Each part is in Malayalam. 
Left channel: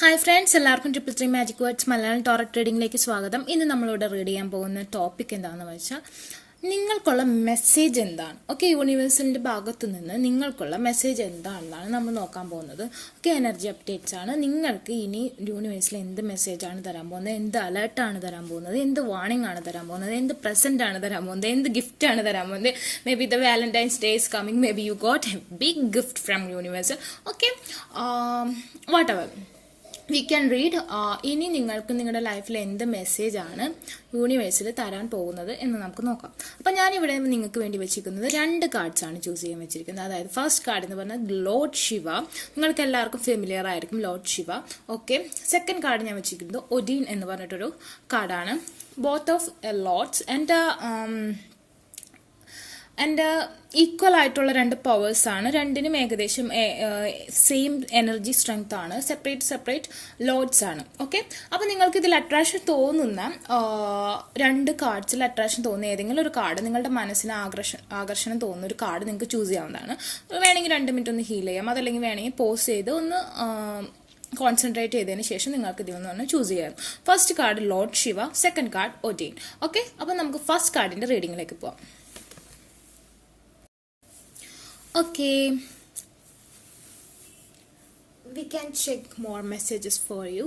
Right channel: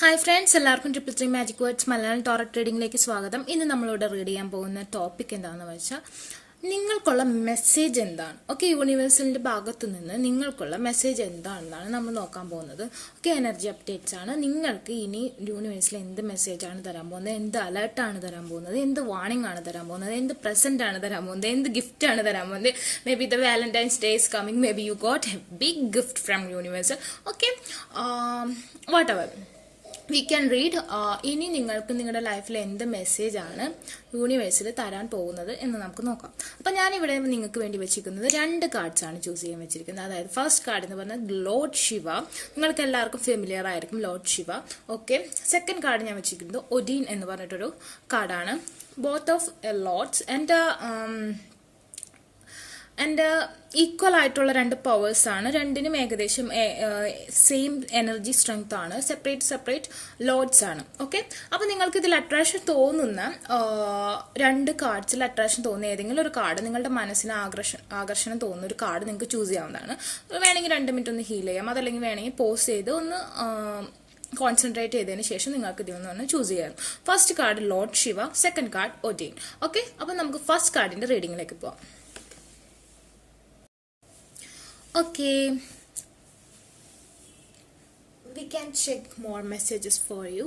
ഹായ് ഫ്രണ്ട്സ്, എല്ലാവർക്കും triple three magic words Malayalam tarot റീഡിംഗിലേക്ക് സ്വാഗതം. ഇന്ന് നമ്മളിവിടെ റീഡ് ചെയ്യാൻ പോകുന്ന ടോപ്പിക് എന്താണെന്ന് വെച്ചാൽ നിങ്ങൾക്കുള്ള മെസ്സേജ് എന്താണ്. ഓക്കെ, യൂണിവേഴ്സിന്റെ ഭാഗത്തു നിന്ന് നിങ്ങൾക്കുള്ള മെസ്സേജ് എന്താണെന്നാണ് നമ്മൾ നോക്കാൻ പോകുന്നത്. ഓക്കെ, എനർജി അപ്ഡേറ്റ്സ് ആണ്. നിങ്ങൾക്ക് ഇനി യൂണിവേഴ്സിൽ എന്ത് മെസ്സേജാണ് തരാൻ പോകുന്നത്, എന്ത് അലേർട്ടാണ് തരാൻ പോകുന്നത്, എന്ത് വാർണിംഗ് ആണ് തരാൻ പോകുന്നത്, എന്ത് പ്രസന്റ് ആണ് തരാൻ പോകുന്നത്, എന്ത് ഗിഫ്റ്റ് ആണ് തരാൻ പോകുന്നത്. Maybe the Valentine's day is coming, may be you got a big gift from universe. Okay, whatever we can read. ഇനി നിങ്ങൾക്ക് നിങ്ങളുടെ ലൈഫിൽ എന്ത് മെസ്സേജാണ് യൂണിവേഴ്സിൽ തരാൻ പോകുന്നത് എന്ന് നമുക്ക് നോക്കാം. അപ്പം ഞാനിവിടെ നിങ്ങൾക്ക് വേണ്ടി വെച്ചിരിക്കുന്നത് 2 കാർഡ്സ് ആണ് ചൂസ് ചെയ്യാൻ വെച്ചിരിക്കുന്നത്. അതായത് ഫസ്റ്റ് കാർഡ് എന്ന് പറഞ്ഞാൽ ലോർഡ് ശിവ, നിങ്ങൾക്ക് എല്ലാവർക്കും ഫെമിലിയർ ആയിരിക്കും Lord Shiva. Okay, second card ഞാൻ വെച്ചിരിക്കുന്നത് ഒഡീൻ എന്ന് പറഞ്ഞിട്ടൊരു കാർഡാണ്. Both of Lord's and equal ആയിട്ടുള്ള 2 പവേഴ്സ് ആണ്. രണ്ടിനും ഏകദേശം സെയിം എനർജി സ്ട്രെങ്ത് ആണ്. സെപ്പറേറ്റ് ലോഡ്സ് ആണ്. ഓക്കെ, അപ്പൊ നിങ്ങൾക്ക് ഇതിൽ അട്രാക്ഷൻ തോന്നുന്ന 2 കാർഡ്സിൽ അട്രാക്ഷൻ തോന്നുന്ന ഏതെങ്കിലും ഒരു കാർഡ്, നിങ്ങളുടെ മനസ്സിന് ആകർഷണം തോന്നുന്ന ഒരു കാർഡ് നിങ്ങൾക്ക് ചൂസ് ചെയ്യാവുന്നതാണ്. വേണമെങ്കിൽ 2 മിനിറ്റ് ഒന്ന് ഹീൽ ചെയ്യാം, അതല്ലെങ്കിൽ വേണമെങ്കിൽ പോസ് ചെയ്ത് ഒന്ന് കോൺസെൻട്രേറ്റ് ചെയ്തതിന് ശേഷം നിങ്ങൾക്ക് ഇതിൽ ചൂസ് ചെയ്യാം. First card Lord Shiva, second card Odean. Okay, അപ്പൊ നമുക്ക് ഫസ്റ്റ് കാർഡിന്റെ റീഡിംഗിലേക്ക് പോവാം. Okay, we can check more messages for you.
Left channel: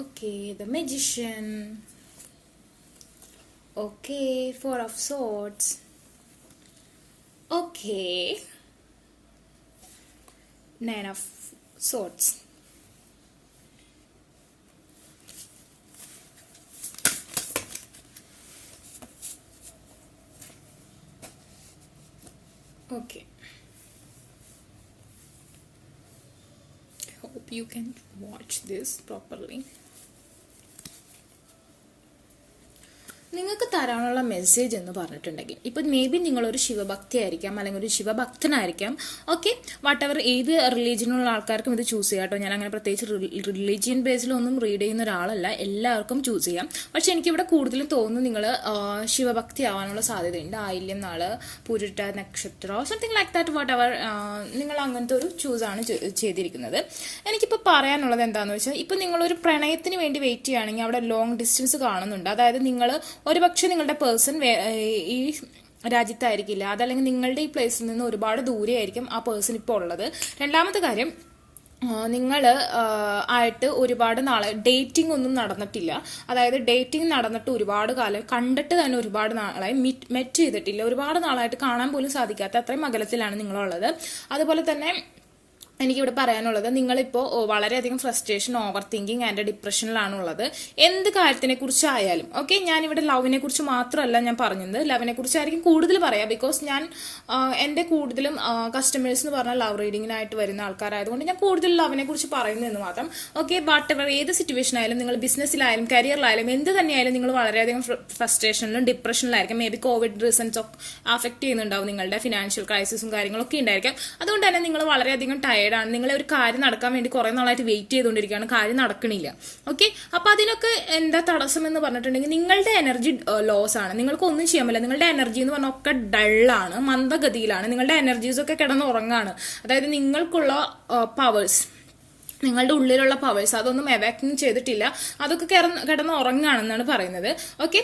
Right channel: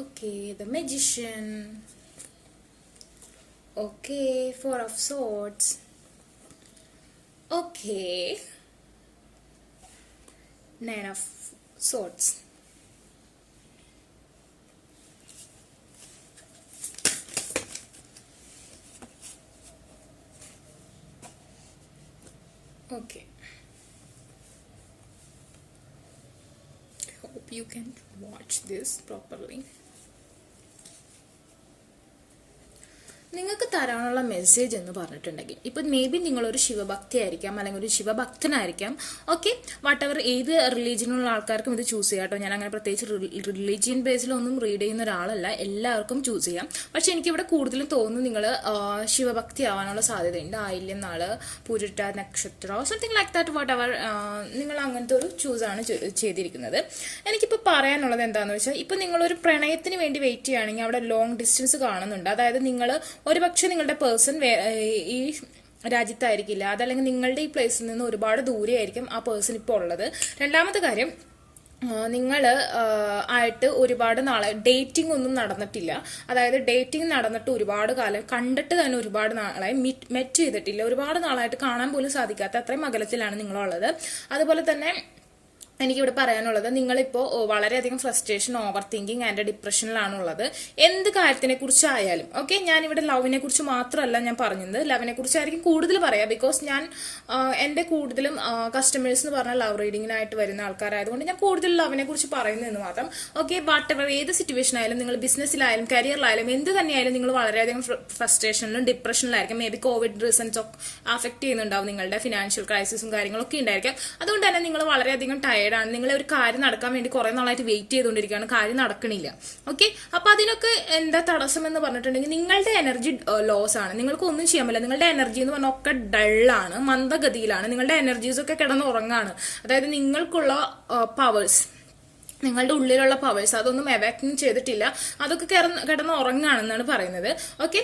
Okay, the Magician. Okay, 4 of Swords. Okay, 9 of Swords. Okay, hope you can watch this properly. നിങ്ങൾക്ക് തരാനുള്ള മെസ്സേജ് എന്ന് പറഞ്ഞിട്ടുണ്ടെങ്കിൽ ഇപ്പൊ മേ ബി നിങ്ങളൊരു ശിവഭക്തി ആയിരിക്കാം, അല്ലെങ്കിൽ ഒരു ശിവഭക്തനായിരിക്കാം. ഓക്കെ, വാട്ട് എവർ, ഏത് റിലീജിയനുള്ള ആൾക്കാർക്കും ഇത് ചൂസ് ചെയ്യാം കേട്ടോ. ഞാൻ അങ്ങനെ പ്രത്യേകിച്ച് റിലീജിയൻ ബേസിലൊന്നും റീഡ് ചെയ്യുന്ന ഒരാളല്ല, എല്ലാവർക്കും ചൂസ് ചെയ്യാം. പക്ഷെ എനിക്കിവിടെ കൂടുതലും തോന്നുന്നു നിങ്ങൾ ശിവഭക്തി ആവാനുള്ള സാധ്യതയുണ്ട്. ആയില്യം നാള്, പൂരിട്ട നക്ഷത്രം, something like that. What ever, നിങ്ങൾ അങ്ങനത്തെ ഒരു ചൂസാണ് ചെയ്തിരിക്കുന്നത്. എനിക്കിപ്പോൾ പറയാനുള്ളത് എന്താണെന്ന് വെച്ചാൽ, ഇപ്പൊ നിങ്ങളൊരു പ്രണയത്തിന് വേണ്ടി വെയിറ്റ് ചെയ്യുകയാണെങ്കിൽ അവിടെ ലോങ് ഡിസ്റ്റൻസ് കാണുന്നുണ്ട്. അതായത് നിങ്ങൾ ഒരുപക്ഷെ നിങ്ങളുടെ പേഴ്സൺ ഈ രാജ്യത്തായിരിക്കില്ല, അതല്ലെങ്കിൽ നിങ്ങളുടെ ഈ പ്ലേസിൽ നിന്ന് ഒരുപാട് ദൂരെയായിരിക്കും ആ പേഴ്സൺ ഇപ്പോൾ ഉള്ളത്. രണ്ടാമത്തെ കാര്യം, നിങ്ങൾ ആയിട്ട് ഒരുപാട് നാളെ ഡേറ്റിംഗ് ഒന്നും നടന്നിട്ടില്ല. അതായത് ഡേറ്റിംഗ് നടന്നിട്ട് ഒരുപാട് കാലം, കണ്ടിട്ട് തന്നെ ഒരുപാട് നാളായി, മെറ്റ് ചെയ്തിട്ടില്ല, ഒരുപാട് നാളായിട്ട് കാണാൻ പോലും സാധിക്കാത്ത അത്രയും അകലത്തിലാണ് നിങ്ങളുള്ളത്. അതുപോലെ തന്നെ എനിക്കിവിടെ പറയാനുള്ളത്, നിങ്ങളിപ്പോൾ വളരെയധികം ഫ്രസ്ട്രേഷൻ, ഓവർ തിങ്കിങ് ആൻഡ് ഡിപ്രഷനിലാണ് ഉള്ളത്. എന്ത് കാര്യത്തിനെ കുറിച്ചായാലും. ഓക്കെ, ഞാനിവിടെ ലവിനെ കുറിച്ച് മാത്രമല്ല ഞാൻ പറഞ്ഞത്, ലവിനെ കുറിച്ചായിരിക്കും കൂടുതൽ പറയാം. ബിക്കോസ് ഞാൻ എന്റെ കൂടുതലും കസ്റ്റമേഴ്സ് എന്ന് പറഞ്ഞാൽ ലവ് റീഡിങ്ങിനായിട്ട് വരുന്ന ആൾക്കാരായതുകൊണ്ട് ഞാൻ കൂടുതൽ ലവിനെ കുറിച്ച് പറയുന്നതെന്ന് മാത്രം. ഓക്കെ, വാട്ട് എവർ, ഏത് സിറ്റുവേഷൻ ആയാലും, നിങ്ങൾ ബിസിനസ്സിലായാലും കരിയറിലായാലും എന്ത് തന്നെയായാലും നിങ്ങൾ വളരെയധികം ഫ്രസ്ട്രേഷനിലും ഡിപ്രഷനിലായിരിക്കും. മേ ബി കോവിഡ് റീസൺസ് ഒക്കെ അഫക്ട് ചെയ്യുന്നുണ്ടാവും, നിങ്ങളുടെ ഫിനാൻഷ്യൽ ക്രൈസിസും കാര്യങ്ങളൊക്കെ ഉണ്ടായിരിക്കും. അതുകൊണ്ട് തന്നെ നിങ്ങൾ വളരെയധികം ടയർഡ് ആണ്. നിങ്ങൾ ഒരു കാര്യം നടക്കാൻ വേണ്ടി കുറെ നാളായിട്ട് വെയിറ്റ് ചെയ്തുകൊണ്ടിരിക്കുകയാണ്, കാര്യം നടക്കണില്ല. ഓക്കെ, അപ്പൊ അതിനൊക്കെ എന്താ തടസ്സം എന്ന് പറഞ്ഞിട്ടുണ്ടെങ്കിൽ നിങ്ങളുടെ എനർജി ലോസ് ആണ്. നിങ്ങൾക്ക് ഒന്നും ചെയ്യാൻ പറ്റില്ല. നിങ്ങളുടെ എനർജി എന്ന് പറഞ്ഞാൽ ഒക്കെ ഡള്ളാണ്, മന്ദഗതിയിലാണ്. നിങ്ങളുടെ എനർജീസ് ഒക്കെ കിടന്നുറങ്ങാണ്. അതായത് നിങ്ങൾക്കുള്ള പവേഴ്സ്, നിങ്ങളുടെ ഉള്ളിലുള്ള പവേഴ്സ് അതൊന്നും എവാക്യൂം ചെയ്തിട്ടില്ല, അതൊക്കെ കിടന്ന് ഉറങ്ങാണെന്നാണ് പറയുന്നത്. ഓക്കെ,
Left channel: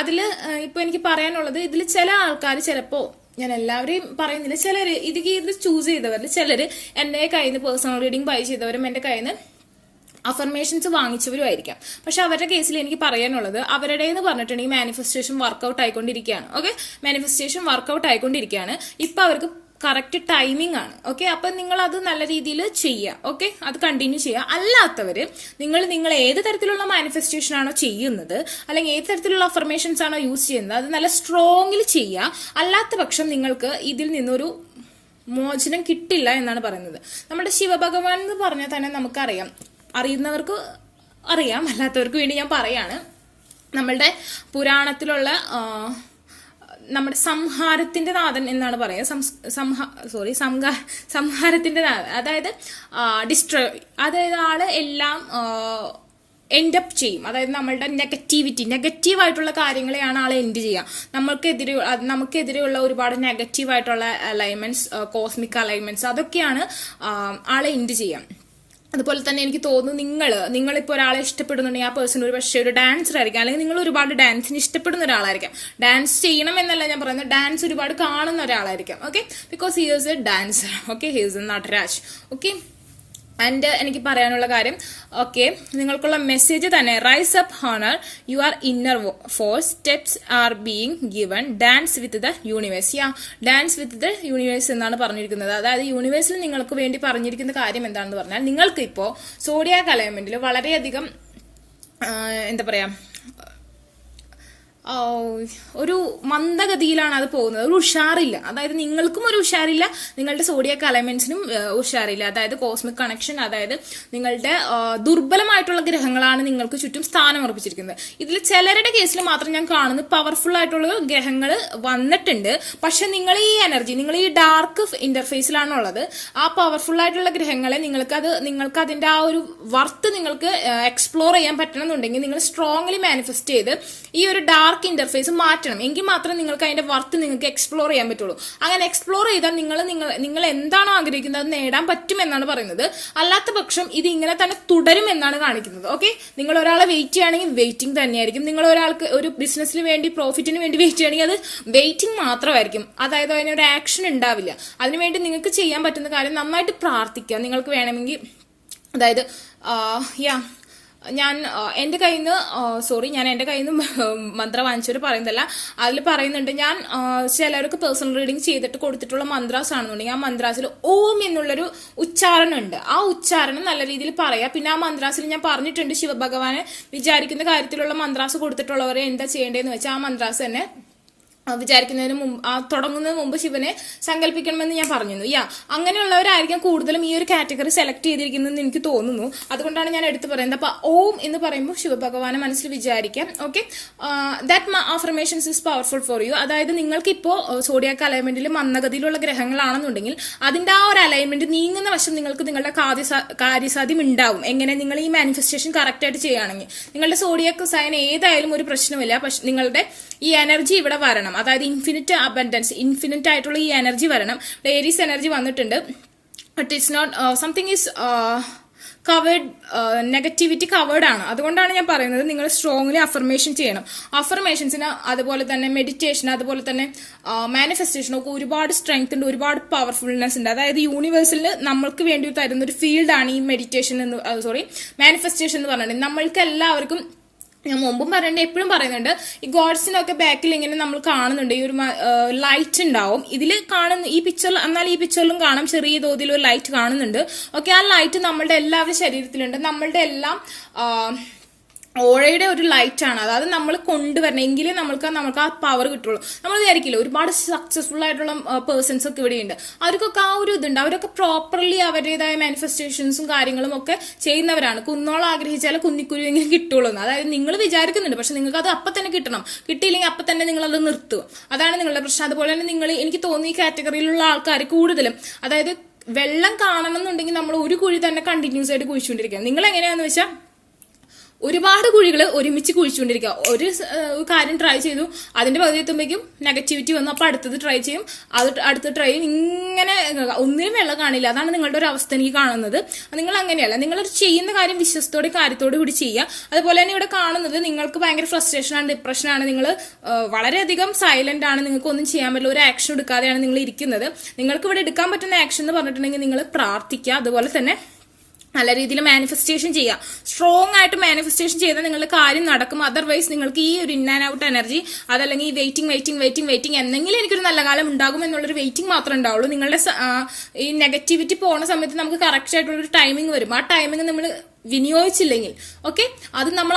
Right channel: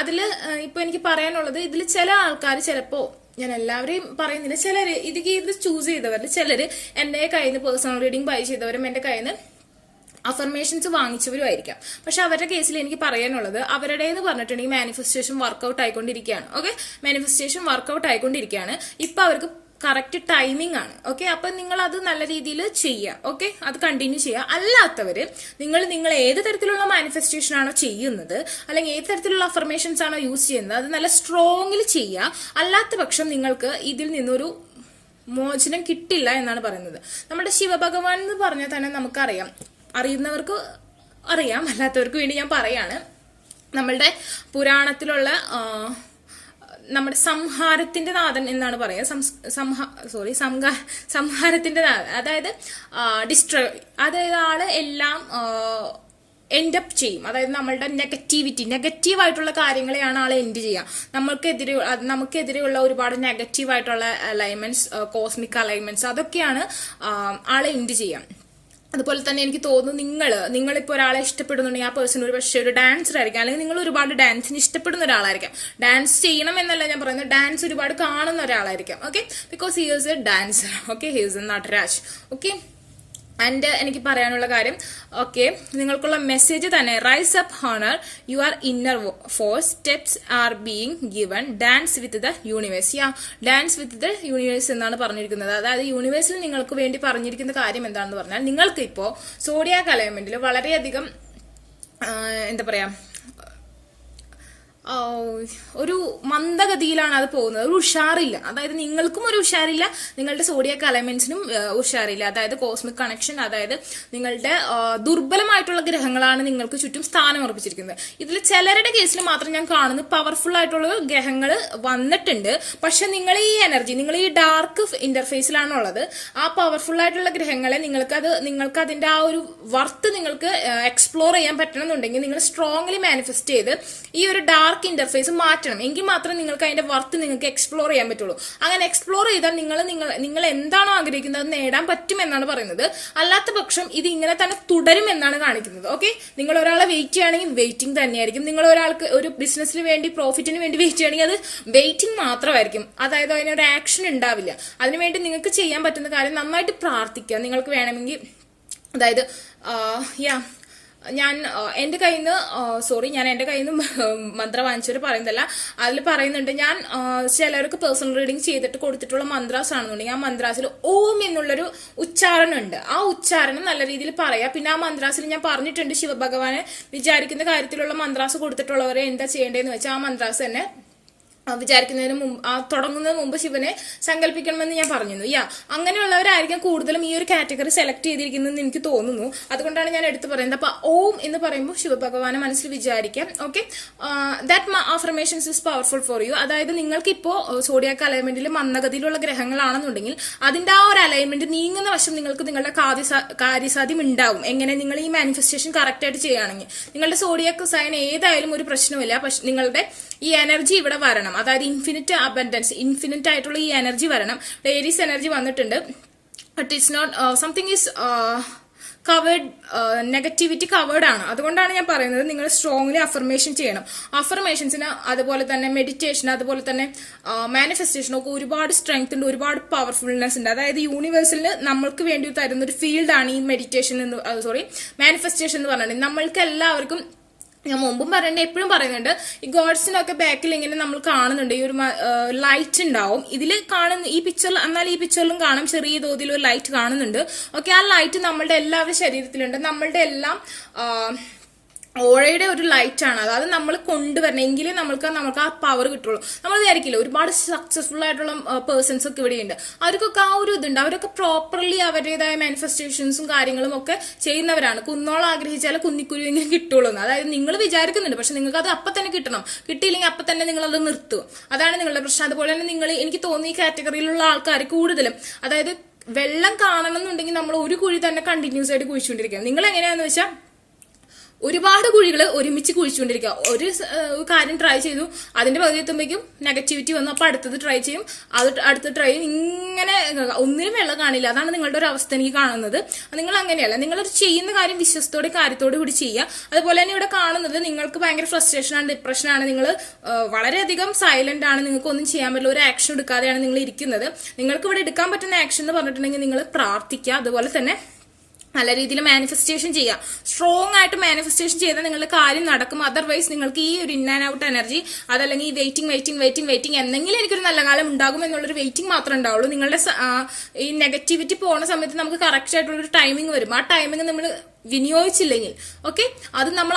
അതില് ഇപ്പൊ എനിക്ക് പറയാനുള്ളത്, ഇതിൽ ചില ആൾക്കാർ ചിലപ്പോ, ഞാൻ എല്ലാവരെയും പറയുന്നില്ല, ചിലര് ഇത് ചൂസ് ചെയ്തവരിൽ ചിലര് എന്റെ കയ്യിൽ നിന്ന് പേഴ്സണൽ റീഡിംഗ് ബൈ ചെയ്തവരും എന്റെ കയ്യിൽ നിന്ന് അഫർമേഷൻസ് വാങ്ങിച്ചവരും ആയിരിക്കാം. പക്ഷെ അവരുടെ കേസിൽ എനിക്ക് പറയാനുള്ളത്, അവരുടെ എന്ന് പറഞ്ഞിട്ടുണ്ടെങ്കിൽ മാനിഫെസ്റ്റേഷൻ വർക്ക്ഔട്ട് ആയിക്കൊണ്ടിരിക്കുകയാണ്. ഓക്കെ, മാനിഫെസ്റ്റേഷൻ വർക്ക്ഔട്ട് ആയിക്കൊണ്ടിരിക്കുകയാണ്. ഇപ്പൊ അവർക്ക് കറക്റ്റ് ടൈമിംഗ് ആണ്. ഓക്കെ, അപ്പൊ നിങ്ങൾ അത് നല്ല രീതിയിൽ ചെയ്യുക. ഓക്കെ, അത് കണ്ടിന്യൂ ചെയ്യുക. അല്ലാത്തവര് നിങ്ങൾ ഏത് തരത്തിലുള്ള മാനിഫെസ്റ്റേഷൻ ആണോ ചെയ്യുന്നത്, അല്ലെങ്കിൽ ഏത് തരത്തിലുള്ള അഫർമേഷൻസ് ആണോ യൂസ് ചെയ്യുന്നത്, അത് നല്ല സ്ട്രോങ്ങിൽ ചെയ്യുക. അല്ലാത്ത പക്ഷം നിങ്ങൾക്ക് ഇതിൽ നിന്നൊരു മോചനം കിട്ടില്ല എന്നാണ് പറയുന്നത്. നമ്മുടെ ശിവഭഗവാൻ എന്ന് പറഞ്ഞാൽ തന്നെ നമുക്കറിയാം, അറിയുന്നവർക്ക് അറിയാം, അല്ലാത്തവർക്ക് വേണ്ടി ഞാൻ പറയാണ്. നമ്മളുടെ പുരാണത്തിലുള്ള നമ്മുടെ സംഹാരത്തിന്റെ നാഥൻ എന്നാണ് പറയുക. സംഹാരത്തിന്റെ നാഥൻ, അതായത് ഡിസ്ട്രോയ്, അതായത് ആള് എല്ലാം എൻഡ് അപ്പ് ചെയ്യും. അതായത് നമ്മളുടെ നെഗറ്റീവായിട്ടുള്ള കാര്യങ്ങളെയാണ് ആളെ എൻഡ് ചെയ്യുക. നമുക്കെതിരെയുള്ള ഒരുപാട് നെഗറ്റീവായിട്ടുള്ള അലൈൻമെന്റ്സ്, കോസ്മിക് അലൈൻമെന്റ്സ്, അതൊക്കെയാണ് ആളെ എൻഡ് ചെയ്യാം. അതുപോലെ തന്നെ എനിക്ക് തോന്നുന്നു നിങ്ങളിപ്പോൾ ഒരാളെ ഇഷ്ടപ്പെടുന്നുണ്ടെങ്കിൽ ആ പേഴ്സൺ ഒരു പക്ഷേ ഒരു ഡാൻസർ ആയിരിക്കാം, അല്ലെങ്കിൽ നിങ്ങൾ ഒരുപാട് ഡാൻസിന് ഇഷ്ടപ്പെടുന്ന ഒരാളായിരിക്കാം. ഡാൻസ് ചെയ്യണം എന്നല്ല ഞാൻ പറയുന്നത്, ഡാൻസ് ഒരുപാട് കാണുന്ന ഒരാളായിരിക്കാം. Okay, because he is a dancer. Okay, he is a Nataraj. Okay, and എനിക്ക് പറയാനുള്ള കാര്യം, ഓക്കെ, നിങ്ങൾക്കുള്ള മെസ്സേജ് തന്നെ, rise up honour your inner force, steps are being given, dance with the universe. Dance with the universe എന്നാണ് പറഞ്ഞിരിക്കുന്നത്. അതായത് യൂണിവേഴ്സിൽ നിങ്ങൾക്ക് വേണ്ടി പറഞ്ഞിരിക്കുന്ന കാര്യം എന്താണെന്ന് പറഞ്ഞാൽ, നിങ്ങൾക്ക് ഇപ്പോ സോഡിയാക് അലൈൻമെന്റിൽ വളരെയധികം എന്താ പറയാ, ഒരു മന്ദഗതിയിലാണ് അത് പോകുന്നത്. ഒരു ഉഷാറില്ല. അതായത് നിങ്ങൾക്കും ഒരു ഉഷാറില്ല, നിങ്ങളുടെ സോഡിയാക് അലൈൻമെന്റ്സിനും ഉഷാറില്ല. അതായത് കോസ്മിക് കണക്ഷൻ, അതായത് നിങ്ങളുടെ ദുർബലമായിട്ടുള്ള ഗ്രഹങ്ങളാണ് നിങ്ങൾക്ക് ചുറ്റും സ്ഥാനം ഉറപ്പിച്ചിരിക്കുന്നത്. ഇതിൽ ചിലരുടെ കേസിൽ മാത്രം ഞാൻ കാണുന്നു പവർഫുൾ ആയിട്ടുള്ള ഗ്രഹങ്ങൾ വന്നിട്ടുണ്ട്. പക്ഷെ നിങ്ങൾ ഈ ഡാർക്ക് ഇന്റർഫേസിലാണുള്ളത്. ആ പവർഫുൾ ആയിട്ടുള്ള ഗ്രഹങ്ങളെ നിങ്ങൾക്ക് അതിന്റെ ആ ഒരു വർത്ത് നിങ്ങൾക്ക് എക്സ്പ്ലോർ ചെയ്യാൻ പറ്റണമെന്നുണ്ടെങ്കിൽ നിങ്ങൾ സ്ട്രോങ്ലി മാനിഫെസ്റ്റ് ചെയ്ത് ഈ ഒരു ഡാർക്ക് ഇന്റർഫേസ് മാറ്റണം. എങ്കിൽ മാത്രമേ നിങ്ങൾക്ക് അതിന്റെ വർത്ത് നിങ്ങൾക്ക് എക്സ്പ്ലോർ ചെയ്യാൻ പറ്റുള്ളൂ. അങ്ങനെ എക്സ്പ്ലോർ ചെയ്താൽ നിങ്ങൾ എന്താണോ ആഗ്രഹിക്കുന്നത് അത് നേടാൻ പറ്റും എന്നാണ് പറയുന്നത്. അല്ലാത്ത പക്ഷം ഇത് ഇങ്ങനെ തന്നെ തുടരും എന്നാണ് കാണിക്കുന്നത്. ഓക്കെ, നിങ്ങൾ ഒരാളെ വെയിറ്റ് ചെയ്യുകയാണെങ്കിൽ വെയിറ്റിംഗ് തന്നെയായിരിക്കും. നിങ്ങൾ ഒരാൾക്ക് ഒരു ബിസിനസ്സിന് വേണ്ടി, പ്രോഫിറ്റിന് വേണ്ടി വെയിറ്റ് ചെയ്യുകയാണെങ്കിൽ അത് വെയിറ്റിംഗ് മാത്രമായിരിക്കും. അതായത് അതിനൊരു ആക്ഷൻ ഉണ്ടാവില്ല. അതിനുവേണ്ടി നിങ്ങൾക്ക് ചെയ്യാൻ പറ്റുന്ന കാര്യം നന്നായിട്ട് പ്രാർത്ഥിക്കുക. നിങ്ങൾക്ക് വേണമെങ്കിൽ, അതായത് ഞാൻ എന്റെ കയ്യിൽ നിന്ന് മന്ത്ര വാങ്ങിച്ചവര് പറയുന്നതല്ല, അതിൽ പറയുന്നുണ്ട്, ഞാൻ ചിലർക്ക് പേഴ്സണൽ റീഡിംഗ് ചെയ്തിട്ട് കൊടുത്തിട്ടുള്ള മന്ത്രാസ് ആണെന്നുണ്ടെങ്കിൽ ആ മന്ത്രാസിൽ ഓം എന്നുള്ളൊരു ഉച്ചാരണം ഉണ്ട്. ആ ഉച്ചാരണം നല്ല രീതിയിൽ പറയാം. പിന്നെ ആ മന്ത്രാസിൽ ഞാൻ പറഞ്ഞിട്ടുണ്ട്, ശിവഭഗവാനെ വിചാരിക്കുന്ന കാര്യത്തിലുള്ള മന്ത്രാസ് കൊടുത്തിട്ടുള്ളവരെ എന്താ ചെയ്യേണ്ടതെന്ന് വെച്ചാൽ ആ മന്ത്രാസ് തന്നെ വിചാരിക്കുന്നതിന് മുമ്പ്, തുടങ്ങുന്നതിന് മുമ്പ് ശിവനെ സങ്കല്പിക്കണമെന്ന് ഞാൻ പറഞ്ഞിരുന്നു. അങ്ങനെയുള്ളവരായിരിക്കും കൂടുതലും ഈ ഒരു കാറ്റഗറി സെലക്ട് ചെയ്തിരിക്കുന്നതെന്ന് എനിക്ക് തോന്നുന്നു. അതുകൊണ്ടാണ് ഞാൻ എടുത്തു പറയുന്നത്. അപ്പൊ ഓം എന്ന് പറയുമ്പോൾ ശിവഭഗവാനെ മനസ്സിൽ വിചാരിക്കാം. Okay, that affirmations is powerful for you. അതായത് നിങ്ങൾക്ക് ഇപ്പോ സോഡിയാക് അലൈൻമെന്റിൽ മന്ദഗതിയിലുള്ള ഗ്രഹങ്ങളാണെന്നുണ്ടെങ്കിൽ അതിന്റെ ആ ഒരു അലൈൻമെന്റ് നീങ്ങുന്ന വശം നിങ്ങൾക്ക് നിങ്ങളുടെ കാര്യസാധ്യം ഉണ്ടാവും. എങ്ങനെ? നിങ്ങൾ ഈ മാനിഫെസ്റ്റേഷൻ കറക്റ്റ് ആയിട്ട് ചെയ്യുകയാണെങ്കിൽ നിങ്ങളുടെ സോഡിയാക് സൈൻ ഏതായാലും ഒരു പ്രശ്നമില്ല. പക്ഷെ നിങ്ങളുടെ ഈ എനർജി ഇവിടെ വരണം. അതായത് ഇൻഫിനിറ്റ് അബൻഡൻസ്, ഇൻഫിനിറ്റ് ആയിട്ടുള്ള ഈ എനർജി വരണം. ഏരീസ് എനർജി വന്നിട്ടുണ്ട്. It is not something is covered, negativity covered ആണ്. അതുകൊണ്ടാണ് ഞാൻ പറയുന്നത് നിങ്ങൾ സ്ട്രോങ്ലി അഫർമേഷൻ ചെയ്യണം. അഫർമേഷൻസിന് അതുപോലെ തന്നെ മെഡിറ്റേഷൻ, അതുപോലെ തന്നെ മാനിഫെസ്റ്റേഷൻ ഒക്കെ ഒരുപാട് സ്ട്രെങ്ത് ഉണ്ട്, ഒരുപാട് പവർഫുൾനെസ് ഉണ്ട്. അതായത് യൂണിവേഴ്സിന് നമ്മൾക്ക് വേണ്ടി തരുന്ന ഒരു ഫീൽഡാണ് ഈ മെഡിറ്റേഷൻ മാനിഫെസ്റ്റേഷൻ എന്ന് പറഞ്ഞിട്ടുണ്ടെങ്കിൽ നമ്മൾക്ക് എല്ലാവർക്കും, ഞാൻ മുമ്പും പറയുന്നുണ്ട്, എപ്പോഴും പറയുന്നുണ്ട്, ഈ ഗോഡ്സിനൊക്കെ ബാക്കിൽ ഇങ്ങനെ നമ്മൾ കാണുന്നുണ്ട് ഈ ഒരു ലൈറ്റ് ഉണ്ടാവും. ഇതിൽ കാണുന്ന ഈ പിക്ചറിൽ, എന്നാൽ ഈ പിക്ചറിലും കാണാം ചെറിയ തോതിൽ ഒരു ലൈറ്റ് കാണുന്നുണ്ട്. ഓക്കെ, ആ ലൈറ്റ് നമ്മളുടെ എല്ലാവരുടെ ശരീരത്തിലുണ്ട്. നമ്മളുടെ എല്ലാം ഓഴയുടെ ഒരു ലൈറ്റ് ആണ്. അതായത് നമ്മൾ കൊണ്ടുവരണം, എങ്കിലേ നമുക്ക് ആ പവർ കിട്ടുള്ളൂ. നമ്മൾ വിചാരിക്കില്ല, ഒരുപാട് സക്സസ്ഫുൾ ആയിട്ടുള്ള പേഴ്സൺസ് ഒക്കെ ഇവിടെയുണ്ട്. അവർക്കൊക്കെ ആ ഒരു ഇതുണ്ട്. അവരൊക്കെ പ്രോപ്പർലി അവരുടേതായ മാനിഫെസ്റ്റേഷൻസും കാര്യങ്ങളും ഒക്കെ ചെയ്യുന്നവരാണ്. കുന്നോളം ആഗ്രഹിച്ചാൽ കുന്നിക്കുരുവെങ്കിലും കിട്ടുള്ളൂ. അതായത് നിങ്ങൾ വിചാരിക്കുന്നുണ്ട്, പക്ഷെ നിങ്ങൾക്ക് അത് അപ്പം തന്നെ കിട്ടണം. കിട്ടിയില്ലെങ്കിൽ അപ്പം തന്നെ നിങ്ങൾ അത് നിർത്തുക. അതാണ് നിങ്ങളുടെ പ്രശ്നം. അതുപോലെ തന്നെ എനിക്ക് തോന്നുന്നു ഈ കാറ്റഗറിയിലുള്ള ആൾക്കാർ കൂടുതലും, അതായത് വെള്ളം കാണണം എന്നുണ്ടെങ്കിൽ നമ്മൾ ഒരു കുഴി തന്നെ കണ്ടിന്യൂസ് ആയിട്ട് കുഴിച്ചുകൊണ്ടിരിക്കുക. നിങ്ങൾ എങ്ങനെയാന്ന് വെച്ചാൽ ഒരുപാട് കുഴികൾ ഒരുമിച്ച് കുഴിച്ചുകൊണ്ടിരിക്കുക. ഒരു കാര്യം ട്രൈ ചെയ്തു, അതിന്റെ പകുതി എത്തുമ്പോഴേക്കും നെഗറ്റിവിറ്റി വന്നു, അപ്പൊ അടുത്തത് ട്രൈ ചെയ്യും, അടുത്ത ട്രൈ ചെയ്യും. ഇങ്ങനെ ഒന്നിനും വെള്ളം കാണില്ല. അതാണ് നിങ്ങളുടെ ഒരു അവസ്ഥ എനിക്ക് കാണുന്നത്. നിങ്ങൾ അങ്ങനെയല്ല. നിങ്ങൾ ചെയ്യുന്ന കാര്യം വിശ്വസത്തോടെ കാര്യത്തോടു കൂടി ചെയ്യുക. അതുപോലെ തന്നെ ഇവിടെ കാണുന്നത് നിങ്ങൾക്ക് ഭയങ്കര ഫ്രസ്ട്രേഷനാണ്, ഡിപ്രഷനാണ്, നിങ്ങൾ വളരെയധികം സൈലന്റ് ആണ്, നിങ്ങൾക്ക് ഒന്നും ചെയ്യാൻ പറ്റില്ല, ഒരു ആക്ഷൻ എടുക്കാതെയാണ് നിങ്ങൾ ഇരിക്കുന്നത്. നിങ്ങൾക്ക് ഇവിടെ എടുക്കാൻ പറ്റുന്ന ആക്ഷൻ എന്ന് പറഞ്ഞിട്ടുണ്ടെങ്കിൽ നിങ്ങൾ പ്രാർത്ഥിക്കുക. അതുപോലെ തന്നെ നല്ല രീതിയിൽ മാനിഫെസ്റ്റേഷൻ ചെയ്യുക. സ്ട്രോങ് ആയിട്ട് മാനിഫെസ്റ്റേഷൻ ചെയ്താൽ നിങ്ങളുടെ കാര്യം നടക്കും. അതർവൈസ് നിങ്ങൾക്ക് ഈ ഒരു ഇൻ ആൻഡ് ഔട്ട് എനർജി, അതല്ലെങ്കിൽ വെയിറ്റിംഗ് എന്തെങ്കിലും എനിക്കൊരു നല്ല കാലം ഉണ്ടാകും എന്നുള്ളൊരു വെയിറ്റിംഗ് മാത്രമേ ഉണ്ടാവുള്ളൂ. നിങ്ങളുടെ ഈ നെഗറ്റിവിറ്റി പോകുന്ന സമയത്ത് നമുക്ക് കറക്റ്റ് ആയിട്ടുള്ളൊരു ടൈമിംഗ് വരും. ആ ടൈമിംഗ് നമ്മൾ വിനിയോഗിച്ചില്ലെങ്കിൽ, ഓക്കെ, അത് നമ്മൾ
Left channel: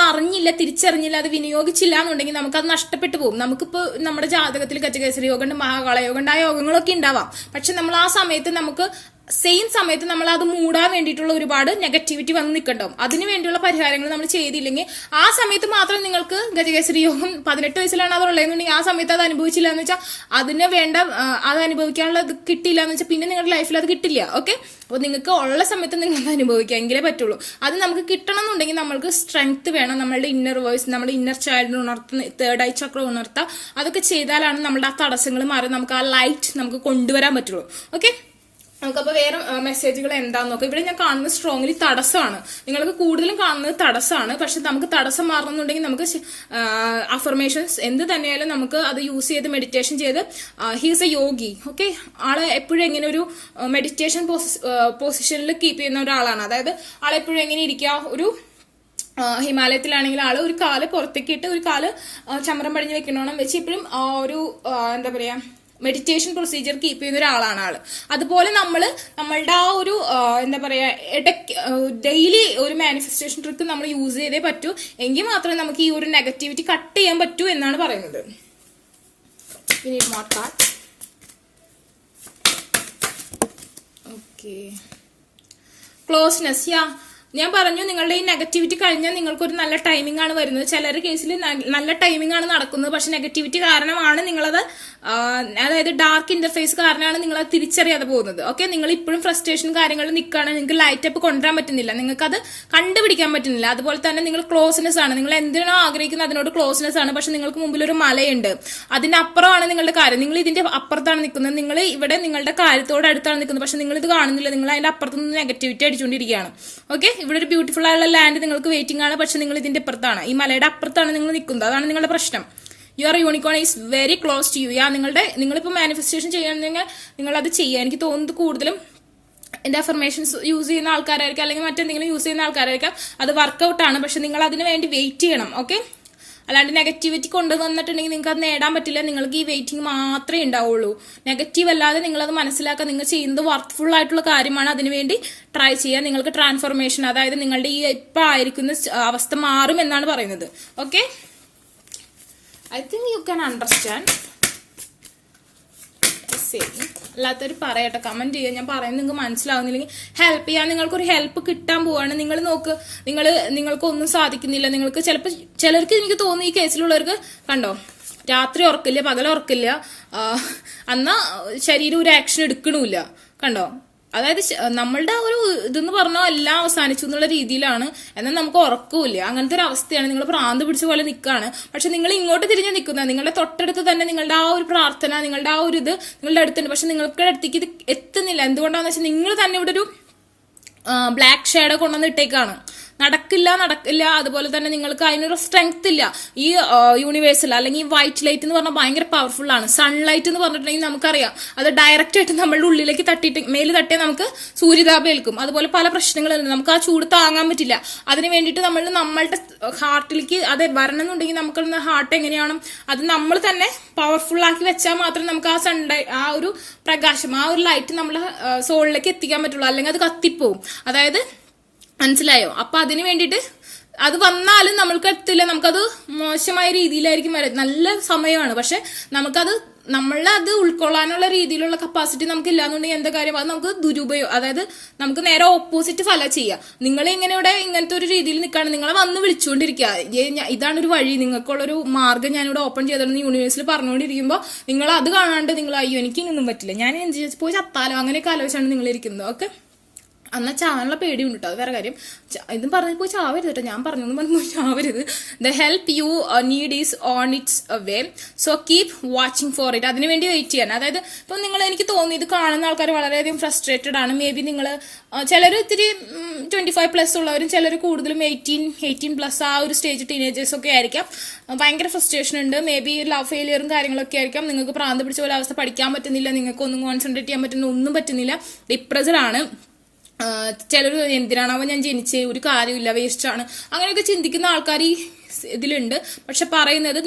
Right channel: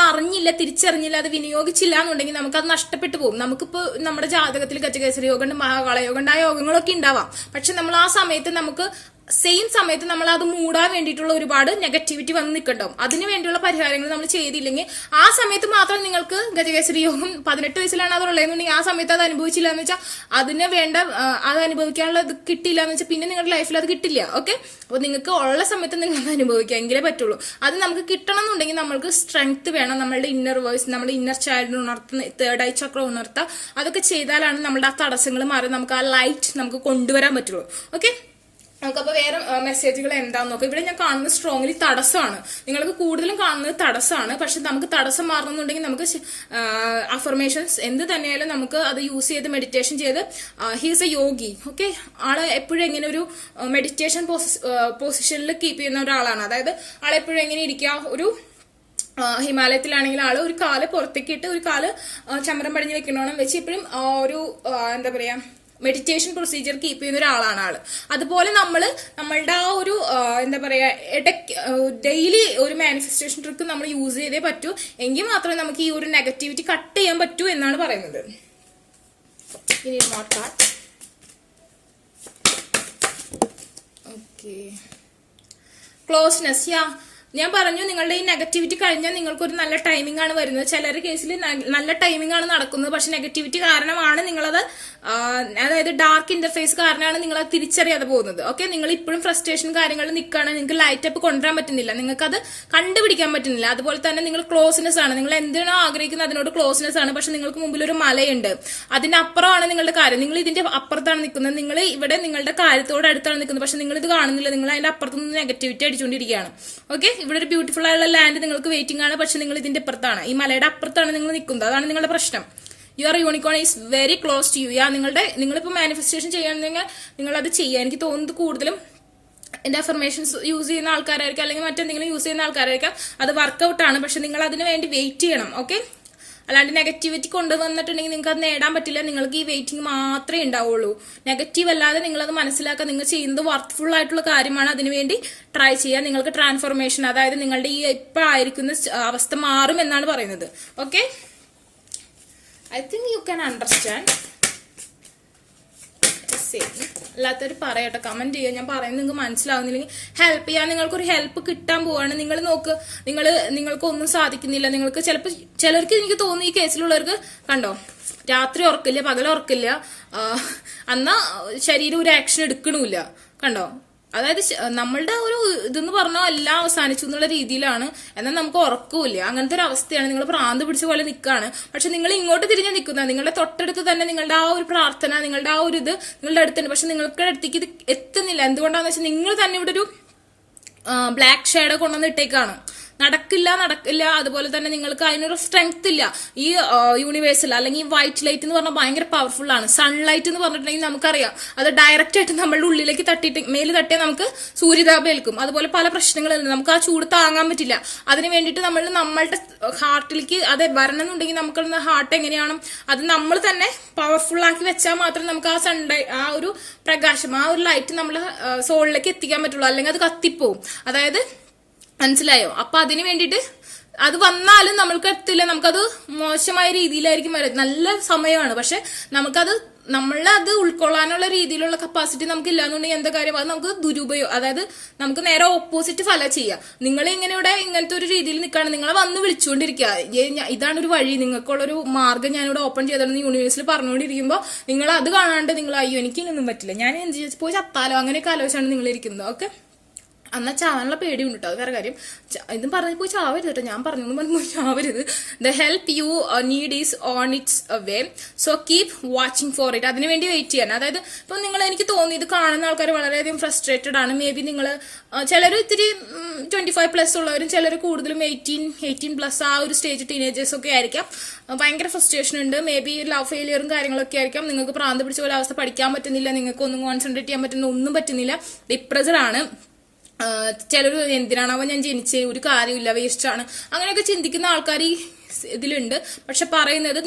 തിരിച്ചറിഞ്ഞില്ല, അത് വിനിയോഗിച്ചില്ല എന്നുണ്ടെങ്കിൽ നമുക്കത് നഷ്ടപ്പെട്ടു പോകും. നമുക്കിപ്പോ നമ്മുടെ ജാതകത്തിൽ ഗജകേസരി യോഗം ഉണ്ട്, മഹാകാള യോഗം ഉണ്ട്, ആ യോഗങ്ങളൊക്കെ ഉണ്ടാവാം. പക്ഷെ നമ്മൾ ആ സമയത്ത് നമുക്ക് സെയിം സമയത്ത് നമ്മൾ അത് മൂടാൻ വേണ്ടിയിട്ടുള്ള ഒരുപാട് നെഗറ്റിവിറ്റി വന്ന് നിൽക്കണ്ടാവും. അതിന് വേണ്ടിയുള്ള പരിഹാരങ്ങൾ നമ്മൾ ചെയ്തില്ലെങ്കിൽ ആ സമയത്ത് മാത്രം നിങ്ങൾക്ക് ഗജകേസരി യോഗം 18 വയസ്സിലാണ് അത് ഉള്ളതെന്നുണ്ടെങ്കിൽ ആ സമയത്ത് അത് അനുഭവിച്ചില്ല എന്ന് വെച്ചാൽ അതിന് വേണ്ട അത് അനുഭവിക്കാനുള്ള ഇത് കിട്ടിയില്ല എന്ന് വെച്ചാൽ പിന്നെ നിങ്ങളുടെ ലൈഫിൽ അത് കിട്ടില്ല. ഓക്കെ, അപ്പോൾ നിങ്ങൾക്ക് ഉള്ള സമയത്ത് നിങ്ങൾക്ക് അനുഭവിക്കാം എങ്കിലേ പറ്റുള്ളൂ. അത് നമുക്ക് കിട്ടണം എന്നുണ്ടെങ്കിൽ നമ്മൾക്ക് സ്ട്രെങ്ത് വേണം. നമ്മളുടെ ഇന്നർ വോയിസ്, നമ്മുടെ ഇന്നർ ചൈൽഡിനെ ഉണർത്തുന്ന, തേർഡ് ഐ ചക്ര ഉണർത്തുക, അതൊക്കെ ചെയ്താലാണ് നമ്മുടെ ആ തടസ്സങ്ങൾ മാറി നമുക്ക് ആ ലൈറ്റ് നമുക്ക് കൊണ്ടുവരാൻ പറ്റുള്ളൂ. ഓക്കെ, നമുക്കപ്പോൾ വേറെ മെസ്സേജുകൾ എന്താന്ന് നോക്കാം. ഇവിടെ ഞാൻ കാണുന്നത് സ്ട്രോങ്ലി തടസ്സമാണ്. നിങ്ങൾക്ക് കൂടുതലും കാണുന്നത് തടസ്സമാണ്. പക്ഷെ നമുക്ക് തടസ്സം മാറണമെന്നുണ്ടെങ്കിൽ നമുക്ക് അഫർമേഷൻസ് എന്ത് തന്നെയായാലും നമുക്ക് അത് യൂസ് ചെയ്ത് മെഡിറ്റേഷൻ ചെയ്ത്, ഹീസ് എ യോഗി. ഓക്കെ, ആള് എപ്പോഴും എങ്ങനെ ഒരു മെഡിറ്റേഷൻ പൊസിഷനിൽ കീപ്പ് ചെയ്യുന്ന ഒരാളാണ്. അതായത് ആളെപ്പോഴും എങ്ങനെ ഇരിക്കുക, ഒരു ഹിമാലയത്തിലാണെങ്കിൽ ആള് ഒരു കാല് പുറത്തേക്ക് ഇട്ട് ഒരു കാല് ചമരം പടിഞ്ഞ് വെക്കണോണം വെച്ച് എപ്പോഴും ഒരു എന്താ പറയാ മെഡിറ്റേഷൻ പ്രൊസീജിയർ കീപ്പ് ചെയ്യുന്ന ഒരാളാണ് ആള്. അതുപോലെ നമ്മളുടെ ആ ഒരു എന്താ പറയാ ഡെയിലി ഒരു മാനിഫെസ്റ്റേഷൻ ട്രിക്ക് നമ്മൾ യൂസ് ചെയ്തേ പറ്റൂ. എങ്കിൽ മാത്രമേ നമുക്ക് ഈ ഒരു നെഗറ്റിവിറ്റി കട്ട് ചെയ്യാൻ പറ്റൂ എന്നാണ് പറയുന്നത്. Okay, closeness. ഞാൻ പറഞ്ഞു നിങ്ങളുടെ ഈ നെഗറ്റിവിറ്റി കഴിഞ്ഞാൽ നിങ്ങൾക്കൊരു നല്ല ടൈമിംഗ് ആണ് വരുന്നത്. ചിലർ കേസിൽ നല്ല ടൈമിംഗ് ആണ് നടക്കുന്നത്, പക്ഷെ നെഗറ്റിവിറ്റി കാരണമാണ് നിങ്ങളത്, അതായത് ഡാർക്ക് ഇന്റർഫേസ് കാരണമാണ് നിങ്ങളത് തിരിച്ചറിയാതെ പോകുന്നത്. ഓക്കെ, നിങ്ങൾ ഇപ്പോഴും ഫ്രസ്ട്രേഷൻ കാര്യങ്ങളിൽ നിൽക്കുകയാണ്, നിങ്ങൾക്ക് ലൈറ്റ് അപ്പ് കൊണ്ടുവരാൻ പറ്റുന്നില്ല, നിങ്ങൾക്ക് അത് കണ്ടുപിടിക്കാൻ പറ്റുന്നില്ല. അതുപോലെ തന്നെ നിങ്ങൾ ക്ലോസ്നെസ് ആണ്, നിങ്ങൾ എന്തിനാണോ ആഗ്രഹിക്കുന്നത് അതിനോട് ക്ലോസ്നെസ് ആണ്. പക്ഷെ നിങ്ങൾക്ക് മുമ്പിൽ ഒരു മലയുണ്ട്, അതിനപ്പുറമാണ് നിങ്ങളുടെ കാര്യം, നിങ്ങൾ ഇതിന്റെ അപ്പുറത്താണ് നിൽക്കുന്നത്, നിങ്ങൾ ഇവിടെ നിങ്ങളുടെ കാര്യത്തോട് അടുത്താണ് നിൽക്കുന്നത്, പക്ഷെ നിങ്ങൾ ഇത് കാണുന്നില്ല, നിങ്ങൾ അതിന്റെ അപ്പുറത്തുനിന്ന് നെഗറ്റിവിറ്റി അടിച്ചുകൊണ്ടിരിക്കുകയാണ്. ഓക്കെ, ഇവിടെ ഒരു ബ്യൂട്ടിഫുൾ ആയുള്ള ലാൻഡ് നിങ്ങൾക്ക് വെയിറ്റിംഗ് ആണ്, പക്ഷെ നിങ്ങൾ ഇതിന്റെ അപ്പുറത്താണ്, ഈ മലയുടെ അപ്പുറത്താണ് നിങ്ങൾ നിൽക്കുന്നത്. അതാണ് നിങ്ങളുടെ പ്രശ്നം. Your unicorn is very close to you. നിങ്ങളിപ്പോൾ മാനിഫെസ്റ്റേഷൻ ചെയ്യണമെങ്കിൽ നിങ്ങൾ അത് ചെയ്യുക. എനിക്ക് തോന്നുന്നത് കൂടുതലും എന്റെ അഫർമേഷൻസ് യൂസ് ചെയ്യുന്ന ആൾക്കാരായിരിക്കും, അല്ലെങ്കിൽ മറ്റെന്തെങ്കിലും യൂസ് ചെയ്യുന്ന ആൾക്കാരായിരിക്കാം. അത് വർക്കൗട്ട് ആണ്, പക്ഷെ നിങ്ങൾ അതിന് വേണ്ടി വെയിറ്റ് ചെയ്യണം. ഓക്കെ, അല്ലാണ്ട് നെഗറ്റിവിറ്റി കൊണ്ടുവന്നിട്ടുണ്ടെങ്കിൽ നിങ്ങൾക്ക് അത് നേടാൻ പറ്റില്ല. നിങ്ങൾക്ക് ഈ വെയിറ്റിംഗ് മാത്രമേ ഉണ്ടാവുള്ളൂ. നെഗറ്റീവ് അല്ലാതെ നിങ്ങളത് മനസ്സിലാക്കുക, നിങ്ങൾ ചെയ്യുന്നത് വർക്ക്ഫുൾ ആയിട്ടുള്ള കാര്യമാണ്, അതിനുവേണ്ടി ട്രൈ ചെയ്യുക. നിങ്ങൾക്ക് ട്രാൻസ്ഫോർമേഷൻ, അതായത് നിങ്ങളുടെ ഈ ഇപ്പൊ ആയിരിക്കുന്ന അവസ്ഥ മാറും എന്നാണ് പറയുന്നത്. Okay, I think you can understand. അല്ലാത്തൊരു പറയട്ടെ, കമന്റ് ചെയ്യുക. ഞാൻ പറയുന്നത് നിങ്ങൾക്ക് മനസ്സിലാവുന്നില്ലെങ്കിൽ ഹെൽപ്പ് ചെയ്യാൻ, നിങ്ങൾക്കൊരു ഹെൽപ്പ് കിട്ടാൻ പോവാണ്. നിങ്ങൾ നോക്ക്, നിങ്ങൾക്കൊന്നും സാധിക്കുന്നില്ല, നിങ്ങൾക്ക് ചിലർക്ക് എനിക്ക് തോന്നുന്നു ഈ കേസിലുള്ളവർക്ക് കണ്ടോ, രാത്രി ഉറക്കില്ല, പകൽ ഉറക്കില്ല, അന്നാ ശരീരം ഒരു ആക്ഷൻ എടുക്കണില്ല, കണ്ടോ. അതായത് നമ്മളുടെ ഒരു ഇതെന്ന് പറഞ്ഞാൽ എല്ലാം അവസാനിച്ചു എന്നുള്ള രീതിയിലാണ്, എന്നാൽ നമുക്ക് ഉറക്കമില്ല, അങ്ങനത്തെ ഒരു അവസ്ഥയാണ്. നിങ്ങൾ ഭ്രാന്ത് പിടിച്ച പോലെ നിൽക്കുകയാണ്, പക്ഷെ നിങ്ങൾ ഇങ്ങോട്ട് തിരിഞ്ഞ് നിൽക്കുന്നത്, നിങ്ങളുടെ തൊട്ടടുത്ത് തന്നെ നിങ്ങളുടെ ആ ഒരു പ്രാർത്ഥന, നിങ്ങളുടെ ആ ഒരു ഇത് നിങ്ങളുടെ അടുത്തുണ്ട്, പക്ഷെ നിങ്ങൾക്ക് അടുത്തേക്ക് ഇത് എത്തുന്നില്ല. എന്തുകൊണ്ടാന്ന് വെച്ചാൽ നിങ്ങൾ തന്നെ ഇവിടെ ഒരു ബ്ലാക്ക് ഷാഡോ കൊണ്ടുവന്ന് ഇട്ടേക്കാണ്. നടക്കില്ല. അതുപോലെ തന്നെ നിങ്ങൾക്ക് അതിനൊരു സ്ട്രെങ്ത് ഇല്ല. ഈ യൂണിവേഴ്സൽ അല്ലെങ്കിൽ വൈറ്റ് ലൈറ്റ് എന്ന് പറഞ്ഞാൽ ഭയങ്കര പവർഫുൾ ആണ്. സൺലൈറ്റ് എന്ന് പറഞ്ഞിട്ടുണ്ടെങ്കിൽ നമുക്കറിയാം, അത് ഡയറക്റ്റ് ആയിട്ട് നമ്മളുടെ ഉള്ളിലേക്ക് തട്ടിയിട്ട് മേല് തട്ടിയാൽ നമുക്ക് സൂര്യതാപം ഏൽക്കും. അതുപോലെ പല പ്രശ്നങ്ങളുണ്ട്, നമുക്ക് ആ ചൂട് താങ്ങാൻ പറ്റില്ല. അതിന് വേണ്ടിയിട്ട് നമ്മളുടെ ഹാർട്ടിലേക്ക് അത് വരണം എന്നുണ്ടെങ്കിൽ നമുക്ക് ഹാർട്ട് എങ്ങനെയാണ് അത് നമ്മൾ തന്നെ പവർഫുൾ ആക്കി വെച്ചാൽ മാത്രമേ നമുക്ക് ആ ഒരു പ്രകാശം, ആ ഒരു ലൈറ്റ് നമ്മളെ സോളിലേക്ക് എത്തിക്കാൻ പറ്റുള്ളൂ. അല്ലെങ്കിൽ അത് കത്തിപ്പോവും. അതായത് മനസ്സിലായോ? അപ്പൊ അതിന് വേണ്ടിയിട്ട് അത് വന്നാലും നമ്മൾക്ക് എത്തില്ല, നമുക്കത് മോശമായ രീതിയിലായിരിക്കും വരാം. നല്ല സമയമാണ്, പക്ഷെ നമ്മളത് ഉൾക്കൊള്ളാനുള്ള രീതിയിലുള്ള കപ്പാസിറ്റി നമുക്ക് ഇല്ലാന്നുണ്ടെങ്കിൽ എന്താ കാര്യം, അത് നമുക്ക് ദുരുപയോഗം, അതായത് നമുക്ക് നേരെ ഓപ്പോസിറ്റ് ഫലം ചെയ്യാം. നിങ്ങൾ ഇങ്ങനെ ഇവിടെ ഇങ്ങനത്തെ ഒരു രീതിയിൽ നിൽക്കുകയാണ്, നിങ്ങളെ വന്ന് വിളിച്ചുകൊണ്ടിരിക്കുക, ഇതാണ് ഒരു വഴി, നിങ്ങൾക്കുള്ളൊരു മാർഗ്ഗം ഞാനിവിടെ ഓപ്പൺ ചെയ്തോളൂ യൂണിവേഴ്സിൽ പറഞ്ഞുകൊണ്ടിരിക്കുമ്പോൾ നിങ്ങൾ അത് കാണാണ്ട് നിങ്ങൾ അയ്യോ എനിക്ക് ഇങ്ങനൊന്നും പറ്റില്ല, ഞാൻ പോയി ചത്താലോ, അങ്ങനെയൊക്കെ ആലോചിച്ചാണ് നിങ്ങൾ ഇരിക്കുന്നത്. ഓക്കെ, എന്നാൽ ചാവാനുള്ള പേടിയുണ്ട് കേട്ടോ, അത് വേറെ കാര്യം. ഇതും പറഞ്ഞു പോയി ചാവരുത് കേട്ടോ, ഞാൻ പറഞ്ഞു ചാവരുത്. The help you need is on its way, so keep watching for it. അതിനുവേണ്ടി വെയിറ്റ് ചെയ്യാൻ. അതായത് ഇപ്പൊ എനിക്ക് തോന്നി ഇത് കാണുന്ന ആൾക്കാർ വളരെയധികം ഫ്രസ്ട്രേറ്റഡ് ആണ്. മേ ബി നിങ്ങൾ ചിലർ ഇത്തിരി 25+ ഉള്ളവരും, ചിലർ കൂടുതലും 18+ ആ ഒരു സ്റ്റേജ് ടീനേജേഴ്സ് ഒക്കെ ആയിരിക്കാം. ഭയങ്കര ഫ്രസ്ട്രേഷൻ ഉണ്ട്. മേ ബി ലവ് ഫെയിലിയറും കാര്യങ്ങളൊക്കെ ആയിരിക്കാം. നിങ്ങൾക്ക് പ്രാന്ത് പിടിച്ച പോലെ അവസ്ഥ, പഠിക്കാൻ പറ്റുന്നില്ല, നിങ്ങൾക്ക് ഒന്നും കോൺസെൻട്രേറ്റ് ചെയ്യാൻ പറ്റുന്ന ഒന്നും പറ്റുന്നില്ല, ഡിപ്രസ്ഡ് ആണ്. ചിലർ എന്തിനാണാവോ ഞാൻ ജനിച്ചേ, ഒരു കാര്യമില്ല, വേസ്റ്റ് ആണ്, അങ്ങനെയൊക്കെ ചിന്തിക്കുന്ന ആൾക്കാർ ഇതിലുണ്ട്. പക്ഷെ പറയുന്നത്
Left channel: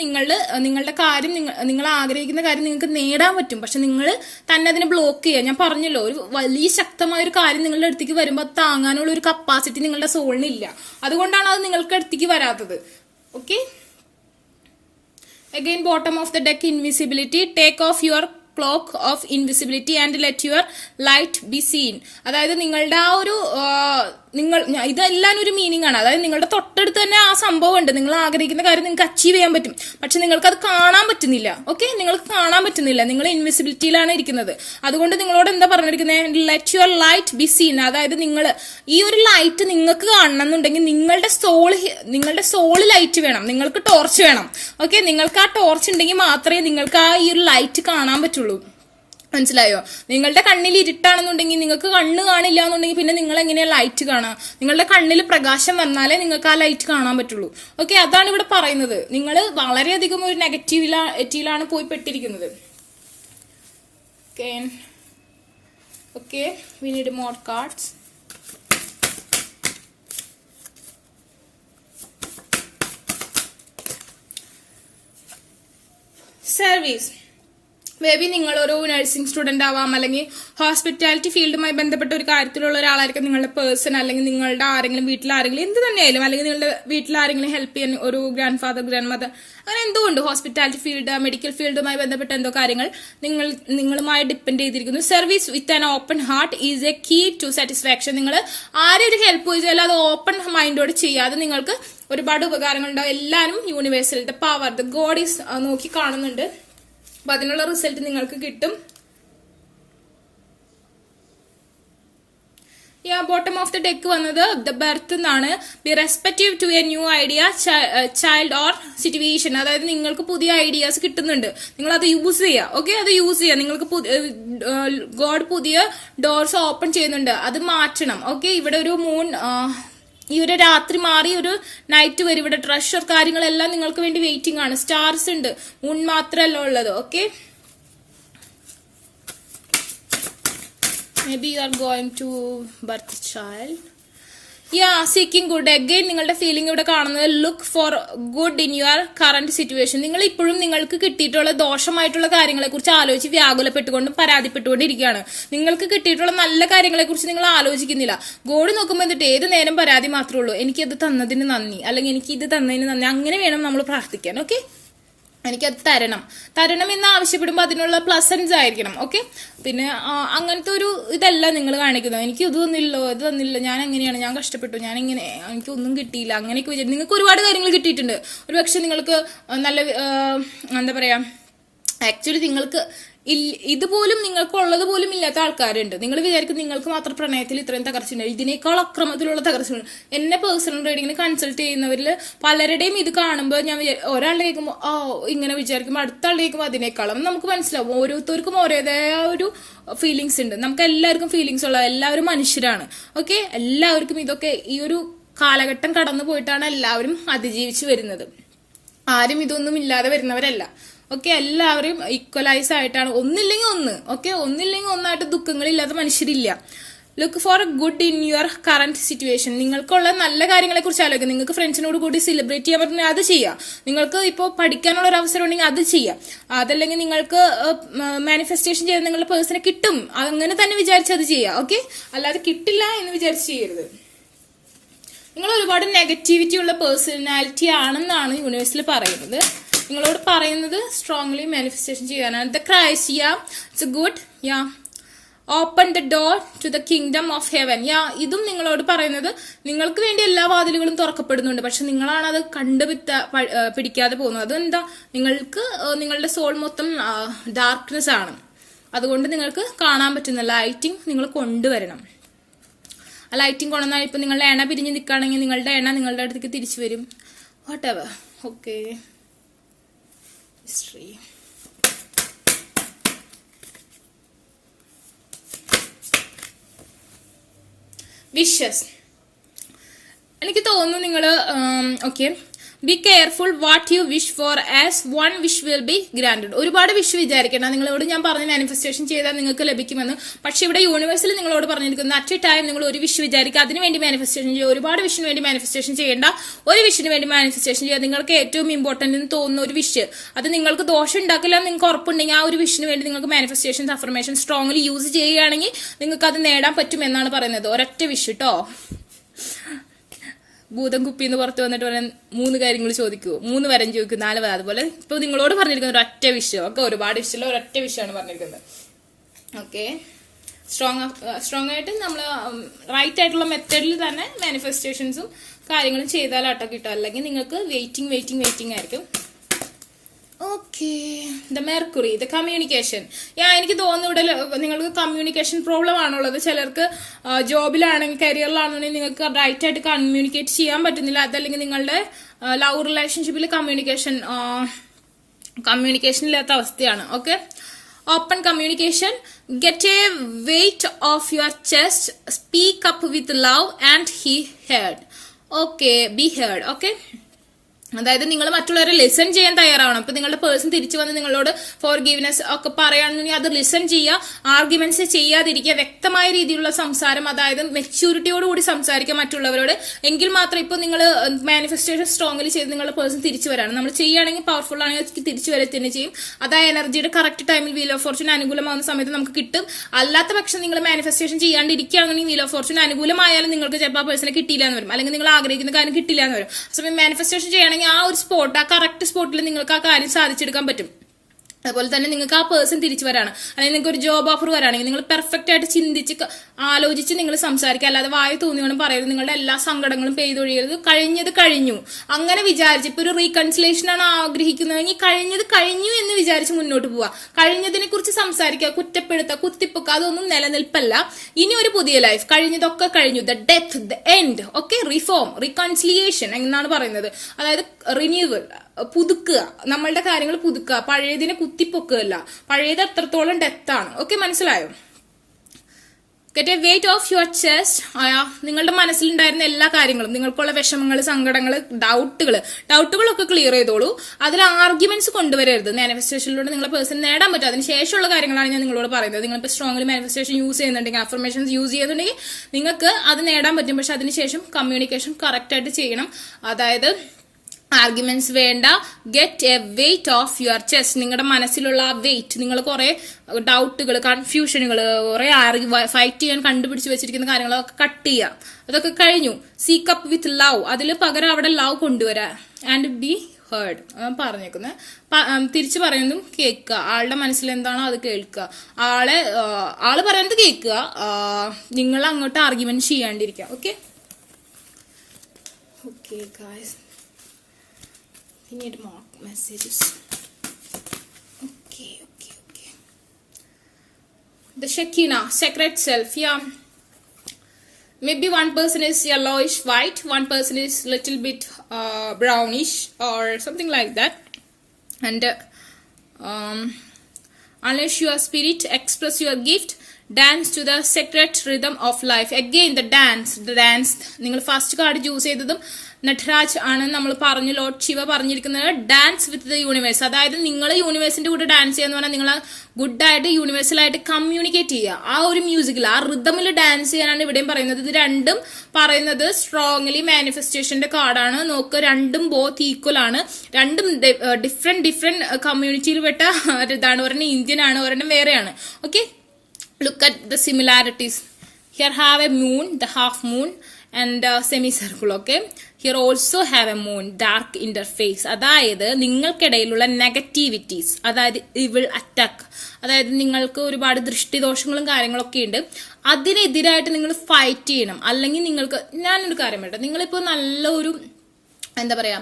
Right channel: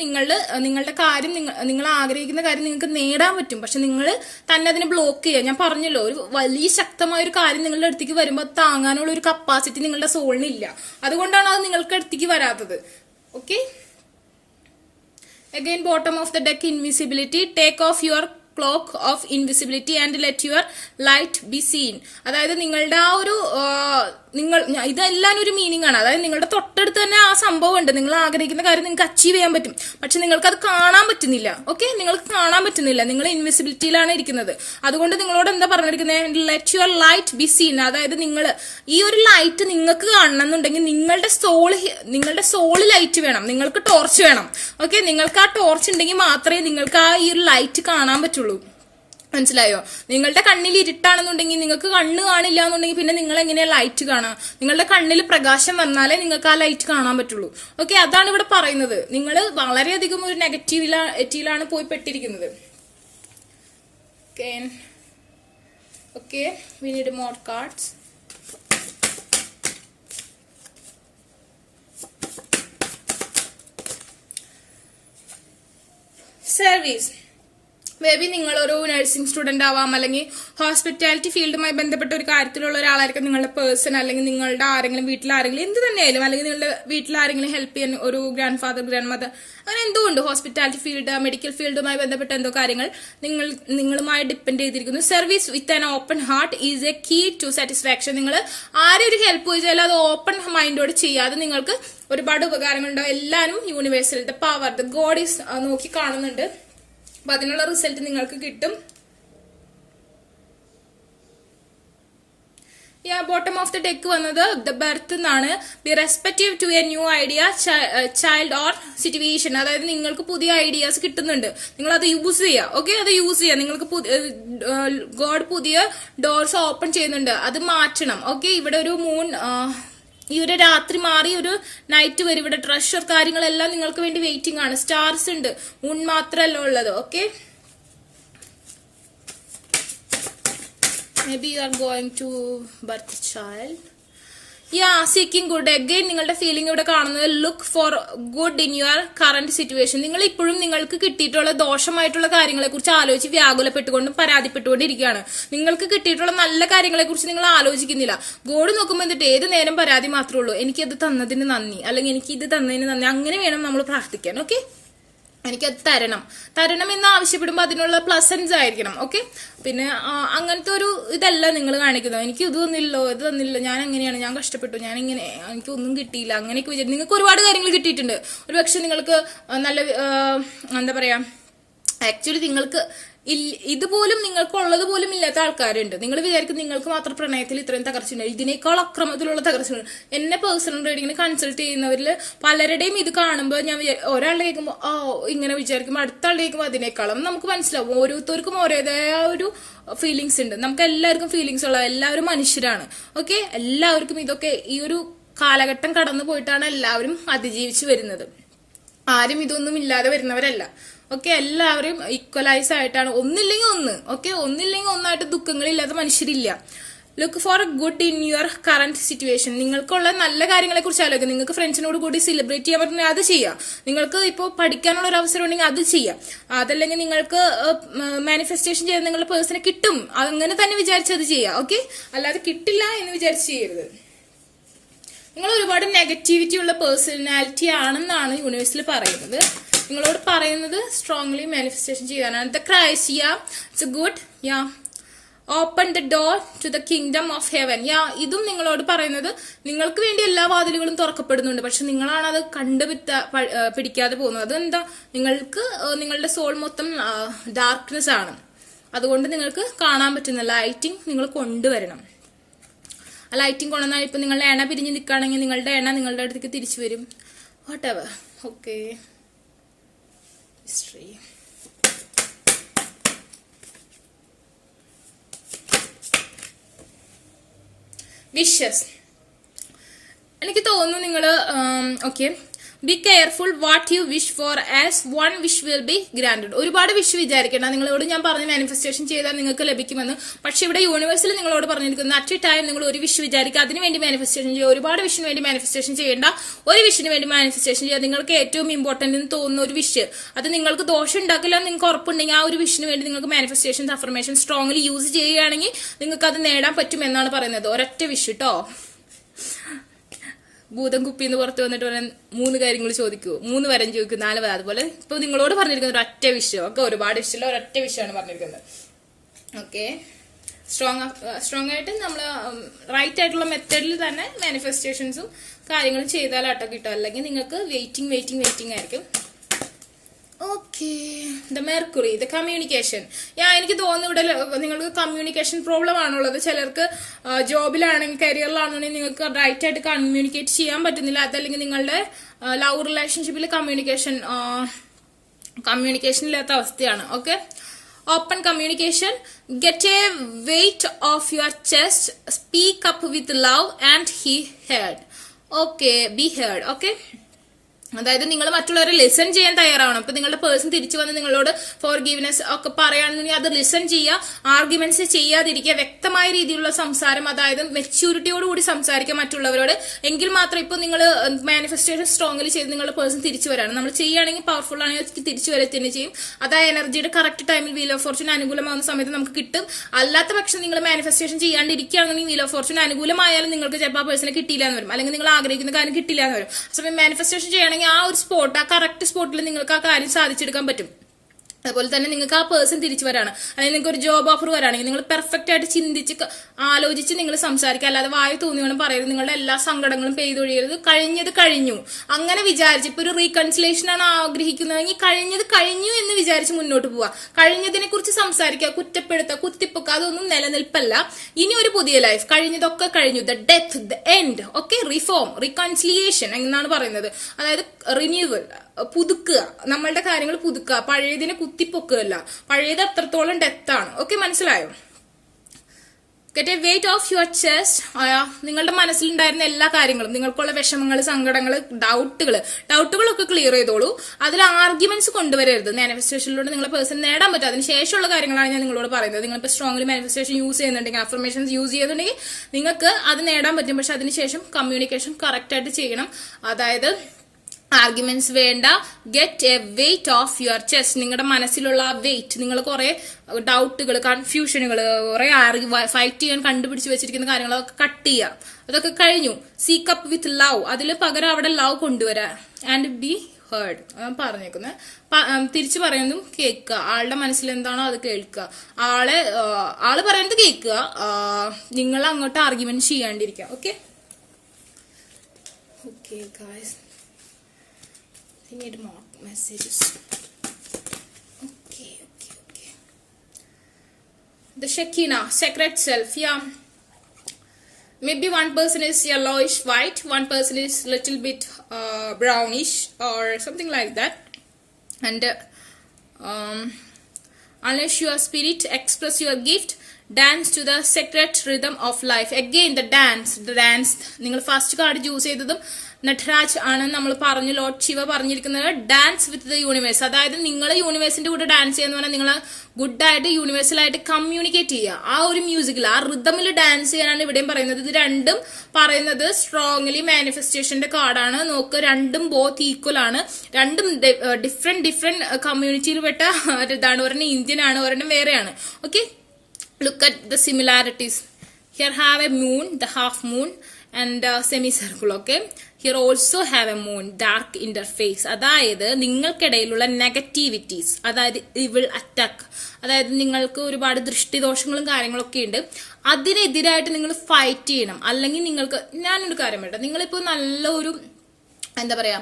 നിങ്ങളുടെ കാര്യം, നിങ്ങൾ ആഗ്രഹിക്കുന്ന കാര്യം നിങ്ങൾക്ക് നേടാൻ പറ്റും, പക്ഷെ നിങ്ങൾ തന്നെ അതിനെ ബ്ലോക്ക് ചെയ്യുക. ഞാൻ പറഞ്ഞല്ലോ, ഒരു വലിയ ശക്തമായ ഒരു കാര്യം നിങ്ങളുടെ അടുത്തേക്ക് വരുമ്പോൾ താങ്ങാനുള്ള ഒരു കപ്പാസിറ്റി നിങ്ങളുടെ സോളിനില്ല. അതുകൊണ്ടാണ് അത് നിങ്ങൾക്ക് അടുത്തേക്ക് വരാത്തത്. Okay, again bottom of the deck invisibility. Take off your clock of invisibility and let your light be seen. അതായത് നിങ്ങളുടെ ആ ഒരു ഇതെല്ലാം ഒരു മീനിങ് ആണ്. അതായത് നിങ്ങളുടെ തൊട്ടടുത്ത് തന്നെ ആ സംഭവം ഉണ്ട്, നിങ്ങൾ ആഗ്രഹിക്കുന്ന കാര്യം നിങ്ങൾക്ക് അച്ചീവ് ചെയ്യാൻ പറ്റും, പക്ഷെ നിങ്ങൾക്ക് അത് കാണാൻ പറ്റുന്നില്ല. ഓക്കെ, നിങ്ങൾക്ക് കാണാൻ പറ്റുന്നില്ല, നിങ്ങൾ ഇൻവിസിബിലിറ്റിയിലാണ് ഇരിക്കുന്നത്. അതുകൊണ്ട് നിങ്ങളോട് എന്താ പറഞ്ഞിരിക്കുന്നത്? Let your light be seen. അതായത് നിങ്ങൾ ഈ ഒരു ലൈറ്റ് നിങ്ങൾക്ക് കാണണം എന്നുണ്ടെങ്കിൽ നിങ്ങളുടെ സോള് ലൈറ്റ് വേണം, നിങ്ങൾക്ക് ടോർച്ച് വേണം. ഓക്കെ, നിങ്ങൾക്ക് ആ ടോർച്ച് ഉണ്ടെങ്കിൽ മാത്രമേ നിങ്ങൾക്ക് ആ ഈ ഒരു ലൈറ്റ് കാണാൻ പറ്റുള്ളൂ. മനസ്സിലായോ? നിങ്ങളുടെ കണ്ണിൽ ഇരുട്ടാണെന്നുണ്ടെങ്കിൽ, നിങ്ങൾക്ക് കണ്ണ് കാണില്ല എന്നുണ്ടെങ്കിൽ പിന്നെ നിങ്ങൾ എങ്ങനെയാ ലൈറ്റ് കാണാം? നിങ്ങളുടെ കണ്ണിൽ പ്രകാശം വന്നാലേ നിങ്ങൾക്ക് ആ ലൈറ്റ് കാണാൻ പറ്റുള്ളൂ. ഓക്കെ, അതാണ് ഇവിടെ പറയുന്നത്. നിങ്ങൾ വളരെയധികം ഒരു നെഗറ്റീവിലാണ് പോയി പെട്ടിരിക്കുന്നത്. Okay, we need more cards. Service. Maybe നിങ്ങളൊരു നഴ്സിംഗ് സ്റ്റുഡന്റ് ആവാം, അല്ലെങ്കിൽ ഹോസ്പിറ്റാലിറ്റി ഫീൽഡുമായി ബന്ധപ്പെട്ട ഒരു കാര്യത്തിലുള്ള ഒരാളായിരിക്കും നിങ്ങളുടെ പേഴ്സൺ, അല്ലെങ്കിൽ നിങ്ങളുടെ ആരെങ്കിലും വീട്ടിൽ ആരെങ്കിലും എന്ത് തന്നെയായാലും, അല്ലെങ്കിൽ നിങ്ങളുടെ വീട്ടിൽ ആരെങ്കിലും ഹെൽപ്പ് ചെയ്യാൻ ഒരു ഗ്രാൻഡ് ഫാദർ, ഗ്രാൻഡ് മദർ, അങ്ങനെ എന്തുകൊണ്ട് ഹോസ്പിറ്റാലിറ്റി ഫീൽഡ്, മെഡിക്കൽ ഫീൽഡുമായി ബന്ധപ്പെട്ട എന്തോ കാര്യങ്ങൾ നിങ്ങളുമായി ഡിപ്പെൻഡ് ചെയ്തിരിക്കുന്നു. Service with an open heart is a key to satisfaction. നിങ്ങൾ ആരും ഒരു ഹെൽപ്പ് ചെയ്താലും അത് ഓപ്പൺ മൈൻഡോട് ചെയ്യാതെ നിങ്ങൾക്ക് ഒരുപാട് ഉപകാരങ്ങൾ ഉണ്ടാവും. എല്ലാവരും universal, the power, the god is നോക്കി കാണുന്നുണ്ട്. അപ്പൊ അതിനുള്ള റിസൾട്ട് നിങ്ങൾക്ക് കിട്ടും. ബോട്ടം ഓഫ് ദ ഡെക്ക് വന്നത് ദ ബർത്ത് എന്നാണ്. Be respective to a new idea, child or situation. അതായത് നിങ്ങൾക്ക് പുതിയ ഐഡിയാസ് കിട്ടുന്നുണ്ട്, നിങ്ങൾ അത് യൂസ് ചെയ്യുക. ഓക്കെ, അത് യൂസ് ചെയ്യുക. നിങ്ങൾക്ക് ഗോഡ് പുതിയ ഡോർസ് ഓപ്പൺ ചെയ്യുന്നുണ്ട്, അത് മാറ്റണം. ഓക്കെ, ഇവിടെ ഒരു മൂൺ, ഈ ഒരു രാത്രി മാറി ഒരു നൈറ്റ് വരും. ഇവിടെ ട്രഷർ കാര്യങ്ങളെല്ലാം നിങ്ങൾക്ക് വേണ്ടി വെയിറ്റിംഗ് ആണ്. സ്റ്റാർസ് ഉണ്ട്, മൂൺ മാത്രമല്ല ഉള്ളത്. Okay, may be you are going to birth child. Seeking good. Again നിങ്ങളുടെ ഫീലിംഗ് ഇവിടെ കാണുന്നത് look for good in your current situation. നിങ്ങൾ ഇപ്പോഴും നിങ്ങൾക്ക് കിട്ടിയിട്ടുള്ള ദോഷമായിട്ടുള്ള കാര്യങ്ങളെ കുറിച്ച് ആലോചിച്ച് വ്യാകുലപ്പെട്ടുകൊണ്ടും പരാതിപ്പെട്ടുകൊണ്ടും ഇരിക്കുകയാണ്. നിങ്ങൾക്ക് കിട്ടിയിട്ടുള്ള നല്ല കാര്യങ്ങളെ കുറിച്ച് നിങ്ങൾ ആലോചിക്കുന്നില്ല. ഗോഡ് നോക്കുമ്പോൾ എന്നിട്ട് ഏത് നേരം പരാതി മാത്രമേ ഉള്ളൂ. എനിക്കത് തന്നതിന് നന്ദി, അല്ലെങ്കിൽ എനിക്ക് ഇത് തന്നതിന് നന്ദി. അങ്ങനെ വേണം നമ്മൾ പ്രാർത്ഥിക്കാൻ. ഓക്കെ, എനിക്കത് തരണം എന്ന് ആവശ്യപ്പെടുമ്പോൾ അതിനുള്ള പ്ലസൻസ് ആയിരിക്കണം. ഓക്കെ, പിന്നെ അങ്ങനത്തെ ഒരു ഇതല്ല നിങ്ങൾ കാണിക്കുന്നത്. എനിക്ക് ഇത് തന്നില്ല, ഞാൻ എങ്ങനെയാണ്, ഞാൻ കഷ്ടപ്പെട്ടു, ഞാൻ ഇങ്ങനെ, എനിക്കൊന്നും കിട്ടിയില്ല, അങ്ങനെയൊക്കെ വിചാരിച്ചു. നിങ്ങൾക്ക് ഒരുപാട് കാര്യങ്ങൾ കിട്ടിയിട്ടുണ്ട്. ഒരുപക്ഷെ നിങ്ങൾക്ക് നല്ല എന്താ പറയാ, ആക്ച്വലി നിങ്ങൾക്ക് ഇതുപോലും നിങ്ങൾക്ക് ഉള്ളത് പോലും ഇല്ലാത്ത ആൾക്കാരുണ്ട്. നിങ്ങൾ വിചാരിക്കും നിങ്ങൾക്ക് മാത്രം പ്രണയത്തിൽ ഇത്രയും തകർച്ചയുണ്ട്, ഇതിനേക്കാൾ അക്രമത്തിലുള്ള തകർച്ചയുണ്ട്. എന്നെ പേഴ്സണൽ റീഡിങ്ങിന് കൺസൾട്ട് ചെയ്യുന്നവരിൽ പലരുടെയും ഇത് കാണുമ്പോൾ ഞാൻ ഒരാളുടെ കേൾക്കുമ്പോൾ ഇങ്ങനെ വിചാരിക്കുമ്പോൾ അടുത്ത ആളുടെ കേൾക്കുമ്പോൾ അതിനേക്കാളും നമുക്ക് മനസ്സിലാവും. ഓരോരുത്തർക്കും ഓരോതായ ഒരു ഫീലിങ്സ് ഉണ്ട്. നമുക്ക് എല്ലാവർക്കും ഫീലിങ്സ് ഉള്ള, എല്ലാവരും മനുഷ്യരാണ്. ഓക്കെ, എല്ലാവർക്കും ഇതൊക്കെ ഈ ഒരു കാലഘട്ടം കടന്നു പോയിട്ടാണ് എല്ലാവരും അതിജീവിച്ചു വരുന്നത്. ആരും ഇതൊന്നും ഇല്ലാതെ വരുന്നവരല്ല. ഓക്കെ, എല്ലാവരും ഈക്വലൈസ് ആയിട്ടാണ്, ഒന്നില്ലെങ്കിൽ ഒന്ന്. ഓക്കെ, ഒന്നില്ലെങ്കിൽ ഒന്നായിട്ട് ദുഃഖങ്ങളില്ലാത്ത മനുഷ്യരില്ല. Look for good in your current situation. നിങ്ങൾക്കുള്ള നല്ല കാര്യങ്ങളെ കുറിച്ച് ആലോചിക്കുക. നിങ്ങൾക്ക് ഫ്രണ്ട്സിനോട് കൂടി സെലിബ്രേറ്റ് ചെയ്യാൻ പറ്റുന്ന അത് ചെയ്യാം. നിങ്ങൾക്ക് ഇപ്പോൾ പഠിക്കാനുള്ള ഒരു അവസരം ഉണ്ടെങ്കിൽ അത് ചെയ്യാം. അതല്ലെങ്കിൽ നിങ്ങൾക്ക് മാനിഫെസ്റ്റേഷൻ ചെയ്ത് നിങ്ങളുടെ പേഴ്സണെ കിട്ടും, അങ്ങനെ തന്നെ വിചാരിച്ച് അത് ചെയ്യാം. ഓക്കെ, അല്ലാതെ കിട്ടില്ല എന്ന് വിചാരിച്ച് ചെയ്യരുത്. നിങ്ങൾ ഒരുപാട് നെഗറ്റിവിറ്റി ഉള്ള പേഴ്സണാലിറ്റി ആണെന്നാണ് യൂണിവേഴ്സിൽ പറയുന്നത്. നിങ്ങളോട് പറയുന്നത് സ്ട്രോങ്ലി മാനിഫെസ്റ്റേഷൻ ചെയ്യാനാണ്. The Christ, it's good. Open the door to the kingdom of heaven. ഇതും നിങ്ങളോട് പറയുന്നത് നിങ്ങൾക്ക് വേണ്ടി എല്ലാ വാതിലുകളും തുറക്കപ്പെടുന്നുണ്ട്, പക്ഷെ നിങ്ങളാണ് അത് പിടിക്കാതെ പോകുന്നത്. അതെന്താ, നിങ്ങൾക്ക് നിങ്ങളുടെ സോൾ മൊത്തം ഡാർക്ക്നെസ് ആണ്. അതുകൊണ്ട് നിങ്ങൾക്ക് കാണാൻ പറ്റുന്ന ലൈറ്റിംഗ് നിങ്ങൾ കൊണ്ടുവരണം. ആ ലൈറ്റിംഗ് കൊണ്ടുവന്നാൽ ഇപ്പൊ നിങ്ങളുടെ എണ്ണ പിരിഞ്ഞ് നിൽക്കുകയാണെങ്കിൽ നിങ്ങളുടെ എണ്ണ നിങ്ങളുടെ അടുത്തേക്ക് തിരിച്ചു വരും. What ever. Okay, history. Wishes. എനിക്ക് തോന്നുന്നു നിങ്ങൾ okay, be careful what you wish four as one wish will be granted. ഒരുപാട് വിഷ് വിചാരിക്കണം. നിങ്ങളോട് ഞാൻ പറഞ്ഞ മാനിഫെസ്റ്റേഷൻ ചെയ്താൽ നിങ്ങൾക്ക് ലഭിക്കുമെന്ന്. പക്ഷെ ഇവിടെ യൂണിവേഴ്സിൽ നിങ്ങളോട് പറഞ്ഞിരിക്കുന്നത് അറ്റ് എ ടൈം നിങ്ങൾ ഒരു വിഷ് വിചാരിക്കുക, അതിനുവേണ്ടി മാനിഫെസ്റ്റേഷൻ ചെയ്യുക. ഒരുപാട് വിഷിന് വേണ്ടി മാനിഫെസ്റ്റേഷൻ ചെയ്യേണ്ട, ഒരു വിഷിന് വേണ്ടി മാനിഫെസ്റ്റേഷൻ ചെയ്യുക. നിങ്ങൾക്ക് ഏറ്റവും ഇമ്പോർട്ടന്റ് എന്ന് തോന്നുന്ന ഒരു വിഷ്, അത് നിങ്ങൾക്ക് ദോഷം ഉണ്ടാക്കില്ല നിങ്ങൾക്ക് ഉറപ്പുണ്ടെങ്കിൽ ആ ഒരു വിഷിന് വേണ്ടി നിങ്ങൾക്ക് മാനിഫെസ്റ്റേഷൻ അഫർമേഷൻ സ്ട്രോങ്ലി യൂസ് ചെയ്യുകയാണെങ്കിൽ നിങ്ങൾക്ക് അത് നേടാൻ പറ്റുമെന്നാണ് പറയുന്നത്. ഒരൊറ്റ വിഷ് കേട്ടോ. ഭൂതം കുപ്പിന്ന് പുറത്ത് വന്നിട്ട് പറയാൻ 3 കാര്യങ്ങൾ ചോദിക്കുമോ, 3 വരം ചോദിക്കും, 4 വരം. അതുപോലെ ഇപ്പൊ നിങ്ങളോട് പറഞ്ഞിരിക്കുന്ന ഒരൊറ്റ വിഷയം ഒക്കെ ഒരുപാട് വിഷയമില്ല, ഒരൊറ്റ വിഷയമാണ് പറഞ്ഞിരിക്കുന്നത്. ഓക്കെ, സ്ട്രോങ് ആയിട്ട് നമ്മൾ റൈറ്റ് ആയിട്ടുള്ള മെത്തേഡിൽ തന്നെ മാനിഫെസ്റ്റേഷൻസും കാര്യങ്ങളും ചെയ്താലാട്ടോ കിട്ടും. അല്ലെങ്കിൽ നിങ്ങൾക്ക് വെയിറ്റിംഗ് ആയിരിക്കും. Okay, the mercury, the communication. എനിക്ക് തോന്നുന്നു ഇവിടെ നിങ്ങൾക്ക് കമ്മ്യൂണിക്കേഷൻ പ്രോബ്ലം ആണുള്ളത്. ചിലർക്ക് ജോബിലാണെങ്കിൽ കരിയറിലാണെങ്കിൽ നിങ്ങൾക്ക് റൈറ്റ് ആയിട്ട് കമ്മ്യൂണിക്കേറ്റ് ചെയ്യാൻ പറ്റുന്നില്ല. അതല്ലെങ്കിൽ നിങ്ങളുടെ ലവ് റിലേഷൻഷിപ്പിൽ കമ്മ്യൂണിക്കേഷൻ ഇല്ലാത്ത അവസ്ഥയാണ്. Okay, open communication, get A weight of your chest, speak up with love and he heard. Okay, B heard. Okay, അതായത് നിങ്ങൾ മറ്റുള്ളവരെ ലിസൺ ചെയ്യാൻ തയ്യാറാവണം. ഇപ്പൊ നിങ്ങളുടെ പേഴ്സൺ തിരിച്ചു വന്ന് നിങ്ങളോട് ഫോർഗീവ്നെസ് ഒക്കെ പറയുകയാണെങ്കിൽ അത് ലിസൺ ചെയ്യുക, ആർഗ്യുമെന്റ്സ് ചെയ്യാതിരിക്കുക, വ്യക്തമായ രീതിയിലുള്ള സംസാരം, അതായത് മെച്യൂരിറ്റിയോടുകൂടി സംസാരിക്കുക മറ്റുള്ളവരോട്. എങ്കിൽ മാത്രം ഇപ്പൊ നിങ്ങൾ മാനിഫെസ്റ്റേഷൻ സ്ട്രോങ്ലി ചെയ്ത് നിങ്ങളുടെ പേഴ്സൺ തിരിച്ചു വരാണ്. നമ്മൾ ചെയ്യുകയാണെങ്കിൽ പവർഫുൾ ആണെങ്കിൽ തിരിച്ചു വരെ തന്നെ ചെയ്യും. അത് ആ എനർജിയുടെ കറക്റ്റ് ടൈമിൽ വീൽ ഓഫ് ഫോർച്യൂൺ അനുകൂലമാകുന്ന സമയത്ത് നമുക്ക് കിട്ടും. അല്ലാത്ത പക്ഷം നിങ്ങൾ മാനിഫെസ്റ്റേഷൻ ചെയ്യാണ്ടിരിക്കുകയാണെങ്കിൽ വീൽ ഓഫ് ഫോർച്യൂൺ അനുകൂലമായാലും നിങ്ങൾക്ക് ചിലപ്പോൾ ആ പേഴ്സണെ കിട്ടിയില്ല എന്ന് വരും, അല്ലെങ്കിൽ നിങ്ങൾ ആഗ്രഹിക്കുന്ന കാര്യം കിട്ടില്ല എന്ന് വരും. സമയം മാനിഫെസ്റ്റേഷൻ ചെയ്യുകയാണെങ്കിൽ ആ ഒരു സ്പോട്ട്, ആ കറക്റ്റ് സ്പോട്ടിൽ നിങ്ങൾക്ക് ആ കാര്യം സാധിച്ചെടുക്കാൻ പറ്റും. അതുപോലെ തന്നെ നിങ്ങൾക്ക് ആ പേഴ്സൺ തിരിച്ചു വരാണ്, അല്ലെങ്കിൽ നിങ്ങൾക്ക് ഒരു ജോബ് ഓഫർ വരാണെങ്കിൽ നിങ്ങൾ പെർഫെക്റ്റ് ആയിട്ട് ചിന്തിച്ച് ആലോചിച്ച് നിങ്ങൾ സംസാരിക്കുക. അല്ലാതെ വായ തോന്നിയോണം പറയരുത്. നിങ്ങളുടെ എല്ലാ സങ്കടങ്ങളും പെയ്തൊഴിയരുത്. കഴിഞ്ഞത് കഴിഞ്ഞു അങ്ങനെ വിചാരിച്ച്, ഇപ്പൊ ഒരു റീകൺസിലേഷൻ ആണ് ആഗ്രഹിക്കുന്നതെങ്കിൽ കഴിഞ്ഞത് കഴിഞ്ഞു എന്ന് വിചാരിച്ച് മുന്നോട്ട് പോവുക. കഴിഞ്ഞതിനെ കുറിച്ച് സംസാരിക്കുക, കുറ്റപ്പെടുത്തുക, കുത്തിപ്പൊക്കുക, അതൊന്നും നിലനിൽപ്പല്ല. ഇനി ഒരു പുതിയ ലൈഫ്, കഴിഞ്ഞതൊക്കെ കഴിഞ്ഞു. The death, the end. Okay, reform, reconciliation എന്നാണ് പറയുന്നത്. അതായത് റിന്യൂവൽ, പുതുക്കുക, നമ്മളുടെ കാര്യങ്ങൾ പുതുക്കുക, പഴയതിനെ കുത്തിപ്പൊക്കുകയല്ല. പഴയത് അത്രത്തോളം ഡെത്താണ്. ഓക്കെ, മനസ്സിലായോ? Get A weight of your chest. നിങ്ങളുടെ മനസ്സിലുണ്ടായിരുന്ന എല്ലാ കാര്യങ്ങളും, നിങ്ങൾക്കുള്ള വിഷമങ്ങൾ, സങ്കടങ്ങൾ, ഡൗട്ടുകളൊക്കെ ക്ലിയർ ചെയ്തോളൂ. അതിൽ ആർഗ്യുമെന്റ്സ് കൊണ്ടുവരരുത്. മാനിഫെസ്റ്റേഷനിലൂടെ നിങ്ങളെ പേഴ്സൺ നേടാൻ പറ്റും. അതിനുശേഷമുള്ള കാര്യങ്ങളാണ് ഞാൻ നിങ്ങളോട് പറയുന്നത്. നിങ്ങളിപ്പോൾ സ്ട്രോങ്ലി മാനിഫെസ്റ്റേഷൻ യൂസ് ചെയ്യുന്നുണ്ടെങ്കിൽ, അഫർമേഷൻസ് യൂസ് ചെയ്യുന്നുണ്ടെങ്കിൽ നിങ്ങൾക്ക് അത് നേടാൻ പറ്റും. പക്ഷെ അതിനുശേഷം കമ്മ്യൂണിക്കേഷൻ കറക്റ്റ് ആയിട്ട് ചെയ്യണം. അതായത് ആർഗ്യുമെന്റ്സ് വേണ്ട. Get A weight of your chest. നിങ്ങളുടെ മനസ്സിലുള്ള ആ വെയിറ്റ്, നിങ്ങൾ കുറെ ഡൗട്ടുകൾ, കൺഫ്യൂഷനുകൾ, കുറെ ഫൈറ്റ് ചെയ്യാൻ കണ്ടുപിടിച്ച് വെച്ചിരിക്കുന്ന കാര്യങ്ങളൊക്കെ കട്ട് ചെയ്യുക. അതൊക്കെ കഴിഞ്ഞു. Seek up with love. അതിൽ പകരം അവിടെ ലവ് കൊണ്ടുവരാ. And be heard. പറഞ്ഞേക്കുന്നത് തിരിച്ചു പറയുന്നതും കേൾക്കുക. ആളുടെ മനസ്സിൽ എന്താണോ അത് കേൾക്കുക. ആള് പറയുന്നത് കേൾക്കുക. നിങ്ങൾ അങ്ങോട്ട് ആർഗ്യുമെന്റ് ചെയ്യാണ്ടിരിക്കുക. Okay, guys, I need more messages. Okay. The Shekinah, sacred self. Yeah. Maybe one person is yellowish white, one person is little bit brownish or something like that. And unless you are spirit, express your gift. Dance to the sacred rhythm of life. Again, the dance. നിങ്ങൾ ഫസ്റ്റ് കാർഡ് ചൂസ് ചെയ്തതും നട്രാജ് ആണ്. നമ്മൾ പറഞ്ഞു, ലോർഡ് ശിവ പറഞ്ഞിരിക്കുന്നത് ഡാൻസ് വിത്ത് ദ യൂണിവേഴ്സ്. അതായത് നിങ്ങൾ യൂണിവേഴ്സിന്റെ കൂടെ ഡാൻസ് ചെയ്യാന്ന് പറഞ്ഞാൽ നിങ്ങൾ ഗുഡായിട്ട് യൂണിവേഴ്സലായിട്ട് കമ്മ്യൂണിക്കേറ്റ് ചെയ്യുക. ആ ഒരു മ്യൂസിക്കിൽ, ആ റിതമിൽ ഡാൻസ് ചെയ്യാനാണ് ഇവിടെയും പറയുന്നത്. ഇത് രണ്ടും പറയുന്നത് സ്ട്രോങ്ലി മാനിഫെസ്റ്റേഷന്റെ കാർഡാണ്. നോക്ക്, രണ്ടും ബോത്ത് ഈക്വൽ ആണ്. രണ്ടും ഡിഫറെന്റ് കമ്മ്യൂണിറ്റിയിൽ പെട്ട ഇതാണ്. ഒരെണ്ണം ഇന്ത്യൻ ആണ്, ഒരെണ്ണം വേറെയാണ്. Okay, look at the similarities. Here have a moon, the half moon and semicircle. Okay, here also have a moon, dark interface. അതായത് നിങ്ങൾക്കിടയിലുള്ള നെഗറ്റിവിറ്റീസ്, അതായത് ഇവിൾ അറ്റാക്ക്, അതായത് നിങ്ങൾക്ക് ഒരുപാട് ദൃഷ്ടിദോഷങ്ങളും കാര്യങ്ങളൊക്കെ ഉണ്ട്. അതിനെതിരായിട്ട് നിങ്ങൾ ഫൈറ്റ് ചെയ്യണം. അല്ലെങ്കിൽ നിങ്ങൾക്ക്, ഞാനൊരു കാര്യം പറയട്ടെ, നിങ്ങളിപ്പോ നല്ല ഒരു എന്താ പറയാ,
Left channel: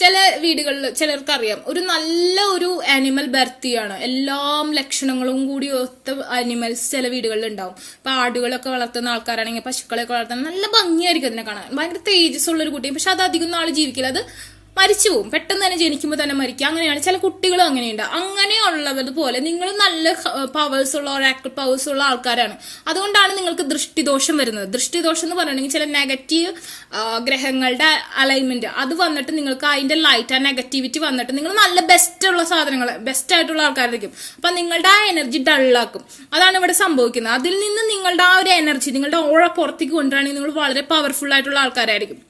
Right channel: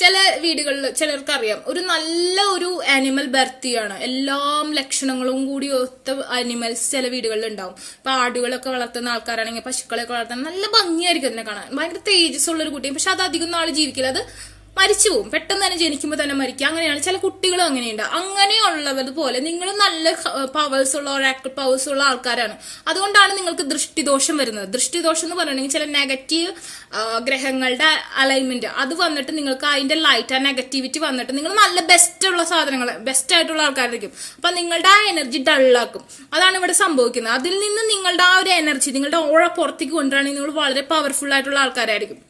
ചില വീടുകളിൽ ചിലർക്കറിയാം ഒരു നല്ല ഒരു ആനിമൽ ബർത്ത് ചെയ്യാണ്. എല്ലാ ലക്ഷണങ്ങളും കൂടി ഒത്ത ആനിമൽസ് ചില വീടുകളിൽ ഉണ്ടാവും. ഇപ്പൊ ആടുകളൊക്കെ വളർത്തുന്ന ആൾക്കാരാണെങ്കിൽ, പശുക്കളൊക്കെ വളർത്തുന്ന നല്ല ഭംഗിയായിരിക്കും അതിനെ കാണാൻ. ഭയങ്കര തേജസ് ഉള്ള ഒരു കുട്ടി. പക്ഷെ അത് അധികം നാൾ ജീവിക്കില്ല. അത് മരിച്ചു പോകും. പെട്ടെന്ന് തന്നെ ജനിക്കുമ്പോൾ തന്നെ മരിക്കുക. അങ്ങനെയാണ് ചില കുട്ടികളും അങ്ങനെയുണ്ട്. അങ്ങനെയുള്ളതുപോലെ നിങ്ങൾ നല്ല പവേഴ്സ് ഉള്ള, ഒരാക്ട് പവേഴ്സ് ഉള്ള ആൾക്കാരാണ്. അതുകൊണ്ടാണ് നിങ്ങൾക്ക് ദൃഷ്ടിദോഷം വരുന്നത്. ദൃഷ്ടിദോഷം എന്ന് പറയണമെങ്കിൽ ചില നെഗറ്റീവ് ഗ്രഹങ്ങളുടെ അലൈൻമെന്റ് അത് വന്നിട്ട് നിങ്ങൾക്ക് അതിന്റെ ലൈറ്റ്, ആ നെഗറ്റിവിറ്റി വന്നിട്ട് നിങ്ങൾ നല്ല ബെസ്റ്റ് ഉള്ള സാധനങ്ങൾ, ബെസ്റ്റ് ആയിട്ടുള്ള ആൾക്കാരായിരിക്കും. അപ്പൊ നിങ്ങളുടെ ആ എനർജി ഡള്ളാക്കും. അതാണ് ഇവിടെ സംഭവിക്കുന്നത്. അതിൽ നിന്ന് നിങ്ങളുടെ ആ ഒരു എനർജി, നിങ്ങളുടെ ഓള പുറത്തേക്ക് കൊണ്ടുവരാണെങ്കിൽ നിങ്ങൾ വളരെ പവർഫുൾ ആയിട്ടുള്ള ആൾക്കാരായിരിക്കും.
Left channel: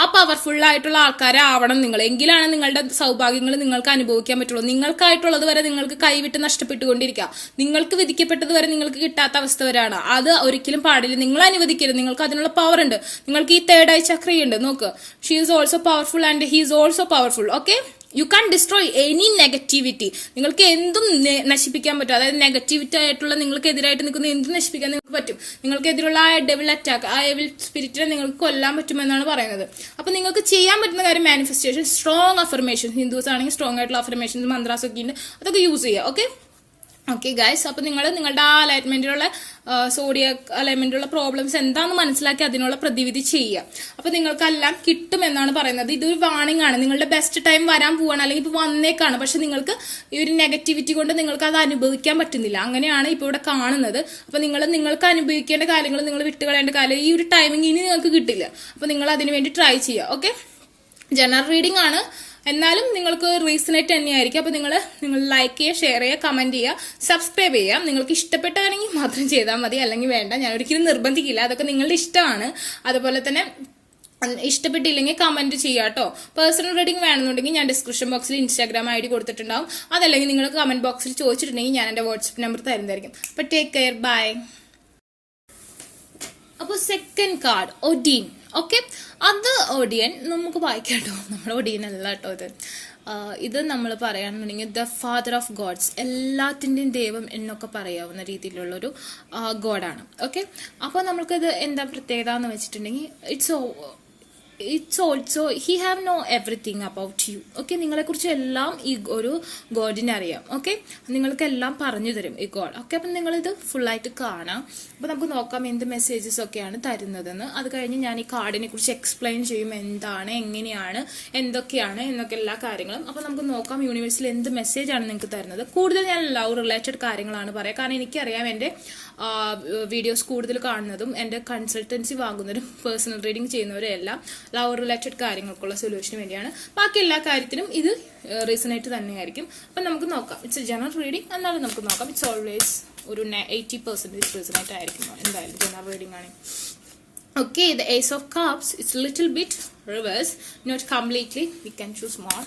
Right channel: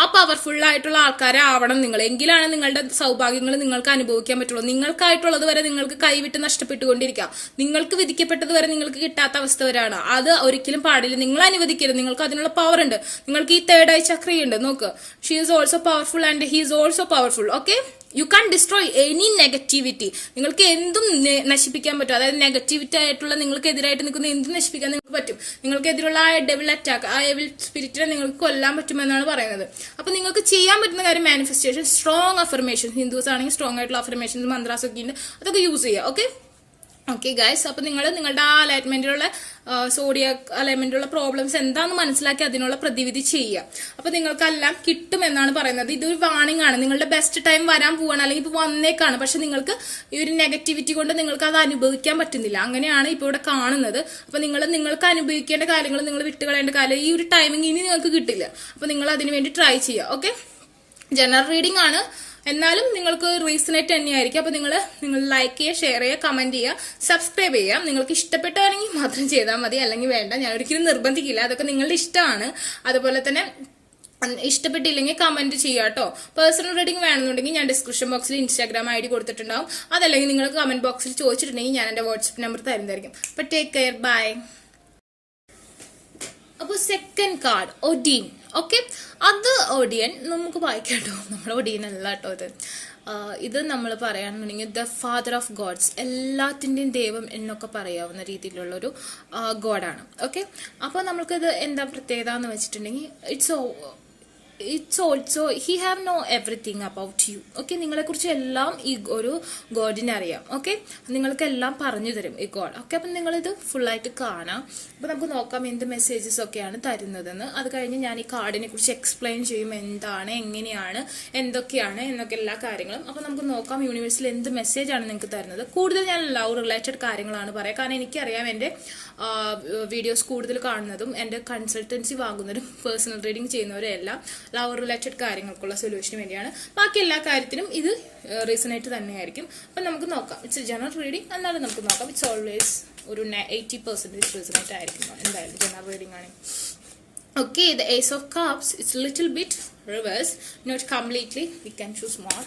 ആ പവർഫുൾ ആയിട്ടുള്ള ആൾക്കാരെ ആവണം നിങ്ങൾ. എങ്കിലാണ് നിങ്ങളുടെ സൗഭാഗ്യങ്ങൾ നിങ്ങൾക്ക് അനുഭവിക്കാൻ പറ്റുള്ളൂ. നിങ്ങൾക്കായിട്ടുള്ളത് വരെ നിങ്ങൾക്ക് കൈവിട്ട് നഷ്ടപ്പെട്ടുകൊണ്ടിരിക്കുക. നിങ്ങൾക്ക് വിധിക്കപ്പെട്ടത് വരെ നിങ്ങൾക്ക് കിട്ടാത്ത അവസ്ഥ വരെയാണ്. അത് ഒരിക്കലും പാടില്ല. നിങ്ങൾ അനുവദിക്കരുത്. നിങ്ങൾക്ക് അതിനുള്ള പവർ ഉണ്ട്. നിങ്ങൾക്ക് ഈ തേർഡ് ഐ ചക്രയുണ്ട്. നോക്ക്, she is also powerful and he is also powerful. Okay, you can destroy any negativity. നിങ്ങൾക്ക് എന്തും നശിപ്പിക്കാൻ പറ്റും. അതായത് നെഗറ്റിവിറ്റി ആയിട്ടുള്ള നിങ്ങൾക്ക് എതിരായിട്ട് നിൽക്കുന്ന എന്തും നശിപ്പിക്കാൻ നിങ്ങൾക്ക് പറ്റും. നിങ്ങൾക്കെതിരുള്ള ആ ഡെവിൾ അറ്റാക്ക്, ആ എവിൽ സ്പിരിറ്റിനെ നിങ്ങൾക്ക് കൊല്ലാൻ പറ്റുമെന്നാണ് പറയുന്നത്. അപ്പൊ നിങ്ങൾക്ക് ചെയ്യാൻ പറ്റുന്ന കാര്യം മാനിഫെസ്റ്റേഷൻ, സ്ട്രോങ് അഫർമേഷൻ. ഹിന്ദുസ് ആണെങ്കിൽ സ്ട്രോങ് ആയിട്ടുള്ള അഫർമേഷൻസ്, മന്ത്രാസ് ഒക്കെ ഉണ്ട്. അതൊക്കെ യൂസ് ചെയ്യുക. ഓക്കെ ഗൈസ്, അപ്പൊ നിങ്ങൾ നിങ്ങളുടെ ആ അലൈൻമെന്റിലുള്ള സോഡിയക് അലൈൻമെന്റിലുള്ള പ്രോബ്ലംസ് എന്താണെന്ന് മനസ്സിലാക്കി അതിനുള്ള പ്രതിവിധി ചെയ്യുക. അപ്പൊ നിങ്ങൾക്കെല്ലാം കിട്ടുമെന്നാണ് പറയുന്നത്. ഇതൊരു വാണിംഗ് ആണ്. നിങ്ങളുടെ ബെസ്റ്റ് ടൈം വരാൻ പോവാണ്, അല്ലെങ്കിൽ ഇപ്പൊ വന്നേക്കാണ്. പക്ഷെ നിങ്ങൾക്ക് ഈ ഒരു നെഗറ്റിവിറ്റി കൊണ്ട് നിങ്ങൾക്ക് അത് അനുഭവിക്കാൻ പറ്റുന്നില്ല. അങ്ങനെയാണ് ഇപ്പൊ ഇവിടെ കാണുന്നത്. അപ്പൊ നിങ്ങൾക്ക് അനുഭവിക്കേണ്ട കാര്യങ്ങൾ നിങ്ങൾ വിട്ടുകളയേണ്ട കാര്യം ഈ ഒരു ടൈമിങ് ഇനി നിങ്ങൾക്ക് കിട്ടില്ല. അപ്പൊ നിങ്ങൾ അതിനു വേണ്ടി ട്രൈ ചെയ്യുക. ഓക്കെ, ജനറൽ റീഡിംഗ് ആണ്, എന്നാലും നിങ്ങൾക്ക് റീസണായിട്ട് തന്നെയായിരിക്കും. അപ്പൊ നിങ്ങൾ ലൈക്ക് ചെയ്യുക, ഷെയർ ചെയ്യുക, കമന്റ് ചെയ്യുക, സബ്സ്ക്രൈബ് ചെയ്യുക. നിങ്ങൾക്ക് ഇഷ്ടപ്പെട്ടാണെങ്കിൽ മാത്രം ചെയ്താൽ മതി, അല്ലെങ്കിൽ വേണ്ട. ഞാൻ ഒരിക്കലും നിർബന്ധിക്കില്ല. അതൊക്കെ നിങ്ങളുടെ ഇഷ്ടമാണ്. അതുപോലെ തന്നെ ഇഷ്ടപ്പെട്ടില്ലെങ്കിൽ കമന്റ് ചെയ്യാം കേട്ടോ. പേഴ്സണൽ റീഡിംഗ് വേണമെന്നുണ്ടെങ്കിൽ ഞാൻ ഡിസ്ക്രിപ്ഷൻ ബോക്സിൽ ഇൻസ്റ്റാഗ്രാം ID കൊടുത്തിട്ടുണ്ടാവും. അതല്ലെങ്കിൽ നിങ്ങൾ കമന്റ് ബോക്സിൽ ചോദിച്ചിട്ടുണ്ടെങ്കിൽ ഞാൻ എന്റെ വാട്സ്ആപ്പ് നമ്പർ തരുന്നതായിരിക്കും. അപ്പൊ ടേക്ക് കെയർ, ബൈ. അപ്പൊ സെക്കൻഡ് കാർഡ് ഒഡീൻ. ഓക്കെ, അത് ഒഡിയൻ നമുക്ക് വായിക്കാട്ടോ. നമ്മുടെ ഒഡിയൻ അല്ല കേട്ടോ ഇത് നമ്മൾ പറയാണെന്നുണ്ടെങ്കിൽ ദ ഫാദർ ഓഫ് ഗോഡ്സ്, എല്ലാത്തിന്റെയും ദൈവം എന്നൊക്കെ പറയാവുന്ന രീതിയിലുള്ള ഒരു ഗോഡാണ്. ഓക്കെ, അപ്പോൾ നമ്മൾക്കിത് എന്താ പ്രത്യേകത എന്ന് വെച്ചിട്ടുണ്ടെങ്കിൽ it's also he have know everything about you. Okay, നിങ്ങളെ കുറിച്ച് എല്ലാം ഈ ഒരു ഗോഡിനെ അറിയാം. ഓക്കെ, നിങ്ങൾക്ക് എല്ലാം പറഞ്ഞു തരും ഈ ഗോഡ്. ഓക്കെ, അപ്പം നിങ്ങളിത് ഫുള്ളായിട്ട് കാണാം. അപ്പൊ നമുക്ക് നോക്കാം എന്ത് മെസ്സേജസ് ഒക്കെയാണ് തരുന്നതെന്ന്. അത് കഴിഞ്ഞ് ഞാൻ ഈ കാർഡിനെ കുറിച്ച് എക്സ്പ്ലെയിൻ ചെയ്യും, എന്താണ്, എങ്ങനെയാണ്, എന്തൊക്കെയാണ് എന്നൊക്കെ എല്ലാ കാര്യങ്ങളും. അപ്പൊ നമുക്ക് നോക്കാം യൂണിവേഴ്സിൽ എന്ത് മെസ്സേജ് ആണ് നിങ്ങൾക്ക് തരുന്നത്. കൂടുതൽ ഞാൻ ലവ് റിലേറ്റഡ് കാര്യങ്ങളാണ് പറയാം. കാരണം എനിക്കറിയാം എന്റെ വീഡിയോസ് കൂടുതൽ കാണുന്നതും എന്റെ കൺസൾട്ടൻസി വാങ്ങുന്നവരും പേഴ്സണൽ റീഡിംഗ് ചെയ്യുന്നവരും എല്ലാം ലവ് റിലേറ്റഡ് കാര്യങ്ങൾക്കുള്ള സൊല്യൂഷന് വേണ്ടിയാണ്. ബാക്കി എല്ലാ കാര്യത്തിലും ഇത് റീസണായിട്ട് തന്നെയായിരിക്കും. അപ്പൊ നമുക്ക് നോക്കാം. ഇറ്റ്സ് എ ജനറൽ റീഡിംഗ്, എന്നാലും നമുക്ക് നോക്കാം. ഇറ്റ്സ് ഓൾവേസ് ഒരു 80% റീസണായിട്ട് ആയിരിക്കും എന്തായാലും ജനറൽ റീഡിംഗ് ആണ്. Okay, the Ace of Cups, it's a little bit reverse, not completely. We can choose more.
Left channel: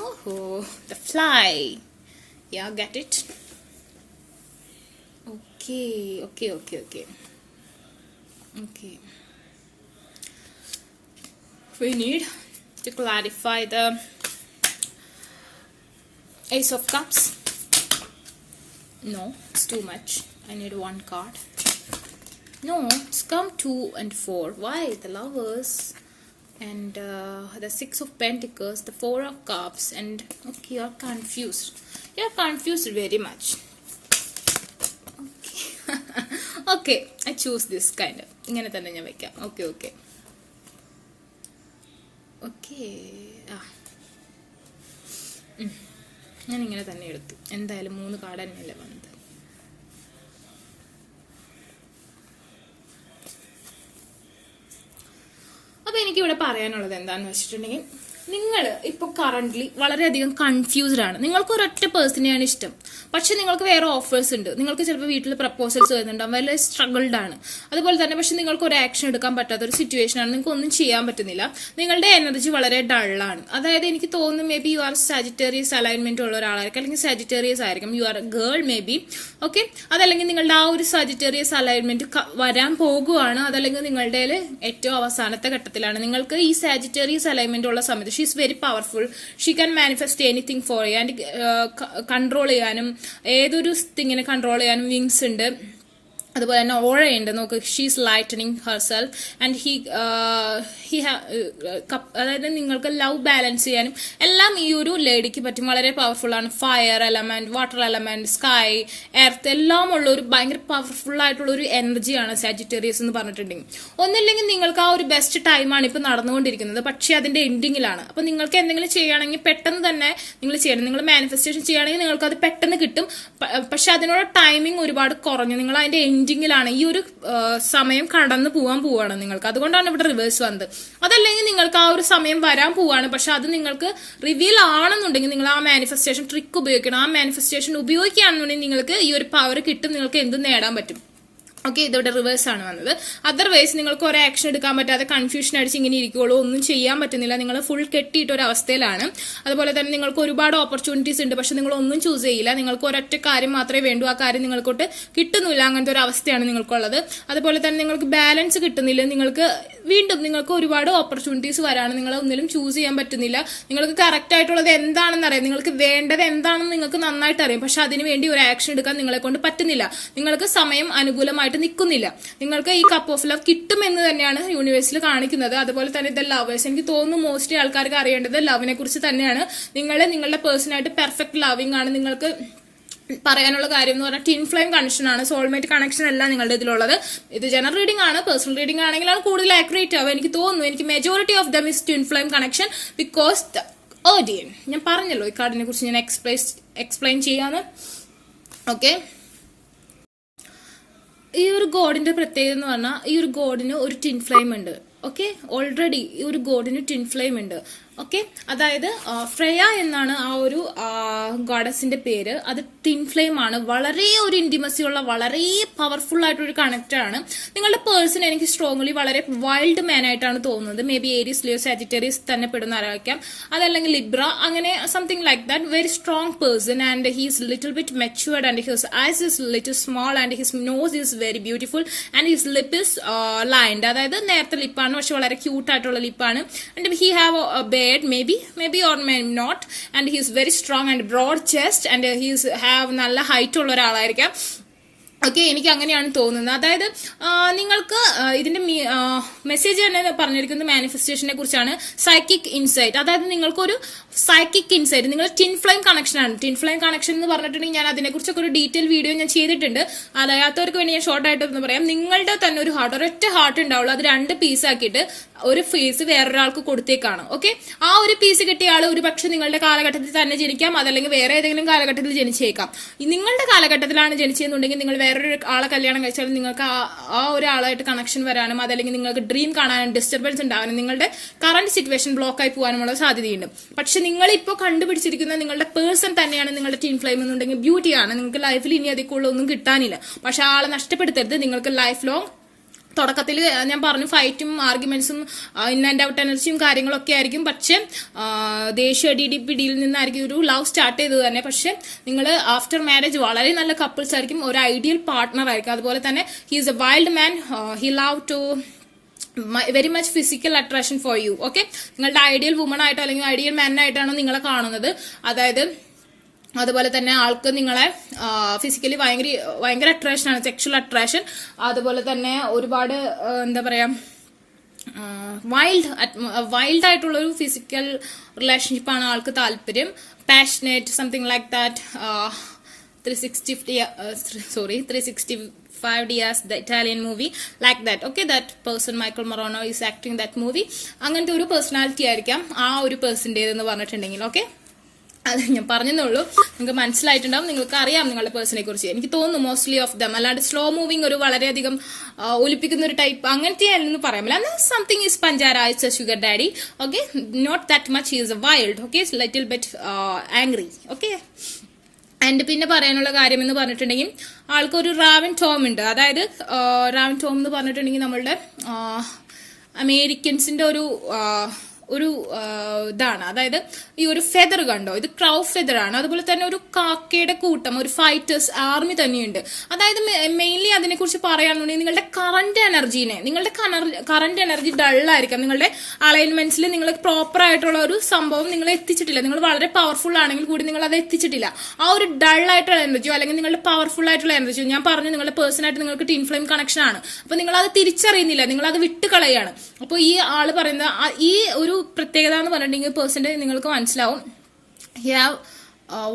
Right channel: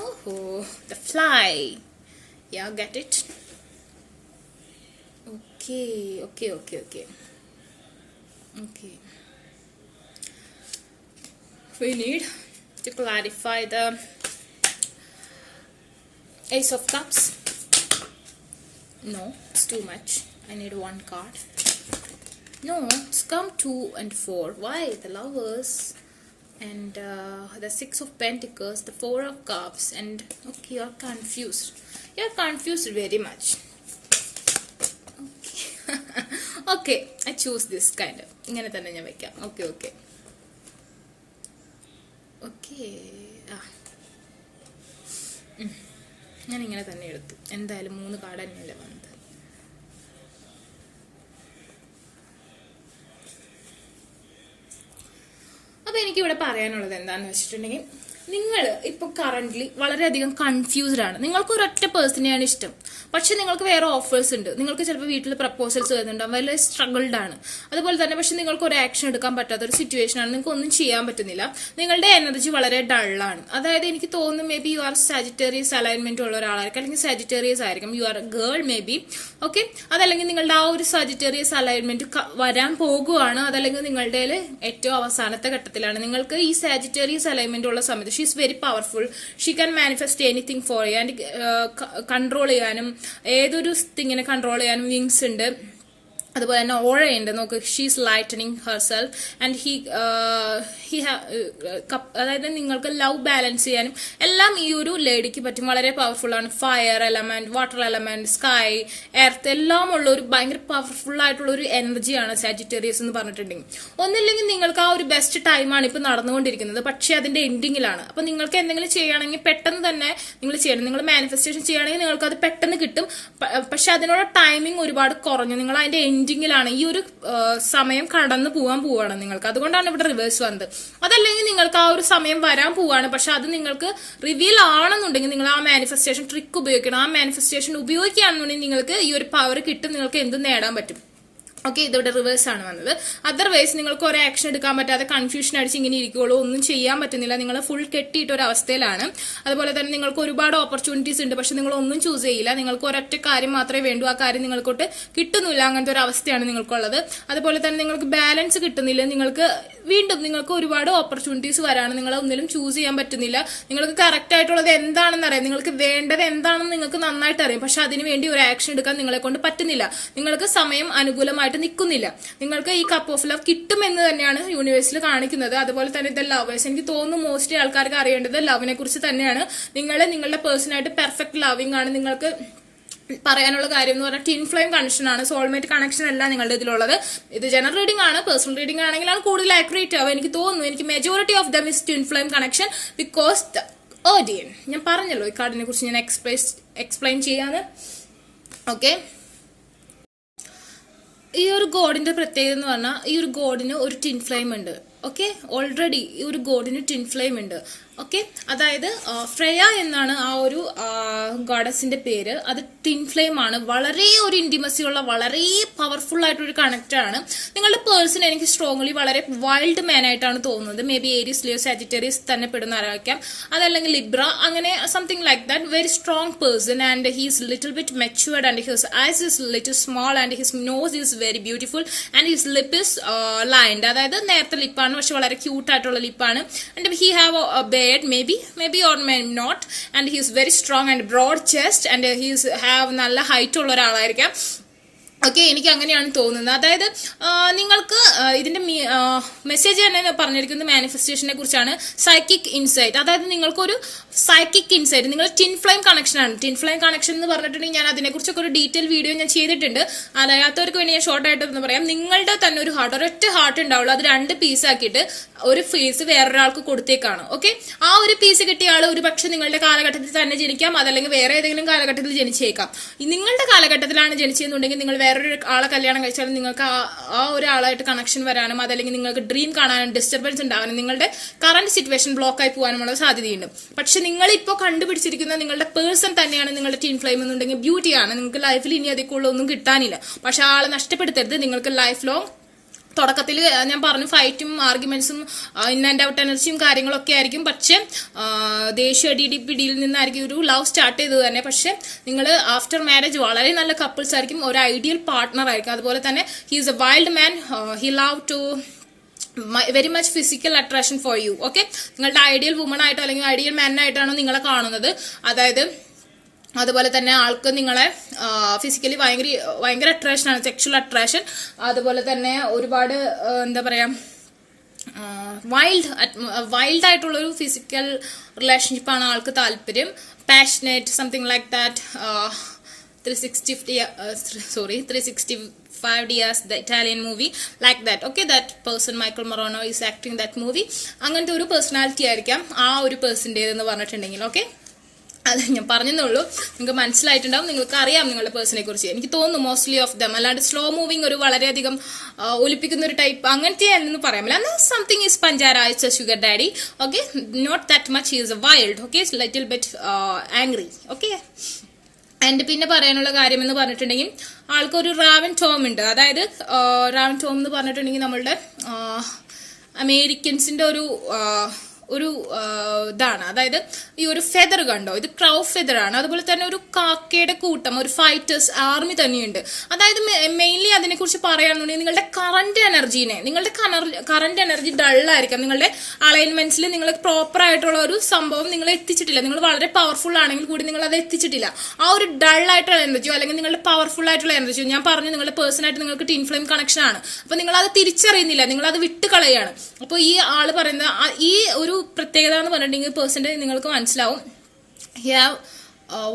Oh, the fly. Yeah, get it? Okay. We need to clarify the Ace of Cups. No, it's too much. I need one card. No, it's come 2 and 4. Why? The Lovers and the 6 of Pentacles, the 4 of Cups, and okay, you're confused. You're confused very much. Okay, I choose this kind of. ഇങ്ങനെ തന്നെ ഞാൻ വെക്കാം. Okay. ഞാൻ ഇങ്ങനെ തന്നെ എടുത്തു. എന്തായാലും 3 കാർഡ് തന്നെയല്ലേ വന്നത്. അപ്പൊ എനിക്കിവിടെ പറയാനുള്ളത് എന്താന്ന് വെച്ചിട്ടുണ്ടെങ്കിൽ, നിങ്ങൾ ഇപ്പൊ കറന്റ്ലി വളരെയധികം കൺഫ്യൂസ്ഡ് ആണ്. നിങ്ങൾക്ക് ഒരൊറ്റ പേഴ്സണെയാണ് ഇഷ്ടം, പക്ഷെ നിങ്ങൾക്ക് വേറെ ഓഫേഴ്സ് ഉണ്ട്. നിങ്ങൾക്ക് ചിലപ്പോൾ വീട്ടിൽ പ്രപ്പോസൽസ് വരുന്നുണ്ടാവും, വലിയ സ്ട്രഗിൾഡ് ആണ്. അതുപോലെ തന്നെ പക്ഷെ നിങ്ങൾക്ക് ഒരു ആക്ഷൻ എടുക്കാൻ പറ്റാത്ത ഒരു സിറ്റുവേഷൻ ആണ്. നിങ്ങൾക്ക് ഒന്നും ചെയ്യാൻ പറ്റുന്നില്ല. നിങ്ങളുടെ എനർജി വളരെ ഡള്ളാണ്. അതായത് എനിക്ക് തോന്നുന്നു may be you R Sagittarius alignment ഉള്ള ഒരാളായിരിക്കും, അല്ലെങ്കിൽ സാജിറ്റേറിയസ് ആയിരിക്കും. U are A girl may be. Okay, അതല്ലെങ്കിൽ നിങ്ങളുടെ ആ ഒരു സാജിറ്റേറിയസ് അലൈൻമെന്റ് വരാൻ പോകുവാണ്. അതല്ലെങ്കിൽ നിങ്ങളുടെ ഏറ്റവും അവസാനത്തെ ഘട്ടത്തിലാണ്. നിങ്ങൾക്ക് ഈ സാജിറ്റേറിയസ് അലൈൻമെന്റ് ഉള്ള സമയത്ത് she is very powerful. She can manifest anything for you and control ചെയ്യാനും ഏതൊരു തിങ്ങിനെ കൺട്രോൾ ചെയ്യാനും വിങ്സ് ഉണ്ട്. അതുപോലെ തന്നെ ഓഴയുണ്ട്. നോക്ക്, ഷീസ് ലൈറ്റനിങ് ഹെർസെൽഫ് ആൻഡ് അതായത് നിങ്ങൾക്ക് ലവ് ബാലൻസ് ചെയ്യാനും എല്ലാം ഈ ഒരു ലേഡിക്ക് പറ്റും. വളരെ പവർഫുൾ ആണ്. Fire element, water element, sky, earth എല്ലാം ഉള്ള ഒരു ഭയങ്കര പവർഫുൾ ആയിട്ടുള്ള ഒരു എനർജിയാണ് സാജിറ്റേറിയസ് എന്ന് പറഞ്ഞിട്ടുണ്ടെങ്കിൽ. ഒന്നില്ലെങ്കിൽ നിങ്ങൾക്ക് ആ ഒരു ബെസ്റ്റ് ടൈമാണ് ഇപ്പൊ നടന്നുകൊണ്ടിരിക്കുന്നത്, പക്ഷെ അതിന്റെ എൻഡിങ്ങിലാണ്. അപ്പൊ നിങ്ങൾക്ക് എന്തെങ്കിലും ചെയ്യുകയാണെങ്കിൽ പെട്ടെന്ന് തന്നെ നിങ്ങൾ ചെയ്യണം. നിങ്ങൾ മാനിഫെസ്റ്റേഷൻ ചെയ്യുകയാണെങ്കിൽ നിങ്ങൾക്ക് അത് പെട്ടെന്ന് കിട്ടും. പക്ഷെ അതിനുള്ള ടൈമിംഗ് ഒരുപാട് കുറഞ്ഞു. നിങ്ങൾ അതിന്റെ എൻഡിങ്ങിലാണ്. ഈ ഒരു സമയം കടന്നു പോവാണ് നിങ്ങൾക്ക്. അതുകൊണ്ടാണ് ഇവിടെ റിവേഴ്സ് വന്നത്. അതല്ലെങ്കിൽ നിങ്ങൾക്ക് ആ ഒരു സമയം വരാൻ പോവാണ്, പക്ഷെ അത് നിങ്ങൾക്ക് റിവീൽ ആണെന്നുണ്ടെങ്കിൽ നിങ്ങൾ ആ മാനിഫെസ്റ്റേഷൻ ട്രിക്ക് ഉപയോഗിക്കണം. ആ മാനിഫെസ്റ്റേഷൻ ഉപയോഗിക്കുകയാണെന്നുണ്ടെങ്കിൽ നിങ്ങൾക്ക് ഈ ഒരു പവർ കിട്ടും. നിങ്ങൾക്ക് എന്തും നേടാൻ പറ്റും. ഓക്കെ, ഇതോടെ റിവേഴ്സ് ആണ് വന്നത്. അതർവൈസ് നിങ്ങൾക്ക് ഒരു ആക്ഷൻ എടുക്കാൻ പറ്റാതെ കൺഫ്യൂഷൻ അടിച്ച് ഇങ്ങനെ ഇരിക്കുകയുള്ളൂ, ഒന്നും ചെയ്യാൻ പറ്റുന്നില്ല, നിങ്ങൾ ഫുൾ കെട്ടിയിട്ട് ഒരു അവസ്ഥയിലാണ്. അതുപോലെ തന്നെ നിങ്ങൾക്ക് ഒരുപാട് ഓപ്പർച്യൂണിറ്റീസ് ഉണ്ട്, പക്ഷെ നിങ്ങൾ ഒന്നും ചൂസ് ചെയ്യില്ല. നിങ്ങൾക്ക് ഒരൊറ്റ കാര്യം മാത്രമേ വേണ്ടൂ, ആ കാര്യം നിങ്ങൾക്കൊട്ട് കിട്ടുന്നില്ല, അങ്ങനത്തെ ഒരു അവസ്ഥയാണ് നിങ്ങൾക്കുള്ളത്. അതുപോലെ തന്നെ നിങ്ങൾക്ക് ബാലൻസ് കിട്ടുന്നില്ല, നിങ്ങൾക്ക് ഒരുപാട് ഓപ്പർച്യൂണിറ്റീസ് വരാണ്, നിങ്ങൾ ഒന്നിലും ചൂസ് ചെയ്യാൻ പറ്റുന്നില്ല. നിങ്ങൾക്ക് കറക്റ്റ് ആയിട്ടുള്ളത് എന്താണെന്ന് അറിയാം, നിങ്ങൾക്ക് വേണ്ടത് എന്താണെന്ന് നിങ്ങൾക്ക് നന്നായിട്ട് അറിയാം, പക്ഷെ അതിന് വേണ്ടി ഒരു ആക്ഷൻ എടുക്കാൻ നിങ്ങളെ കൊണ്ട് പറ്റുന്നില്ല. നിങ്ങൾക്ക് സമയം അനുകൂലമായിട്ട് നിൽക്കുന്നില്ല. നിങ്ങൾക്ക് ഈ കപ്പ് ഓഫ് ലവ് കിട്ടുമെന്ന് തന്നെയാണ് യൂണിവേഴ്സിൽ കാണിക്കുന്നത്. അതുപോലെ തന്നെ ഇത് ലവേഴ്സ്, എനിക്ക് തോന്നുന്നു മോസ്റ്റ്ലി ആൾക്കാർക്ക് അറിയേണ്ടത് ലവിനെ കുറിച്ച് തന്നെയാണ്. നിങ്ങളുടെ പേഴ്സണായിട്ട് പെർഫെക്റ്റ് ലവിംഗ് ആണ്. നിങ്ങൾക്ക് പറയാനുള്ള കാര്യം എന്ന് പറഞ്ഞാൽ ട്വിൻ ഫ്ലെയിം കണക്ഷൻ ആണ്, സോൾമേറ്റ് കണക്ഷൻ അല്ല നിങ്ങളുടെ ഇതിലുള്ളത്. ഇത് ജനറൽ റീഡിംഗ് ആണ്, പേഴ്സണൽ റീഡിംഗ് ആണെങ്കിലാണ് കൂടുതൽ ആക്യുറേറ്റ് ആവുക. എനിക്ക് തോന്നുന്നു, എനിക്ക് majority of them is twin flame connection because the ഓഡിയൻ. ഞാൻ പറഞ്ഞല്ലോ ഈ കാർഡിനെ കുറിച്ച് ഞാൻ എക്സ്പ്ലെയിൻ ചെയ്യാന്ന്. ഓക്കെ, ഈ ഒരു ഗോഡിന്റെ പ്രത്യേകത എന്ന് പറഞ്ഞാൽ ഈ ഒരു ഗോഡിന് ഒരു ട്വിൻ ഫ്ലെയിം ഉണ്ട്. ഓക്കെ, ഓൾറെഡി ഈ ഒരു ഗോഡിന് ട്വിൻ ഫ്ലെയിം ഉണ്ട്. ഓക്കെ, അതായത് ഫ്രേയ എന്നാണ് ആ ഒരു ഗോഡസിന്റെ പേര്. അത് ട്വിൻ ഫ്ലെയിം ആണ്. വളരെ ഒരു ഇന്റിമസി ഉള്ള, വളരെ പവർഫുൾ ആയിട്ടൊരു കണക്ട് ആണ്. നിങ്ങളുടെ പേഴ്സൺ എനിക്ക് സ്ട്രോങ്ലി വളരെ വൈൽഡ് മാൻ ആയിട്ടാണ് തോന്നുന്നത്. May be Aries, Leo, Sagittarius തന്നെ പെടുന്ന ആരായിരിക്കാം, അതല്ലെങ്കിൽ ലിബ്ര, അങ്ങനെ something like that. Very strong person and he's little bit matured and his eyes is little small and his nose is very beautiful and his lip is lined. അതായത് നേരത്തെ ലിപ്പാണ്, പക്ഷെ വളരെ ക്യൂട്ട് ആയിട്ടുള്ള ലിപ്പാണ്. And he have maybe or may not, and he is very strong and broad chest and he is have നല്ല ഹൈറ്റ് ഉള്ള ഒരാളായിരിക്കാം. ഓക്കെ, എനിക്ക് അങ്ങനെയാണ് തോന്നുന്നത്. അതായത് നിങ്ങൾക്ക് ഇതിന്റെ മെസ്സേജ് തന്നെ പറഞ്ഞിരിക്കുന്നത് മാനിഫെസ്റ്റേഷനെ കുറിച്ചാണ്. സൈക്കിക് ഇൻസൈറ്റ്, അതായത് നിങ്ങൾക്കൊരു സൈക്കിക് ഇൻസൈറ്റ്, നിങ്ങൾ ട്വിൻ ഫ്ലെയിം കണക്ഷൻ ആണ്. ട്വിൻ ഫ്ലെയിം കണക്ഷൻ എന്ന് പറഞ്ഞിട്ടുണ്ടെങ്കിൽ ഞാൻ അതിനെക്കുറിച്ചൊക്കെ ഒരു ഡീറ്റെയിൽ വീഡിയോ ഞാൻ ചെയ്തിട്ടുണ്ട്. അറിയാത്തവർക്ക് വേണ്ടി ഞാൻ ഷോർട്ട് ആയിട്ട് പറയാം. നിങ്ങളുടെ തന്നെ ഒരു ഹാർട്ട്, ഒരൊറ്റ ഹാർട്ട് ഉണ്ടാവുള്ളൂ, അത് 2 പീസ് ആക്കിയിട്ട് ഒരു ഫേസ് വേറൊരാൾക്ക് കൊടുത്തേക്കാണ്. ഓക്കെ, ആ ഒരു പീസ് കിട്ടിയ ആൾ ഒരു പക്ഷെ നിങ്ങളുടെ കാലഘട്ടത്തിൽ തന്നെ ജനിക്കാം, അതല്ലെങ്കിൽ വേറെ ഏതെങ്കിലും കാലഘട്ടത്തിൽ ജനിച്ചേക്കാം. നിങ്ങളുടെ കാലഘട്ടത്തിലാണ് ജനിച്ചതെന്നുണ്ടെങ്കിൽ നിങ്ങൾ വേറൊരു ആളെ കല്യാണം കഴിച്ചാലും നിങ്ങൾക്ക് ആ ഒരാളായിട്ട് കണക്ഷൻ വരാനും, അതല്ലെങ്കിൽ നിങ്ങൾക്ക് ഡ്രീം കാണാനും, ഡിസ്റ്റർബൻസ് ഉണ്ടാകാനും, നിങ്ങളുടെ കറന്റ് സിറ്റുവേഷൻ ബ്ലോക്ക് ആയി പോകാനുമുള്ള സാധ്യതയുണ്ട്. പക്ഷെ നിങ്ങളിപ്പോ കണ്ടുപിടിച്ചിരിക്കുന്ന നിങ്ങളുടെ പേഴ്സൺ തന്നെയാണ് നിങ്ങളുടെ ട്വിൻ ഫ്ലെയിം എന്നുണ്ടെങ്കിൽ ബ്യൂട്ടിയാണ്. നിങ്ങൾക്ക് ലൈഫിൽ ഇനി അതിക്കുള്ള ഒന്നും കിട്ടാനില്ല. പക്ഷെ ആളെ നഷ്ടപ്പെടുത്തരുത്. നിങ്ങൾക്ക് ലൈഫ് ലോങ്, തുടക്കത്തിൽ ഞാൻ പറഞ്ഞു ഫൈറ്റും ആർഗ്യുമെന്റ്സും ഇൻ ആൻഡ് ഔട്ട് എനർജിയും കാര്യങ്ങളൊക്കെ ആയിരിക്കും. പക്ഷെ ദേഷ്യ പിടിയിൽ നിന്നായിരിക്കും ഒരു ലവ് സ്റ്റാർട്ട് ചെയ്തത് തന്നെ. പക്ഷെ നിങ്ങൾ ആഫ്റ്റർ മാരേജ് വളരെ നല്ല കപ്പിൾസ് ആയിരിക്കും, ഒരു ഐഡിയൽ പാർട്ട്ണർ ആയിരിക്കും. അതുപോലെ തന്നെ he is a wild man, he love to very much physical attraction for you. Okay, നിങ്ങളുടെ ഐഡിയൽ വുമൺ ആയിട്ടോ അല്ലെങ്കിൽ ഐഡിയൽ മാൻ ആയിട്ടാണോ നിങ്ങളെ കാണുന്നത്. അതായത് അതുപോലെ തന്നെ ആൾക്ക് നിങ്ങളെ ഫിസിക്കലി ഭയങ്കര അട്രാക്ഷൻ ആണ്, സെക്ഷൽ അട്രാക്ഷൻ. അതുപോലെ തന്നെ ഒരുപാട് എന്താ പറയാ, വൈൽഡ് ആയിട്ടുള്ള ഒരു ഫിസിക്കൽ റിലേഷൻഷിപ്പാണ് ആൾക്ക് താല്പര്യം. Passionate, something like that. 365 Dias, the Italian movie, like that. Okay, that person Michael Morano is acting that movie. അങ്ങനത്തെ ഒരു പേഴ്സണാലിറ്റി ആയിരിക്കാം ആ ഒരു പേഴ്സന്റെ എന്ന് പറഞ്ഞിട്ടുണ്ടെങ്കിൽ. ഓക്കെ, അത് ഞാൻ പറഞ്ഞെന്നുള്ളൂ, നിങ്ങൾക്ക് മനസ്സിലായിട്ടുണ്ടാവും, നിങ്ങൾക്ക് അറിയാം നിങ്ങളുടെ പേഴ്സണെ കുറിച്ച്. എനിക്ക് തോന്നുന്നു മോസ്റ്റ്ലി ഓഫ് ദം. അല്ലാണ്ട് സ്ലോ മൂവിങ് ഒരു വളരെയധികം ഒലിപ്പിക്കുന്ന ഒരു ടൈപ്പ് അങ്ങനത്തെ അല്ലെന്ന് പറയാൻ പറ്റില്ല. സംതിങ് ഈസ് പഞ്ചാര, it's a sugar daddy. Okay, not that much is a wild. Okay, little bit angry. Okay, and പിന്നെ പറയാനുള്ള കാര്യം എന്ന് പറഞ്ഞിട്ടുണ്ടെങ്കിൽ ആൾക്കൊരു റാവൻ ടോം ഉണ്ട്. അതായത് റാവൻ ടോം എന്ന് പറഞ്ഞിട്ടുണ്ടെങ്കിൽ നമ്മളുടെ അമേരിക്കൻസിന്റെ ഒരു ഇതാണ്. അതായത് ഈ ഒരു ഫെദർ കണ്ടോ, ഇത് ക്രൗ ഫെദർ ആണ്. അതുപോലെ തന്നെ ഒരു കാക്കയുടെ കൂട്ടം, ഒരു ഫൈറ്റേഴ്സ് ആർമി തന്നെയുണ്ട്. അതായത് മെയിൻലി അതിനെ കുറിച്ച് പറയുകയാണെന്നുണ്ടെങ്കിൽ നിങ്ങളുടെ കറന്റ് എനർജി ഡള്ളായിരിക്കാം. നിങ്ങളുടെ അലൈൻമെന്റ്സിൽ നിങ്ങൾ പ്രോപ്പർ ആയിട്ടുള്ള ഒരു സംഭവം നിങ്ങൾ എത്തിച്ചിട്ടില്ല. നിങ്ങൾ വളരെ പവർഫുൾ ആണെങ്കിൽ കൂടി നിങ്ങൾ അത് എത്തിച്ചിട്ടില്ല. ആ ഒരു ഡൾ ആയിട്ടുള്ള എനർജിയോ അല്ലെങ്കിൽ നിങ്ങളുടെ പവർഫുൾ ആയിട്ടുള്ള എനർജിയോ, ഞാൻ പറഞ്ഞു നിങ്ങളുടെ പേഴ്സണായിട്ട് നിങ്ങൾക്ക് ട്വിൻ ഫ്ലെയിം കണക്ഷൻ ആണ്. അപ്പൊ നിങ്ങൾ അത് തിരിച്ചറിയുന്നില്ല, നിങ്ങൾ അത് വിട്ടുകളയാണ്. അപ്പൊ ഈ ആള് പറയുന്നത് ഈ ഒരു പ്രത്യേകത എന്ന് പറഞ്ഞിട്ടുണ്ടെങ്കിൽ പേഴ്സന്റെ നിങ്ങൾക്ക് മനസ്സിലാവും. He have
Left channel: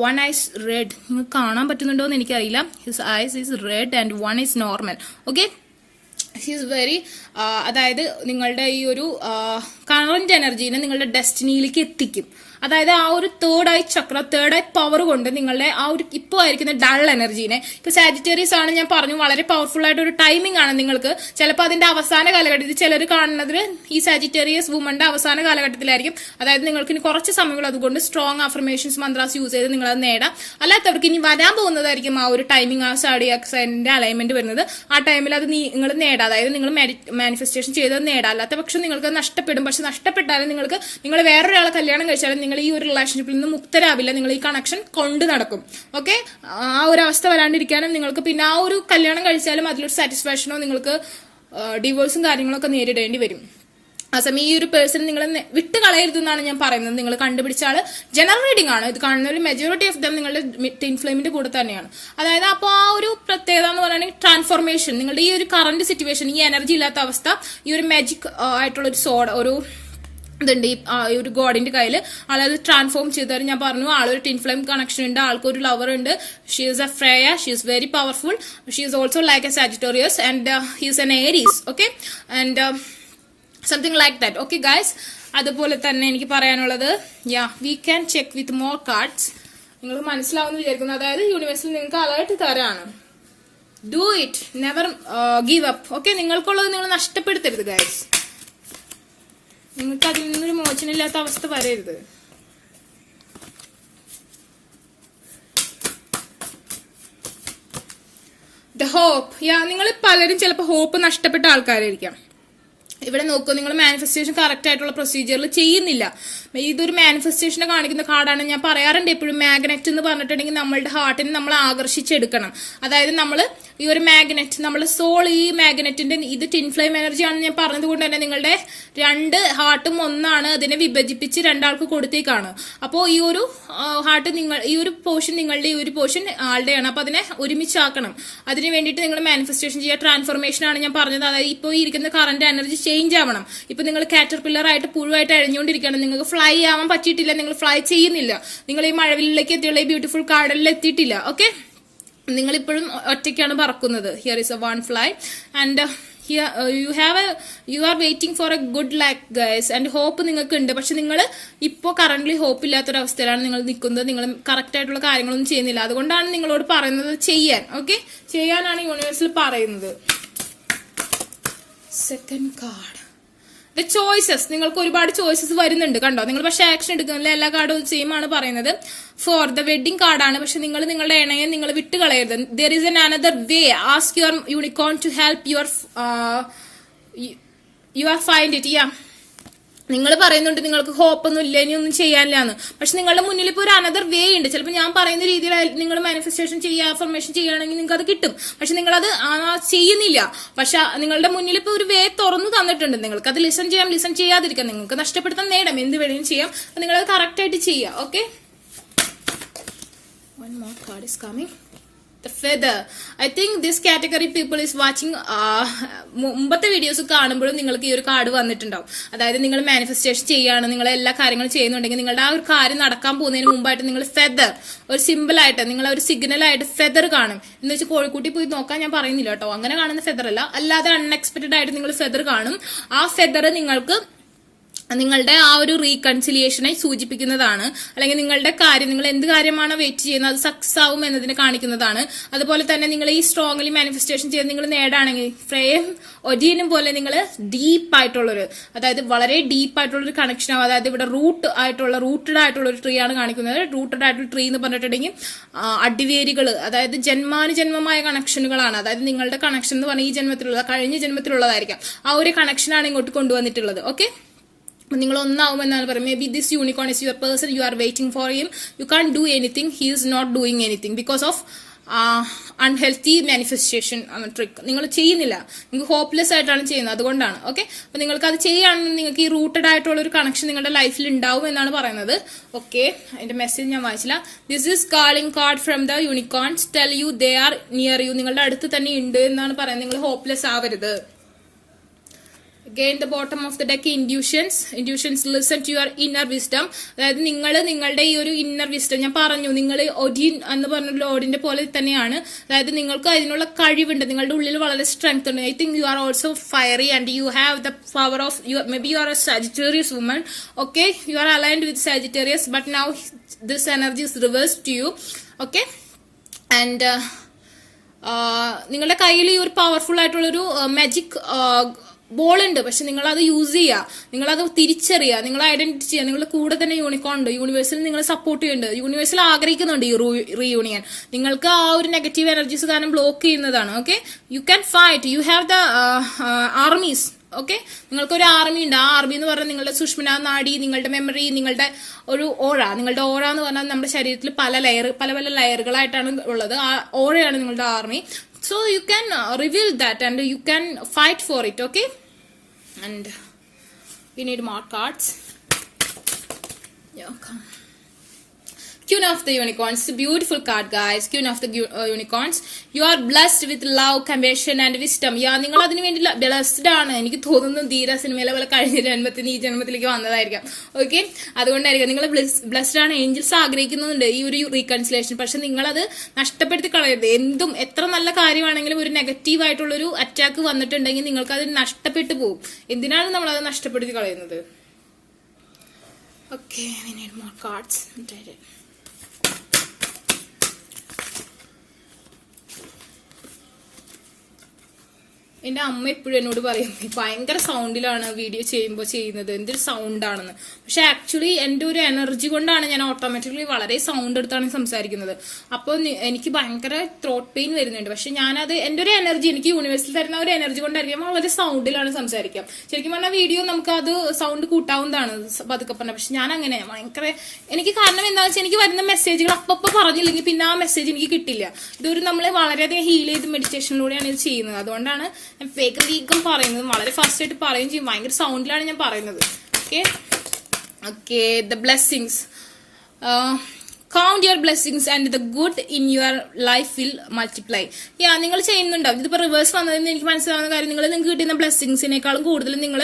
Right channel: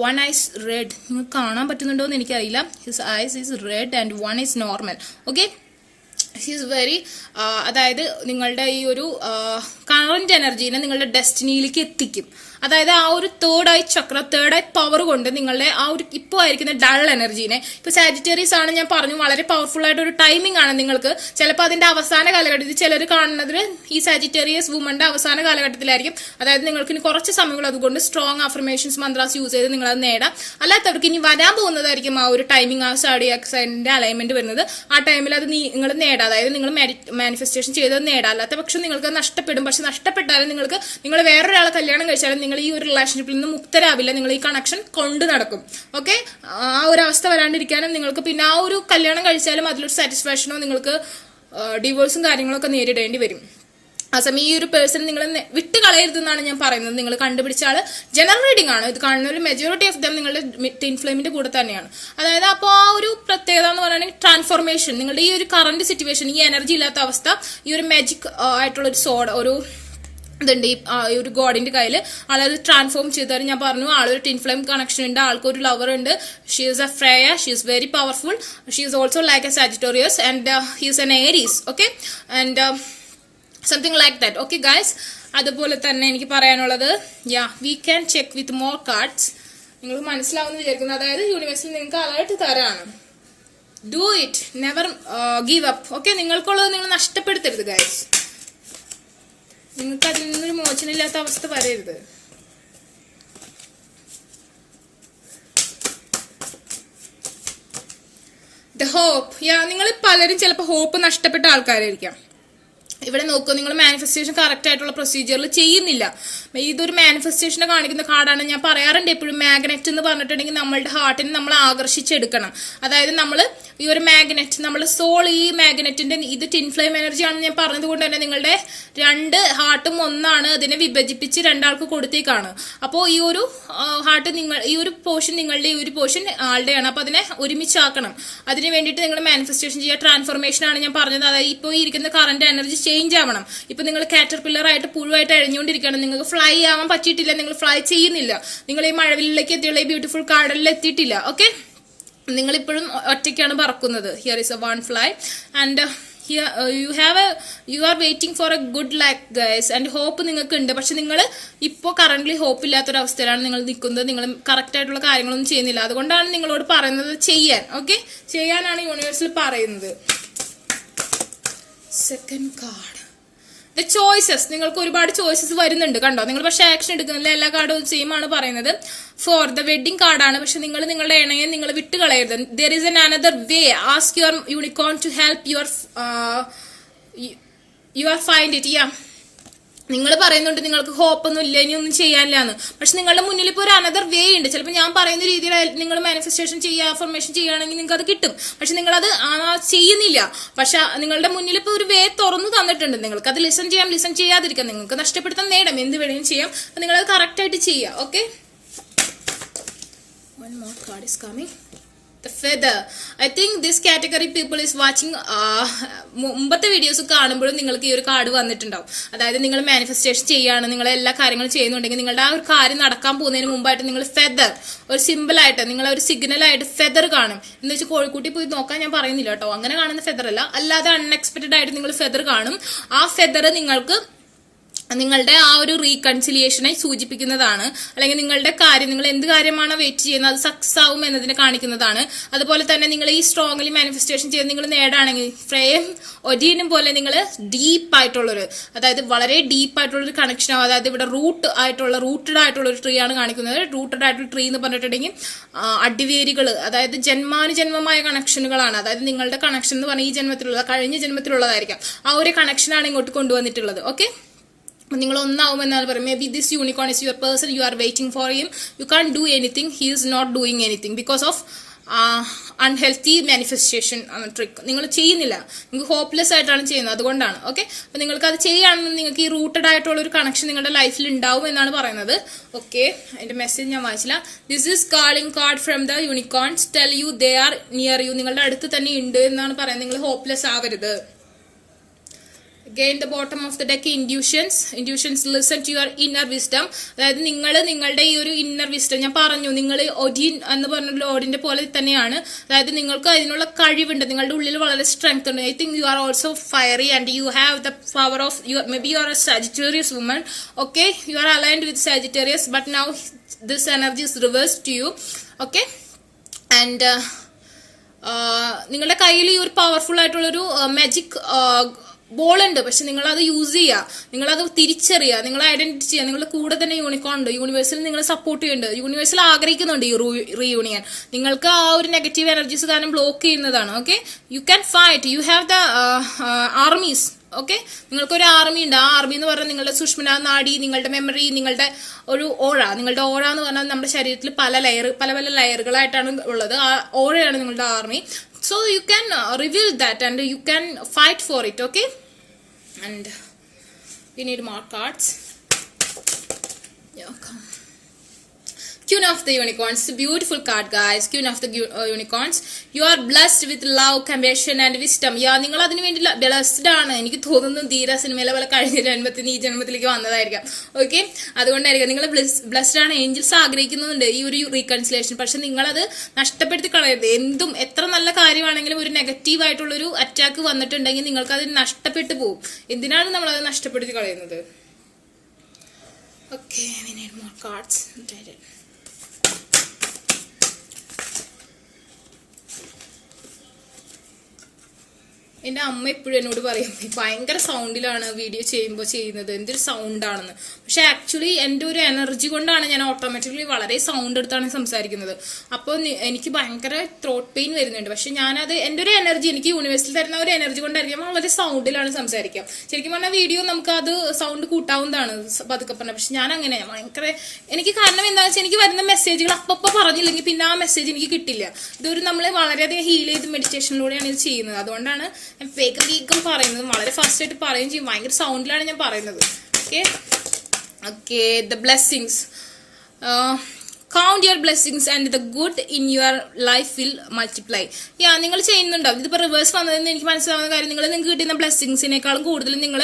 one eyes red. നിങ്ങൾക്ക് കാണാൻ പറ്റുന്നുണ്ടോ എന്ന് എനിക്കറിയില്ല. His eyes is red and one is normal. Okay, his very അതായത് നിങ്ങളുടെ ഈ ഒരു കറന്റ് എനർജീനെ നിങ്ങളുടെ ഡെസ്റ്റിനിയിലേക്ക് എത്തിക്കും. അതായത് ആ ഒരു തേർഡ് ഐ ചക്ര, തേർഡ് ഐ പവർ കൊണ്ട് നിങ്ങളുടെ ആ ഒരു ഇപ്പോൾ ആയിരിക്കുന്ന ഡൾ എനർജീനെ, ഇപ്പൊ സാജിറ്റേറിയസ് ആണ് ഞാൻ പറഞ്ഞു, വളരെ പവർഫുൾ ആയിട്ട് ഒരു ടൈമിംഗ് ആണ് നിങ്ങൾക്ക്. ചിലപ്പോൾ അതിന്റെ അവസാന കാലഘട്ടത്തിൽ ചിലർ കാണുന്നത് ഈ സാജിറ്റേറിയസ് വുമന്റെ അവസാന കാലഘട്ടത്തിലായിരിക്കും. അതായത് നിങ്ങൾക്ക് ഇനി കുറച്ച് സമയങ്ങൾ അതുകൊണ്ട് സ്ട്രോങ് അഫർമേഷൻസ് മന്ത്രാസ് യൂസ് ചെയ്ത് നിങ്ങൾ അത് നേടാം. അല്ലാത്തവർക്ക് ഇനി വരാൻ പോകുന്നതായിരിക്കും ആ ഒരു ടൈമിംഗ്, ആ സാഡിയാക് സൈനിന്റെ അലൈൻമെന്റ് വരുന്നത്. ആ ടൈമിൽ അത് നിങ്ങൾ നേടാം, അതായത് നിങ്ങൾ മാനിഫെസ്റ്റേഷൻ ചെയ്തത് നേടാം. അല്ലാത്ത പക്ഷം നിങ്ങൾക്ക് നഷ്ടപ്പെടും. പക്ഷെ നഷ്ടപ്പെട്ടാലും നിങ്ങൾ വേറൊരാളെ കല്യാണം കഴിച്ചാലും നിങ്ങൾ ഈ ഒരു റിലേഷൻഷിപ്പിൽ നിന്ന് മുക്തരാവില്ല. നിങ്ങൾ ഈ കണക്ഷൻ കൊണ്ട് നടക്കും. ഓക്കെ, ആ ഒരു അവസ്ഥ വരാണ്ടിരിക്കാനും നിങ്ങൾക്ക് പിന്നെ ആ ഒരു കല്യാണം കഴിച്ചാലും അതിലൊരു സാറ്റിസ്ഫാക്ഷനോ നിങ്ങൾക്ക് ഡിവോഴ്സും കാര്യങ്ങളൊക്കെ നേരിടേണ്ടി വരും. ആ സമയം ഈ ഒരു പേഴ്സൺ നിങ്ങൾ വിട്ട് കളയരുതെന്നാണ് ഞാൻ പറയുന്നത്. നിങ്ങൾ കണ്ടുപിടിച്ച ആള് ജനറൽ റീഡിംഗ് ആണ്. ഇത് കാണുന്ന ഒരു മെജോറിറ്റി ഓഫ് ദം നിങ്ങളുടെ ട്വിൻ ഫ്ലെയിമിന്റെ കൂടെ തന്നെയാണ്. അതായത് അപ്പോൾ ആ ഒരു പ്രത്യേകത എന്ന് പറയുകയാണെങ്കിൽ ട്രാൻസ്ഫോർമേഷൻ, നിങ്ങളുടെ ഈ ഒരു കറന്റ് സിറ്റുവേഷൻ, ഈ എനർജി ഇല്ലാത്ത അവസ്ഥ, ഈ ഒരു മാജിക് ആയിട്ടുള്ള ഒരു സോഡ്, ഒരു ഇതുണ്ട് ഈ ഒരു ഗോഡിന്റെ കയ്യിൽ, ആളത് ട്രാൻസ്ഫോം ചെയ്താൽ ഞാൻ പറഞ്ഞു ആളൊരു ട്വിൻ ഫ്ലെയിം കണക്ഷൻ ഉണ്ട്, ആൾക്കൊരു ലവർ ഉണ്ട്. She is a Freya, she is very powerful, she is also like a Sagittarius and he is an Aries. Okay, and something like that. Okay guys, അതുപോലെ തന്നെ എനിക്ക് പറയാനുള്ളത്, we can check with more cards. നിങ്ങൾക്ക് മനസ്സിലാവുമെന്ന് വിചാരിക്കുന്നു. അതായത് യൂണിവേഴ്സിൽ നിങ്ങൾക്ക് അലേർട്ട് തരാണ്. Do it, never give up. Okay, നിങ്ങൾക്കുള്ളത് നിങ്ങൾ നഷ്ടപ്പെടുത്തരുത് ഗൈസ്. നിങ്ങൾക്ക് അതിൽ നിന്നൊരു മോചനമില്ലാത്ത അവസ്ഥ വരരുത്. The hope. നിങ്ങൾ പലരും ചിലപ്പോൾ ഹോപ്പ് നഷ്ടപ്പെട്ട ആൾക്കാരായിരിക്കാം. ഇവിടെ നോക്കൂ, നിങ്ങൾ മാനിഫെസ്റ്റേഷൻ കറക്റ്റ് ആയിട്ടുള്ള പ്രൊസീജിയറിൽ ചെയ്യുന്നില്ല. ഇതൊരു മാനിഫെസ്റ്റേഷനെ കാണിക്കുന്ന കാർഡാണ്. ഞാൻ പറയാറുണ്ട് എപ്പോഴും, മാഗ്നറ്റ് എന്ന് പറഞ്ഞിട്ടുണ്ടെങ്കിൽ നമ്മളുടെ ഹാർട്ടിനെ നമ്മൾ ആകർഷിച്ചെടുക്കണം. അതായത് നമ്മൾ ഈ ഒരു മാഗ്നറ്റ്, നമ്മുടെ സോൾ, ഈ മാഗ്നറ്റിന്റെ ഇത് ട്വിൻ ഫ്ലെയിം എനർജി ആണെന്ന് ഞാൻ പറഞ്ഞത് കൊണ്ട് തന്നെ നിങ്ങളുടെ രണ്ട് ഹാർട്ടും ഒന്നാണ്. അതിനെ വിഭജിപ്പിച്ച് രണ്ടാൾക്ക് കൊടുത്തേക്കാണ്. അപ്പോൾ ഈ ഒരു ഹാർട്ട് ഈ ഒരു പോർഷൻ നിങ്ങളുടെ, ഈ ഒരു പോർഷൻ ആളുടെയാണ്. അപ്പൊ അതിനെ ഒരുമിച്ചാക്കണം. അതിന് വേണ്ടിയിട്ട് നിങ്ങൾ മാനിഫെസ്റ്റേഷൻ ചെയ്യുക. ട്രാൻസ്ഫോർമേഷൻ ആണ് ഞാൻ പറഞ്ഞത്. അതായത് ഇപ്പോൾ ഇരിക്കുന്ന കറന്റ് എനർജി ചേഞ്ച് ആവണം. ഇപ്പൊ നിങ്ങൾ കാറ്റർപില്ലർ ആയിട്ട് പുഴുവായിട്ട് അഴിഞ്ഞുകൊണ്ടിരിക്കുകയാണ്. നിങ്ങൾക്ക് ഫ്ലൈ ആവാൻ പറ്റിയിട്ടില്ല, നിങ്ങൾ ഫ്ലൈ ചെയ്യുന്നില്ല. നിങ്ങൾ ഈ മഴവിലേക്ക് എത്തിയുള്ള ഈ ബ്യൂട്ടിഫുൾ കാർഡലിൽ എത്തിയിട്ടില്ല. ഓക്കെ, നിങ്ങളിപ്പോഴും ഒറ്റയ്ക്കാണ് പറക്കുന്നത്. Here is a one fly and you are waiting for a good luck guys. And hope നിങ്ങൾക്ക് ഉണ്ട്. പക്ഷെ നിങ്ങൾ ഇപ്പോൾ കറന്റ്ലി ഹോപ്പ് ഇല്ലാത്തൊരവസ്ഥയിലാണ് നിങ്ങൾ നിൽക്കുന്നത്. നിങ്ങൾ കറക്റ്റ് ആയിട്ടുള്ള കാര്യങ്ങളൊന്നും ചെയ്യുന്നില്ല. അതുകൊണ്ടാണ് നിങ്ങളോട് പറയുന്നത് ചെയ്യാൻ. ഓക്കെ, ചെയ്യാനാണ് യൂണിവേഴ്സിൽ പറയുന്നത്. Second card, the choices. നിങ്ങൾക്ക് ഒരുപാട് ചോയ്സസ് വരുന്നുണ്ട്, കണ്ടോ? നിങ്ങൾ പക്ഷെ ആക്ഷൻ എടുക്കുന്നില്ല. എല്ലാ കാർഡും സെയിം ആണ് പറയുന്നത്. ഫോർ ദ വെഡിങ് കാർഡാണ്. പക്ഷെ നിങ്ങൾ നിങ്ങളുടെ ഇണയെ നിങ്ങൾ വിട്ട് കളയരുത്. There is an another way. Ask your unicorn to help your find it. നിങ്ങൾ പറയുന്നുണ്ട് നിങ്ങൾക്ക് ഹോപ്പൊന്നും ഇല്ല, ഇനി ഒന്നും ചെയ്യാനില്ലാന്ന്. പക്ഷെ നിങ്ങളുടെ മുന്നിൽ ഇപ്പോൾ ഒരു അനദർ വേ ഉണ്ട്. ചിലപ്പോൾ ഞാൻ പറയുന്ന രീതിയിൽ നിങ്ങൾ മാനിഫെസ്റ്റേഷൻ ചെയ്യുക, അഫർമേഷൻ ചെയ്യുകയാണെങ്കിൽ നിങ്ങൾക്ക് അത് കിട്ടും. പക്ഷെ നിങ്ങളത് ചെയ്യുന്നില്ല. പക്ഷെ നിങ്ങളുടെ മുന്നിൽ ഇപ്പോൾ ഒരു വേ തുറന്നു തന്നിട്ടുണ്ട്. നിങ്ങൾക്ക് അത് ലിസൺ ചെയ്യാം, ലിസൺ ചെയ്യാതിരിക്കാം. നിങ്ങൾക്ക് നഷ്ടപ്പെടുത്താൻ നേടാം, എന്ത് വേണമെങ്കിലും ചെയ്യാം. നിങ്ങളത് കറക്റ്റ് ആയിട്ട് ചെയ്യുക. Okay, one more card is coming. The feather. I think this category people is watching. മുമ്പത്തെ വീഡിയോസ് കാണുമ്പോഴും നിങ്ങൾക്ക് ഈ ഒരു കാർഡ് വന്നിട്ടുണ്ടാവും. അതായത് നിങ്ങൾ മാനിഫെസ്റ്റേഷൻ ചെയ്യുകയാണ്, നിങ്ങൾ എല്ലാ കാര്യങ്ങളും ചെയ്യുന്നുണ്ടെങ്കിൽ നിങ്ങളുടെ ആ ഒരു കാര്യം നടക്കാൻ പോകുന്നതിന് മുമ്പായിട്ട് നിങ്ങൾ ഫെദർ ഒരു സിമ്പിൾ ആയിട്ട്, നിങ്ങൾ ഒരു സിഗ്നൽ ആയിട്ട് ഫെദർ കാണും. എന്ന് വെച്ചാൽ കോഴിക്കുട്ടി പോയി നോക്കാൻ ഞാൻ പറയുന്നില്ല കേട്ടോ, അങ്ങനെ കാണുന്ന ഫെദർ അല്ല, അല്ലാതെ അൺഎക്സ്പെക്ടഡ് ആയിട്ട് നിങ്ങൾ ഫെദർ കാണും. ആ ഫെദർ നിങ്ങൾക്ക് നിങ്ങളുടെ ആ ഒരു റീകൺസിലിയേഷനെ സൂചിപ്പിക്കുന്നതാണ്. അല്ലെങ്കിൽ നിങ്ങളുടെ കാര്യം, നിങ്ങൾ എന്ത് കാര്യമാണ് വെയിറ്റ് ചെയ്യുന്നത് അത് സക്സസ് ആവും എന്നതിനെ കാണിക്കുന്നതാണ്. അതുപോലെ തന്നെ നിങ്ങൾ ഈ സ്ട്രോങ്ലി മാനിഫെസ്റ്റേഷൻ ചെയ്ത് നിങ്ങൾ നേടാണെങ്കിൽ ഫ്രെയിം ഒരീനും പോലെ നിങ്ങൾ ഡീപ്പായിട്ടുള്ളൊരു, അതായത് വളരെ ഡീപ്പായിട്ടുള്ളൊരു കണക്ഷൻ ആവും. അതായത് ഇവിടെ റൂട്ടഡ് ആയിട്ടുള്ള ഒരു ട്രീ ആണ് കാണിക്കുന്നത്. റൂട്ടഡ് ആയിട്ടുള്ള ട്രീ എന്ന് പറഞ്ഞിട്ടുണ്ടെങ്കിൽ അടിവേരുകൾ, അതായത് ജന്മാനുജന്മമായ കണക്ഷനുകളാണ്. അതായത് നിങ്ങളുടെ കണക്ഷൻ എന്ന് പറഞ്ഞാൽ ഈ ജന്മത്തിലുള്ള, കഴിഞ്ഞ ജന്മത്തിലുള്ളതായിരിക്കാം. ആ ഒരു കണക്ഷനാണ് ഇങ്ങോട്ട് കൊണ്ടുവന്നിട്ടുള്ളത്. ഓക്കെ, നിങ്ങൾ ഒന്നാവുമെന്നാണ് പറയുന്നത്. Maybe this unicorn is your person, you are waiting for him, you can do anything, he is not doing anything because of unhealthy manifestation trick. നിങ്ങൾ ചെയ്യുന്നില്ല, നിങ്ങൾക്ക് ഹോപ്പ്ലെസ് ആയിട്ടാണ് ചെയ്യുന്നത്, അതുകൊണ്ടാണ്. ഓക്കെ, അപ്പൊ നിങ്ങൾക്ക് അത് ചെയ്യുകയാണെങ്കിൽ നിങ്ങൾക്ക് ഈ റൂട്ടഡ് ആയിട്ടുള്ള ഒരു കണക്ഷൻ നിങ്ങളുടെ ലൈഫിൽ ഉണ്ടാവും എന്നാണ് പറയുന്നത്. ഓക്കെ, അതിന്റെ മെസ്സേജ് ഞാൻ വായിച്ചില്ല. This is calling card from the unicorns, tell you they are near you. നിങ്ങളുടെ അടുത്ത് തന്നെ ഉണ്ട് എന്നാണ് പറയുന്നത്. നിങ്ങൾ ഹോപ്പ്ലെസ് ആവരുത്. Again, the bottom of the deck, intuitions. Listen to your inner wisdom. അതായത് നിങ്ങളുടെ ഈ ഒരു ഇന്നർ വിസ്റ്റം ഞാൻ പറഞ്ഞു, നിങ്ങൾ ഒഡിൻ എന്ന് പറഞ്ഞ ഓഡിന്റെ പോലെ തന്നെയാണ്. അതായത് നിങ്ങൾക്ക് അതിനുള്ള കഴിവുണ്ട്, നിങ്ങളുടെ ഉള്ളിൽ വളരെ സ്ട്രെങ്ത് ഉണ്ട്. I think you are also fiery and you have the power of you. May B you are a Sagittarius woman. Okay, you are aligned with Sagittarius, but now this energy is reverse to you. Okay, and നിങ്ങളുടെ കയ്യിൽ ഈ ഒരു പവർഫുൾ ആയിട്ടുള്ളൊരു മാജിക് ബോൾ ഉണ്ട്. പക്ഷെ നിങ്ങൾ അത് യൂസ് ചെയ്യുക, നിങ്ങളത് തിരിച്ചറിയുക, നിങ്ങൾ ഐഡന്റിറ്റി ചെയ്യുക. നിങ്ങളുടെ കൂടെ തന്നെ യൂണിക്കോൺ ഉണ്ട്, യൂണിവേഴ്സിൽ നിങ്ങൾ സപ്പോർട്ട് ചെയ്യുന്നുണ്ട്, യൂണിവേഴ്സിൽ ആഗ്രഹിക്കുന്നുണ്ട് ഈ റീയൂണിയൻ. നിങ്ങൾക്ക് ആ ഒരു നെഗറ്റീവ് എനർജീസ് കാരണം ബ്ലോക്ക് ചെയ്യുന്നതാണ്. Okay, you can fight, U have the armies. Okay, നിങ്ങൾക്കൊരു ആർമി ഉണ്ട്. ആ ആർമി എന്ന് പറഞ്ഞാൽ നിങ്ങളുടെ സുഷ്മന നാഡി, നിങ്ങളുടെ മെമ്മറി, നിങ്ങളുടെ ഒരു ഓറ. നിങ്ങളുടെ ഓറ എന്ന് പറഞ്ഞാൽ നമ്മുടെ ശരീരത്തിൽ പല പല ലെയറുകളായിട്ടാണ് ഉള്ളത്. ആ ഓറയാണ് നിങ്ങളുടെ army. So you can reveal that and you can fight for it. Okay, and we need more cards. Yeah, come. Queen of the Unicorns, beautiful card guys. Queen of the Unicorns, you are blessed with love, compassion and wisdom. Yeah, നിങ്ങൾ അതിനു വേണ്ടി ബ്ലെസ്ഡ് ആണ്. എനിക്ക് തോന്നുന്നു ധീര സിനിമയിലെ പോലെ കഴിഞ്ഞ ജന്മത്തിന് ഈ ജന്മത്തിലേക്ക് വന്നതായിരിക്കാം. ഓക്കെ, അതുകൊണ്ടായിരിക്കും നിങ്ങൾ ബ്ലെസ്ഡ് ആണ്. ഏഞ്ചൽസ് ആഗ്രഹിക്കുന്നുണ്ട് ഈ ഒരു റീകൺസിലേഷൻ. പക്ഷെ നിങ്ങളത് നഷ്ടപ്പെടുത്തി കളയരുത്. എന്തും എത്ര നല്ല കാര്യമാണെങ്കിലും ഒരു നെഗറ്റീവ് ആയിട്ടുള്ളൊരു അറ്റാക്ക് വന്നിട്ടുണ്ടെങ്കിൽ നിങ്ങൾക്ക് അത് നഷ്ടപ്പെട്ടു പോകും. എന്തിനാണ് നമ്മൾ അത് നഷ്ടപ്പെടുത്തി കളയുന്നത്? Okay, I need more cards. എന്റെ അമ്മ എപ്പോഴും എന്നോട് പറയും ഭയങ്കര സൗണ്ടിലാണ് വീഡിയോ ചെയ്യുന്നത്, എന്തൊരു സൗണ്ടാണെന്ന്. പക്ഷെ ആക്ച്വലി എന്റെ ഒരു എനർജി കൊണ്ടാണ് ഞാൻ ഓട്ടോമാറ്റിക്കലി വളരെ സൗണ്ട് എടുത്താണ് സംസാരിക്കുന്നത്. അപ്പോൾ എനിക്ക് ഭയങ്കര ത്രോട്ട് പെയിൻ വരുന്നുണ്ട്. പക്ഷെ ഞാനത് എന്റെ ഒരു എനർജി, എനിക്ക് യൂണിവേഴ്സിൽ തരുന്ന ഒരു എനർജി കൊണ്ടായിരിക്കും വളരെ സൗണ്ടിലാണ് സംസാരിക്കുക. ശരിക്കും പറഞ്ഞാൽ വീഡിയോ നമുക്ക് അത് സൗണ്ട് കൂട്ടാവുന്നതാണ് പതുക്കെ പറഞ്ഞാൽ. പക്ഷെ ഞാൻ അങ്ങനെ ഭയങ്കര എനിക്ക് കാരണം എന്താണെന്ന് വെച്ചാൽ എനിക്ക് വരുന്ന മെസ്സേജുകൾ അപ്പപ്പോൾ പറഞ്ഞില്ലെങ്കിൽ പിന്നെ ആ മെസ്സേജ് എനിക്ക് കിട്ടില്ല. ഇതൊരു നമ്മൾ വളരെയധികം ഹീൽ ചെയ്ത് മെഡിറ്റേഷനിലൂടെയാണ് ഇത് ചെയ്യുന്നത്. അതുകൊണ്ടാണ് ഞാൻ വേഗം പറയുന്നത്, വളരെ ഫാസ്റ്റ് ആയിട്ട് പറയുകയും ചെയ്യും. ഭയങ്കര സൗണ്ടിലാണ് ഞാൻ പറയുന്നത്. Okay, okay, the blessings. Count your blessings and the good in your life will multiply. നിങ്ങൾ ചെയ്യുന്നുണ്ടാവും. ഇതിപ്പോ റിവേഴ്സ് വന്നതെന്ന് എനിക്ക് മനസ്സിലാവുന്ന കാര്യം, നിങ്ങൾക്ക് കിട്ടുന്ന ബ്ലെസ്സിങ്സിനേക്കാളും കൂടുതൽ നിങ്ങൾ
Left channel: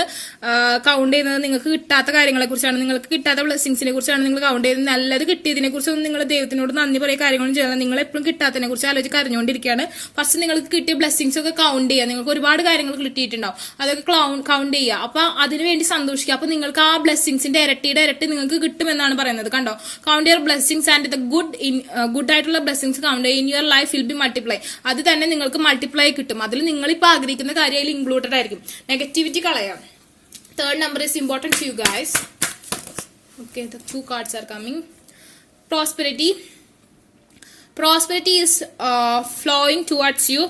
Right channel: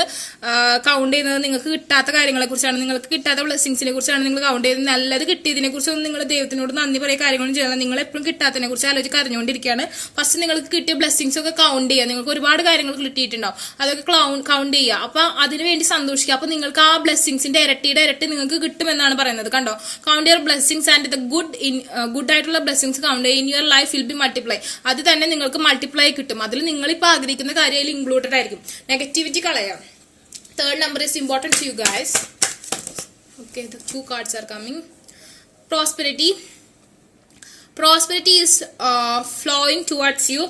കൗണ്ട് ചെയ്യുന്നത് നിങ്ങൾക്ക് കിട്ടാത്ത കാര്യങ്ങളെ കുറിച്ചാണ്. നിങ്ങൾക്ക് കിട്ടാത്ത ബ്ലെസ്സിങ്സിനെ കുറിച്ചാണ് നിങ്ങൾ കൗണ്ട് ചെയ്യുന്നത്. നല്ലത് കിട്ടിയതിനെ കുറിച്ചൊന്നും നിങ്ങൾ ദൈവത്തിനോട് നന്ദി പറയുക കാര്യങ്ങളും ചെയ്യണം. നിങ്ങൾ എപ്പോഴും കിട്ടാത്തതിനെ കുറിച്ച് ആലോചിച്ച് കരഞ്ഞുകൊണ്ടിരിക്കുകയാണ്. ഫസ്റ്റ് നിങ്ങൾക്ക് കിട്ടിയ ബ്ലെസ്സിങ്സ് ഒക്കെ കൗണ്ട് ചെയ്യുക. നിങ്ങൾക്ക് ഒരുപാട് കാര്യങ്ങൾ കിട്ടിയിട്ടുണ്ടാവും, അതൊക്കെ കൗണ്ട് ചെയ്യുക. അപ്പൊ അതിനുവേണ്ടി സന്തോഷിക്കുക. അപ്പൊ നിങ്ങൾക്ക് ആ ബ്ലെസ്സിങ്സിന്റെ ഇരട്ടി നിങ്ങൾക്ക് കിട്ടുമെന്നാണ് പറയുന്നത്. കണ്ടോ, count your blessings and the good ആയിട്ടുള്ള blessings count in your life will be multiply. അത് തന്നെ നിങ്ങൾക്ക് മൾട്ടിപ്ലൈ കിട്ടും. അതിൽ നിങ്ങളിപ്പോൾ ആഗ്രഹിക്കുന്ന കാര്യം അതിൽ ഇൻക്ലൂഡഡ് ആയിരിക്കും. നെഗറ്റിവിറ്റി കളയാം. Third number is important to you guys. Okay, the 2 cards are coming. Prosperity is flowing towards you.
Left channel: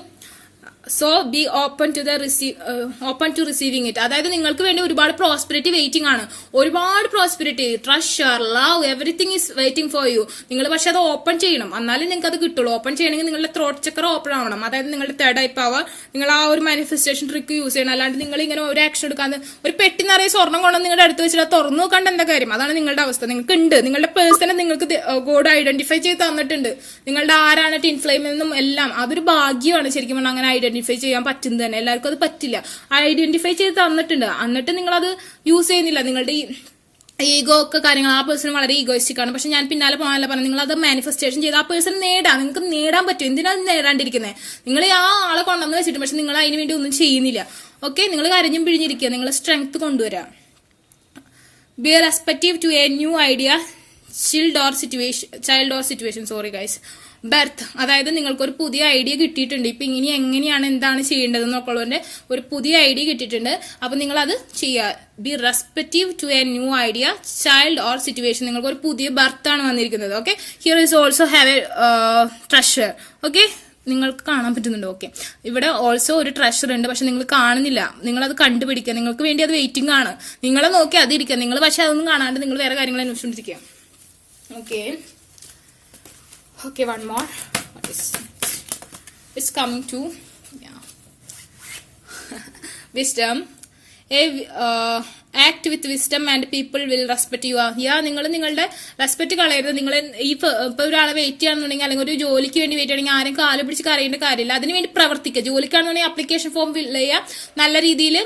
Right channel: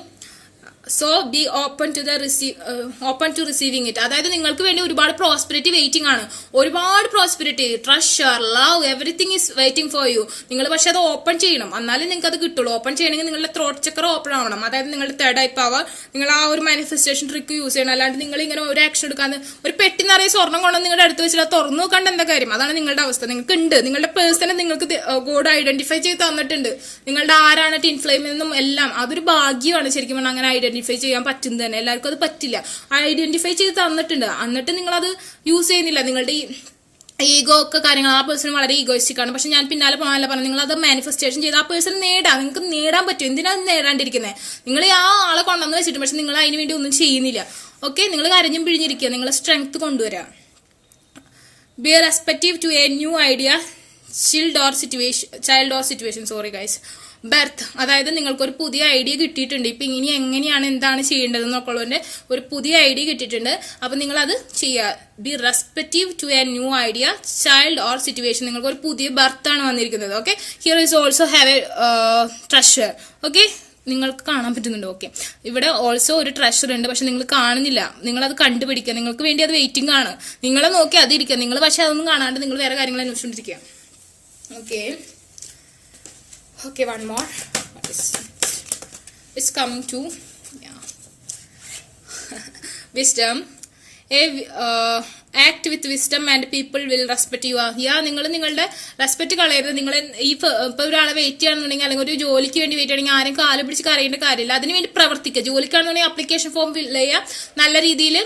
So be open to receiving it. അതായത് നിങ്ങൾക്ക് വേണ്ടി ഒരുപാട് പ്രോസ്പെരിറ്റി വെയിറ്റിംഗ് ആണ്. ഒരുപാട് prosperity, treasure, love, everything is waiting for you. നിങ്ങൾ പക്ഷെ അത് ഓപ്പൺ ചെയ്യണം, എന്നാലും നിങ്ങൾക്ക് അത് കിട്ടുള്ളൂ. ഓപ്പൺ ചെയ്യണമെങ്കിൽ നിങ്ങളുടെ ത്രോട്ട് ചക്ര ഓപ്പൺ ആവണം. അതായത് നിങ്ങളുടെ തേർഡ് ഐ പവർ, നിങ്ങൾ ആ ഒരു മാനിഫെസ്റ്റേഷൻ ട്രിക്ക് യൂസ് ചെയ്യണം. അല്ലാണ്ട് നിങ്ങൾ ഇങ്ങനെ ഒരു ആക്ഷൻ എടുക്കാതെ ഒരു പെട്ടി നിറയെ സ്വർണ്ണം കൊണ്ടുവന്ന് നിങ്ങളുടെ അടുത്ത് വെച്ചിട്ട് തുറന്നു നോക്കാണ്ട് എന്താ കാര്യം? അതാണ് നിങ്ങളുടെ അവസ്ഥ. നിങ്ങൾക്ക് ഉണ്ട്, നിങ്ങളുടെ പേഴ്സണെ നിങ്ങൾക്ക് ഗോഡ് ഐഡന്റിഫൈ ചെയ്ത് തന്നിട്ടുണ്ട്. നിങ്ങളുടെ ആരാണ് ടിൻ ഫ്ലെയിം എന്നും എല്ലാം. അതൊരു ഭാഗ്യമാണ് ശരിക്കും പറഞ്ഞാൽ അങ്ങനെ ഐഡന്റിഫൈ ചെയ്യാൻ പറ്റുന്നത് തന്നെ. എല്ലാവർക്കും അത് പറ്റില്ല. ഐഡന്റിഫൈ ചെയ്ത് തന്നിട്ടുണ്ട്, എന്നിട്ട് നിങ്ങളത് യൂസ് ചെയ്യുന്നില്ല. നിങ്ങളുടെ ഈ ഈഗോ ഒക്കെ കാര്യങ്ങൾ, ആ പേഴ്സൺ വളരെ ഈഗോയിസ്റ്റിക് ആണ്. പക്ഷെ ഞാൻ പിന്നാലെ പോകാനല്ല പറഞ്ഞു, നിങ്ങൾ അത് മാനിഫെസ്റ്റേഷൻ ചെയ്ത് ആ പേഴ്സൺ നേടാം. നിങ്ങൾക്ക് നേടാൻ പറ്റും. എന്തിനാ നേടാണ്ടിരിക്കുന്നത്? നിങ്ങൾ ആ ആളെ കൊണ്ടുവന്ന് വെച്ചിട്ട് പക്ഷെ നിങ്ങൾ അതിന് വേണ്ടി ഒന്നും ചെയ്യുന്നില്ല. ഓക്കെ, നിങ്ങൾ കരഞ്ഞും പിഴിഞ്ഞിരിക്കുക. നിങ്ങൾ സ്ട്രെങ്ത് കൊണ്ടുവരാം. Be respective to a new idea, child or situation. Sorry guys. Birth, അതായത് നിങ്ങൾക്കൊരു പുതിയ ഐഡിയ കിട്ടിയിട്ടുണ്ട്. ഇപ്പൊ ഇനി എങ്ങനെയാണ് എന്താണ് ചെയ്യേണ്ടത് എന്നൊക്കെയുള്ളതിന്റെ ഒരു പുതിയ ഐഡിയ കിട്ടിയിട്ടുണ്ട്. അപ്പൊ നിങ്ങൾ അത് ചെയ്യുക. Be respective to a new idea, child or situation. നിങ്ങൾക്ക് ഒരു പുതിയ ബർത്ത് ആണ് വന്നിരിക്കുന്നത്. Okay, here is also have a treasure. Okay, നിങ്ങൾക്ക് കാണാൻ പറ്റുന്നുണ്ട്. ഓക്കെ, ഇവിടെ ഓൾസോ ഒരു ട്രഷർ ഉണ്ട്, പക്ഷെ നിങ്ങൾ കാണുന്നില്ല. നിങ്ങൾ അത് കണ്ടുപിടിക്കുക. നിങ്ങൾക്ക് വേണ്ടി അത് വെയിറ്റിംഗ് ആണ്. നിങ്ങളെ നോക്കി അതിരിക്കുക. നിങ്ങൾ പക്ഷെ അതൊന്നും കാണാണ്ട് നിങ്ങൾ വേറെ കാര്യങ്ങൾ അന്വേഷിച്ചിരിക്കുക. Okay, okay, one more. What is it? It's coming to wisdom. Act with wisdom and people will respect you. നിങ്ങൾ നിങ്ങളുടെ റെസ്പെക്ട് കളയരുത്. നിങ്ങൾ ഇപ്പൊ ഒരാളെ വെയിറ്റ് ചെയ്യാണെന്നുണ്ടെങ്കിൽ അല്ലെങ്കിൽ ഒരു ജോലിക്ക് വേണ്ടി വെയിറ്റ് ചെയ്യണമെങ്കിൽ ആരും കാല് പിടിച്ച് കരയേണ്ട കാര്യമില്ല. അതിനുവേണ്ടി പ്രവർത്തിക്കുക. ജോലിക്കാണെന്നുണ്ടെങ്കിൽ ആപ്ലിക്കേഷൻ ഫോം ഫിൽ ചെയ്യുക. നല്ല രീതിയിൽ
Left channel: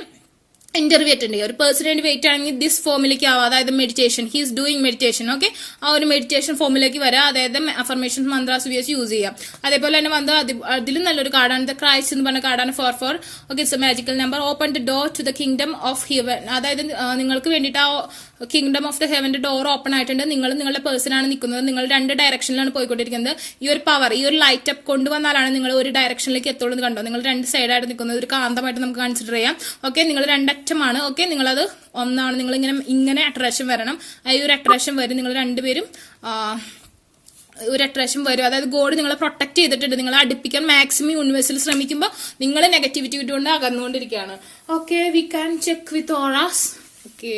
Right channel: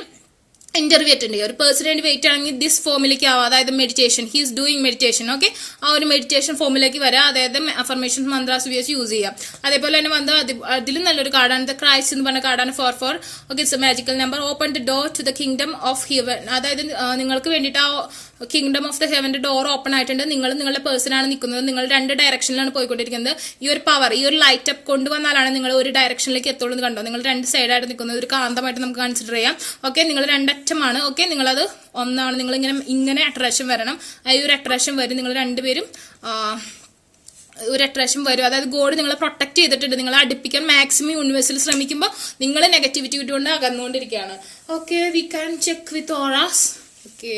ഇന്റർവ്യൂ അറ്റൻഡ് ചെയ്യുക. ഒരു പേഴ്സണിന് വേണ്ടി വെയിറ്റ് ആണെങ്കിൽ ദിസ് ഫോമിലേക്ക് ആവാം, അതായത് meditation, he's doing meditation. Okay, ആ ഒരു മെഡിറ്റേഷൻ ഫോമിലേക്ക് വരാം, അതായത് അഫർമേഷൻ മന്ത്രാസ് ഉപയോഗിച്ച് യൂസ് ചെയ്യാം. അതേപോലെ തന്നെ വന്ന് അതിലും നല്ലൊരു കാർഡാണ് ദ ക്രൈസ്റ്റ് എന്ന് പറഞ്ഞ കാർഡാണ് 4 okay, it's a magical number. Open the door to the kingdom of heaven, അതായത് നിങ്ങൾക്ക് വേണ്ടിയിട്ട് ആ കിങ്ഡം ഓഫ് ദ ഹെവന്റെ ഡോർ ഓപ്പൺ ആയിട്ടുണ്ട്. നിങ്ങൾ നിങ്ങളുടെ പേഴ്സൺ ആണ് നിൽക്കുന്നത്, നിങ്ങൾ 2 ഡയറക്ഷനിലാണ് പോയിക്കൊണ്ടിരിക്കുന്നത്. ഈ ഒരു പവർ, ഈ ഒരു ലൈറ്റ് അപ്പ് കൊണ്ടുവന്നാലാണ് നിങ്ങൾ ഒരു ഡയറക്ഷനിലേക്ക് എത്തുള്ളൂ എന്ന് കണ്ടോ. നിങ്ങൾ 2 സൈഡായിട്ട് നിൽക്കുന്നത് ഒരു കാന്തമായിട്ട് നമുക്ക് കൺസിഡർ ചെയ്യാം. ഓക്കെ, നിങ്ങൾ 2 അറ്റമാണ്. ഓക്കെ, നിങ്ങളത് ഒന്നാണ്, നിങ്ങൾ ഇങ്ങനെ അട്രാക്ഷൻ വരണം. ഈ ഒരു അട്രാക്ഷൻ വരും, നിങ്ങൾ 2 പേരും ഒരു അട്രാക്ഷൻ വരും. അതായത് ഗോഡ് നിങ്ങളെ പ്രൊട്ടക്ട് ചെയ്തിട്ടുണ്ട്, നിങ്ങളെ അടുപ്പിക്കാൻ മാക്സിമം യൂണിവേഴ്സിൽ ശ്രമിക്കുമ്പോൾ നിങ്ങൾ നെഗറ്റിവിറ്റി കൊണ്ട് അകന്നുകൊണ്ടിരിക്കുകയാണ്. Okay, we can check with auras. Okay,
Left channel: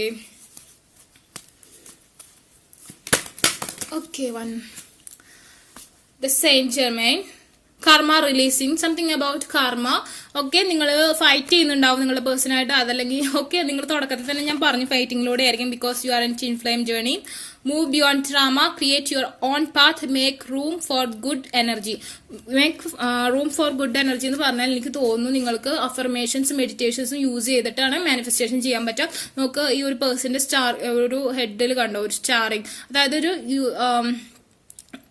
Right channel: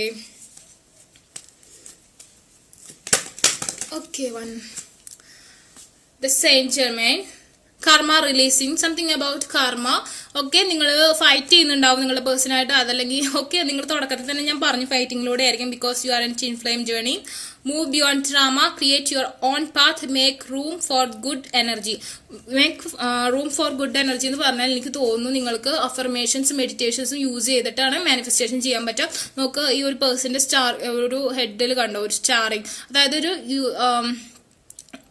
one. The Saint Germain. Karma releasing, something about karma. Okay, നിങ്ങൾ ഫൈറ്റ് ചെയ്യുന്നുണ്ടാവും നിങ്ങളുടെ പേഴ്സണായിട്ട്, അതല്ലെങ്കിൽ ഓക്കെ നിങ്ങൾ തുടക്കത്തിൽ തന്നെ ഞാൻ പറഞ്ഞു ഫൈറ്റിങ്ങിലൂടെ ആയിരിക്കും. Because you are in twin flame journey. Move beyond drama, create your own path, make room for good energy. Make room for good energy എന്ന് പറഞ്ഞാൽ എനിക്ക് തോന്നുന്നു നിങ്ങൾക്ക് അഫർമേഷൻസ് മെഡിറ്റേഷൻസും യൂസ് ചെയ്തിട്ടാണ് മാനിഫെസ്റ്റേഷൻ ചെയ്യാൻ പറ്റുക. നമുക്ക് ഈ ഒരു പേഴ്സന്റെ ഒരു ഹെഡിൽ കണ്ടോ ഒരു സ്റ്റാറിങ്, അതായത് ഒരു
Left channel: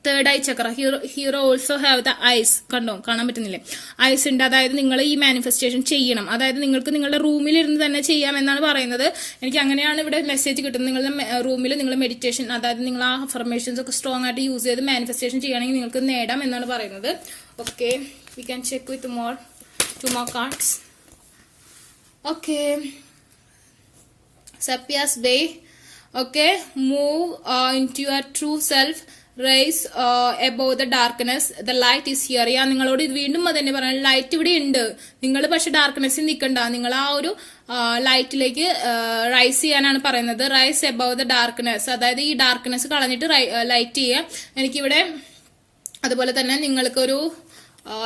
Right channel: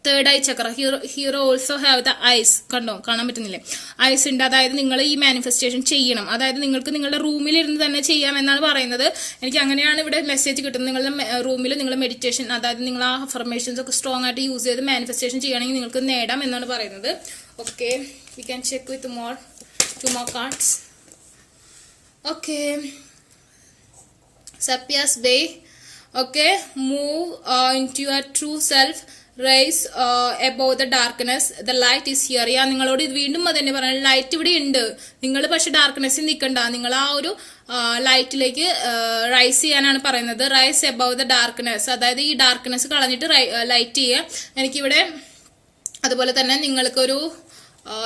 third eye chakra. Hero also have the eyes, കണ്ടോ, കാണാൻ പറ്റുന്നില്ലേ, ഐസ് ഉണ്ട്. അതായത് നിങ്ങൾ ഈ മാനിഫെസ്റ്റേഷൻ ചെയ്യണം, അതായത് നിങ്ങൾക്ക് നിങ്ങളുടെ റൂമിൽ ഇരുന്ന് തന്നെ ചെയ്യാം എന്നാണ് പറയുന്നത്. എനിക്ക് അങ്ങനെയാണ് ഇവിടെ മെസ്സേജ് കിട്ടുന്നത്. നിങ്ങളുടെ റൂമിൽ നിങ്ങൾ മെഡിറ്റേഷൻ, അതായത് നിങ്ങൾ ആ അഫർമേഷൻസ് ഒക്കെ സ്ട്രോങ് ആയിട്ട് യൂസ് ചെയ്ത് മാനിഫെസ്റ്റേഷൻ ചെയ്യുകയാണെങ്കിൽ നിങ്ങൾക്ക് നേടാം എന്നാണ് പറയുന്നത്. Okay, we can check with two more cards. Okay, Serapis Bey. Okay, move into your true self, rise above the darkness, the light is here. നിങ്ങളോട് വീണ്ടും അത് തന്നെ പറയാം, ലൈറ്റ് ഇവിടെ ഉണ്ട്. നിങ്ങൾ പക്ഷെ ഡാർക്ക്നെസ്സിൽ നിൽക്കണ്ട, നിങ്ങൾ ആ ഒരു ലൈറ്റിലേക്ക് റൈസ് ചെയ്യാനാണ് പറയുന്നത്. റൈസ് എബോവ് ദ ഡാർക്ക്നെസ്, അതായത് ഈ ഡാർക്ക്നെസ് കളഞ്ഞിട്ട് ലൈറ്റ് ചെയ്യുക. എനിക്കിവിടെ അതുപോലെ തന്നെ നിങ്ങൾക്കൊരു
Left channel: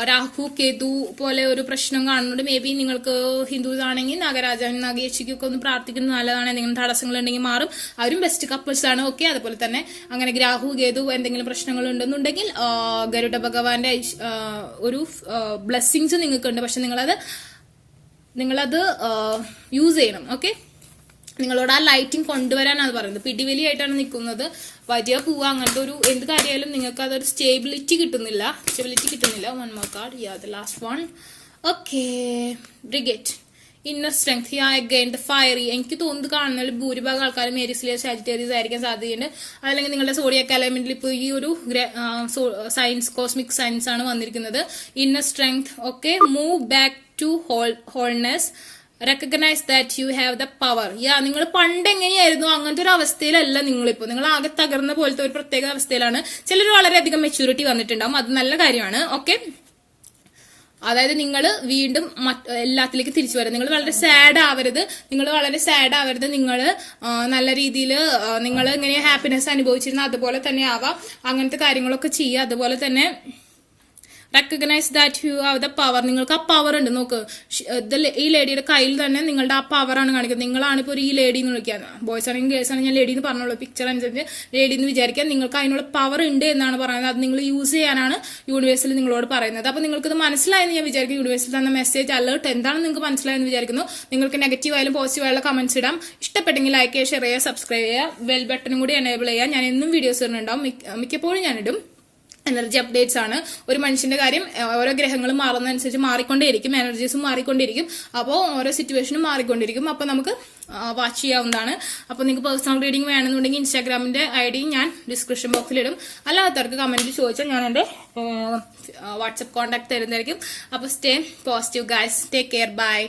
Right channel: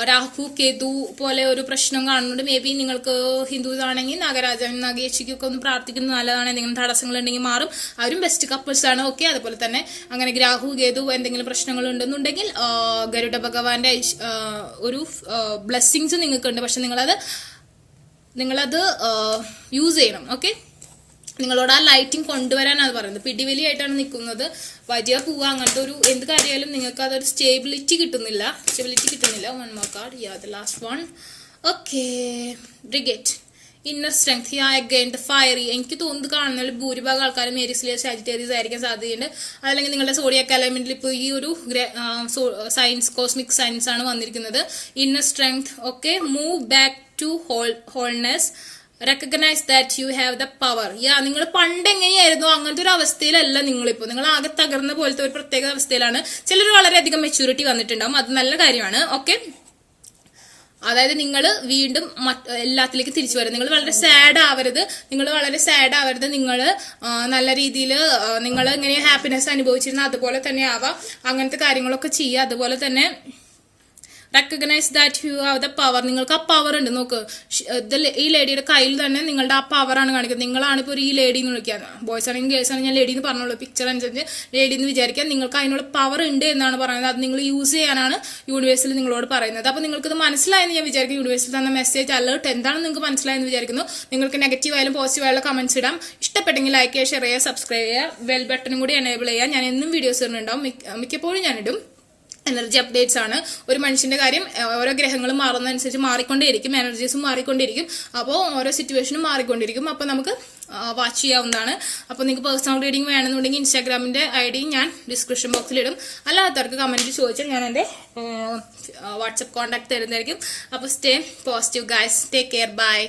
രാഹു കേതു പോലെ ഒരു പ്രശ്നം കാണുന്നുണ്ട്. മേ ബി നിങ്ങൾക്ക് ഹിന്ദുസ് ആണെങ്കിൽ നാഗരാജാവിനും നാഗേശിക്കൊക്കെ ഒന്ന് പ്രാർത്ഥിക്കുന്നത് നല്ലതാണ്. എന്തെങ്കിലും തടസ്സങ്ങൾ ഉണ്ടെങ്കിൽ മാറും. അവരും ബെസ്റ്റ് കപ്പിൾസ് ആണ്. ഓക്കെ, അതുപോലെ തന്നെ അങ്ങനെ രാഹു കേതു എന്തെങ്കിലും പ്രശ്നങ്ങൾ ഉണ്ടെന്നുണ്ടെങ്കിൽ ഗരുഡ ഭഗവാന്റെ ഒരു ബ്ലെസ്സിങ്സ് നിങ്ങൾക്കുണ്ട്. പക്ഷെ നിങ്ങളത് യൂസ് ചെയ്യണം. ഓക്കെ, നിങ്ങളോട് ആ ലൈറ്റിംഗ് കൊണ്ടുവരാനാണ് പറയുന്നത്. പിടിവലിയായിട്ടാണ് നിൽക്കുന്നത്, വരിക പോവുക, അങ്ങനത്തെ ഒരു എന്ത് കാര്യമായാലും നിങ്ങൾക്ക് അതൊരു സ്റ്റെബിലിറ്റി കിട്ടുന്നില്ല. One more card, the last one. Okay, Brigid, inner strength. Again the fiery. എനിക്ക് തോന്നുന്നത് കാണുന്ന ഭൂരിഭാഗം ആൾക്കാരും മേരിസിലെ സാജിറ്റേറിയസ് ആയിരിക്കാൻ സാധ്യതയുണ്ട്. അതല്ലെങ്കിൽ നിങ്ങളുടെ സോഡിയാക് എലമെന്റിൽ ഇപ്പോൾ ഈ ഒരു സയൻസ്, കോസ്മിക് സയൻസ് ആണ് വന്നിരിക്കുന്നത്. Inner strength. Okay, move back to wholeness, recognise that you have the power. നിങ്ങൾ പണ്ട് എങ്ങനെയായിരുന്നു അങ്ങനത്തെ ഒരു അവസ്ഥയിലല്ല നിങ്ങളിപ്പോൾ. നിങ്ങൾ ആകെ തകർന്ന പോലത്തെ ഒരു പ്രത്യേക അവസ്ഥയിലാണ്. ചിലർ വളരെയധികം മെച്യൂരിറ്റി വന്നിട്ടുണ്ടാവും, അത് നല്ല കാര്യമാണ്. ഓക്കെ, അതായത് നിങ്ങൾ വീണ്ടും എല്ലാത്തിലേക്ക് തിരിച്ചു വരും. നിങ്ങൾ വളരെ സാഡ് ആവരുത്. നിങ്ങൾ നല്ല രീതിയിൽ നിങ്ങൾ ഇങ്ങനെ ഹാപ്പിനെസ് അനുഭവിച്ചിരുന്ന അതുപോലെ തന്നെ ആവാം. അങ്ങനത്തെ കാര്യങ്ങളൊക്കെ ചെയ്യുക. അതുപോലെ തന്നെ recognise that you have the power. നിങ്ങൾക്ക് ആ പവർ ഉണ്ട്. നോക്ക്, ഈ ലേഡിയുടെ കയ്യിൽ തന്നെ നിങ്ങളുടെ ആ പവറാണ് കാണിക്കുന്നത്. നിങ്ങളാണ് ഇപ്പോൾ ഈ ലേഡി എന്ന് വിളിക്കാൻ, ബോയ്സ് ആണെങ്കിൽ ഗേൾസ് ആണെങ്കിൽ ഞാൻ ലേഡി എന്ന് പറഞ്ഞോളൂ, പിക്ചർ അനുസരിച്ച് ലേഡി എന്ന് വിചാരിക്കാൻ. നിങ്ങൾക്ക് അതിനുള്ള പവർ ഉണ്ട് എന്നാണ് പറയുന്നത്. അത് നിങ്ങൾ യൂസ് ചെയ്യാനാണ് യൂണിവേഴ്സിൽ നിങ്ങളോട് പറയുന്നത്. അപ്പോൾ നിങ്ങൾക്കത് മനസ്സിലായെന്ന് ഞാൻ വിചാരിക്കും. യൂണിവേഴ്സിൽ തന്ന മെസ്സേജ് അലേർട്ട് എന്താണെന്ന് നിങ്ങൾക്ക് മനസ്സിലായെന്ന് വിചാരിക്കുന്നു. നിങ്ങൾക്ക് നെഗറ്റീവ് ആയാലും പോസിറ്റീവ് ആയാലും കമന്റ്സ് ഇടാം. ഇഷ്ടപ്പെട്ടെങ്കിൽ ലൈക്ക് ചെയ്യുക, ഷെയർ ചെയ്യുക, സബ്സ്ക്രൈബ് ചെയ്യുക, ബെൽ ബട്ടണും കൂടി എനേബിൾ ചെയ്യുക. ഞാൻ എന്നും വീഡിയോസ് ഇടുന്നുണ്ടാവും, മിക്കപ്പോഴും ഞാനിടും. എനർജി അപ്ഡേറ്റ്സ് ആണ്. ഒരു മനുഷ്യന്റെ കാര്യം ഓരോ ഗ്രഹങ്ങളും മാറുന്നതനുസരിച്ച് മാറിക്കൊണ്ടേയിരിക്കും, എനർജീസും മാറിക്കൊണ്ടിരിക്കും. അപ്പോൾ ഓരോ സിറ്റുവേഷനും മാറിക്കൊണ്ടിരിക്കും. അപ്പോൾ നമുക്ക് വാച്ച് ചെയ്യാവുന്നതാണ്. അപ്പോൾ നിങ്ങൾക്ക് പേഴ്സണൽ റീഡിംഗ് വേണമെന്നുണ്ടെങ്കിൽ ഇൻസ്റ്റാഗ്രാമിന്റെ ID ഞാൻ ഡിസ്ക്രിപ്ഷൻ ബോക്സിലിടും. അല്ലാത്തവർക്ക് കമന്റ് ചോദിച്ചാൽ ഞാൻ എൻ്റെ വാട്സപ്പ് കോൺടാക്ട് തരുന്നതായിരിക്കും. അപ്പോൾ stay positive guys, take care, by.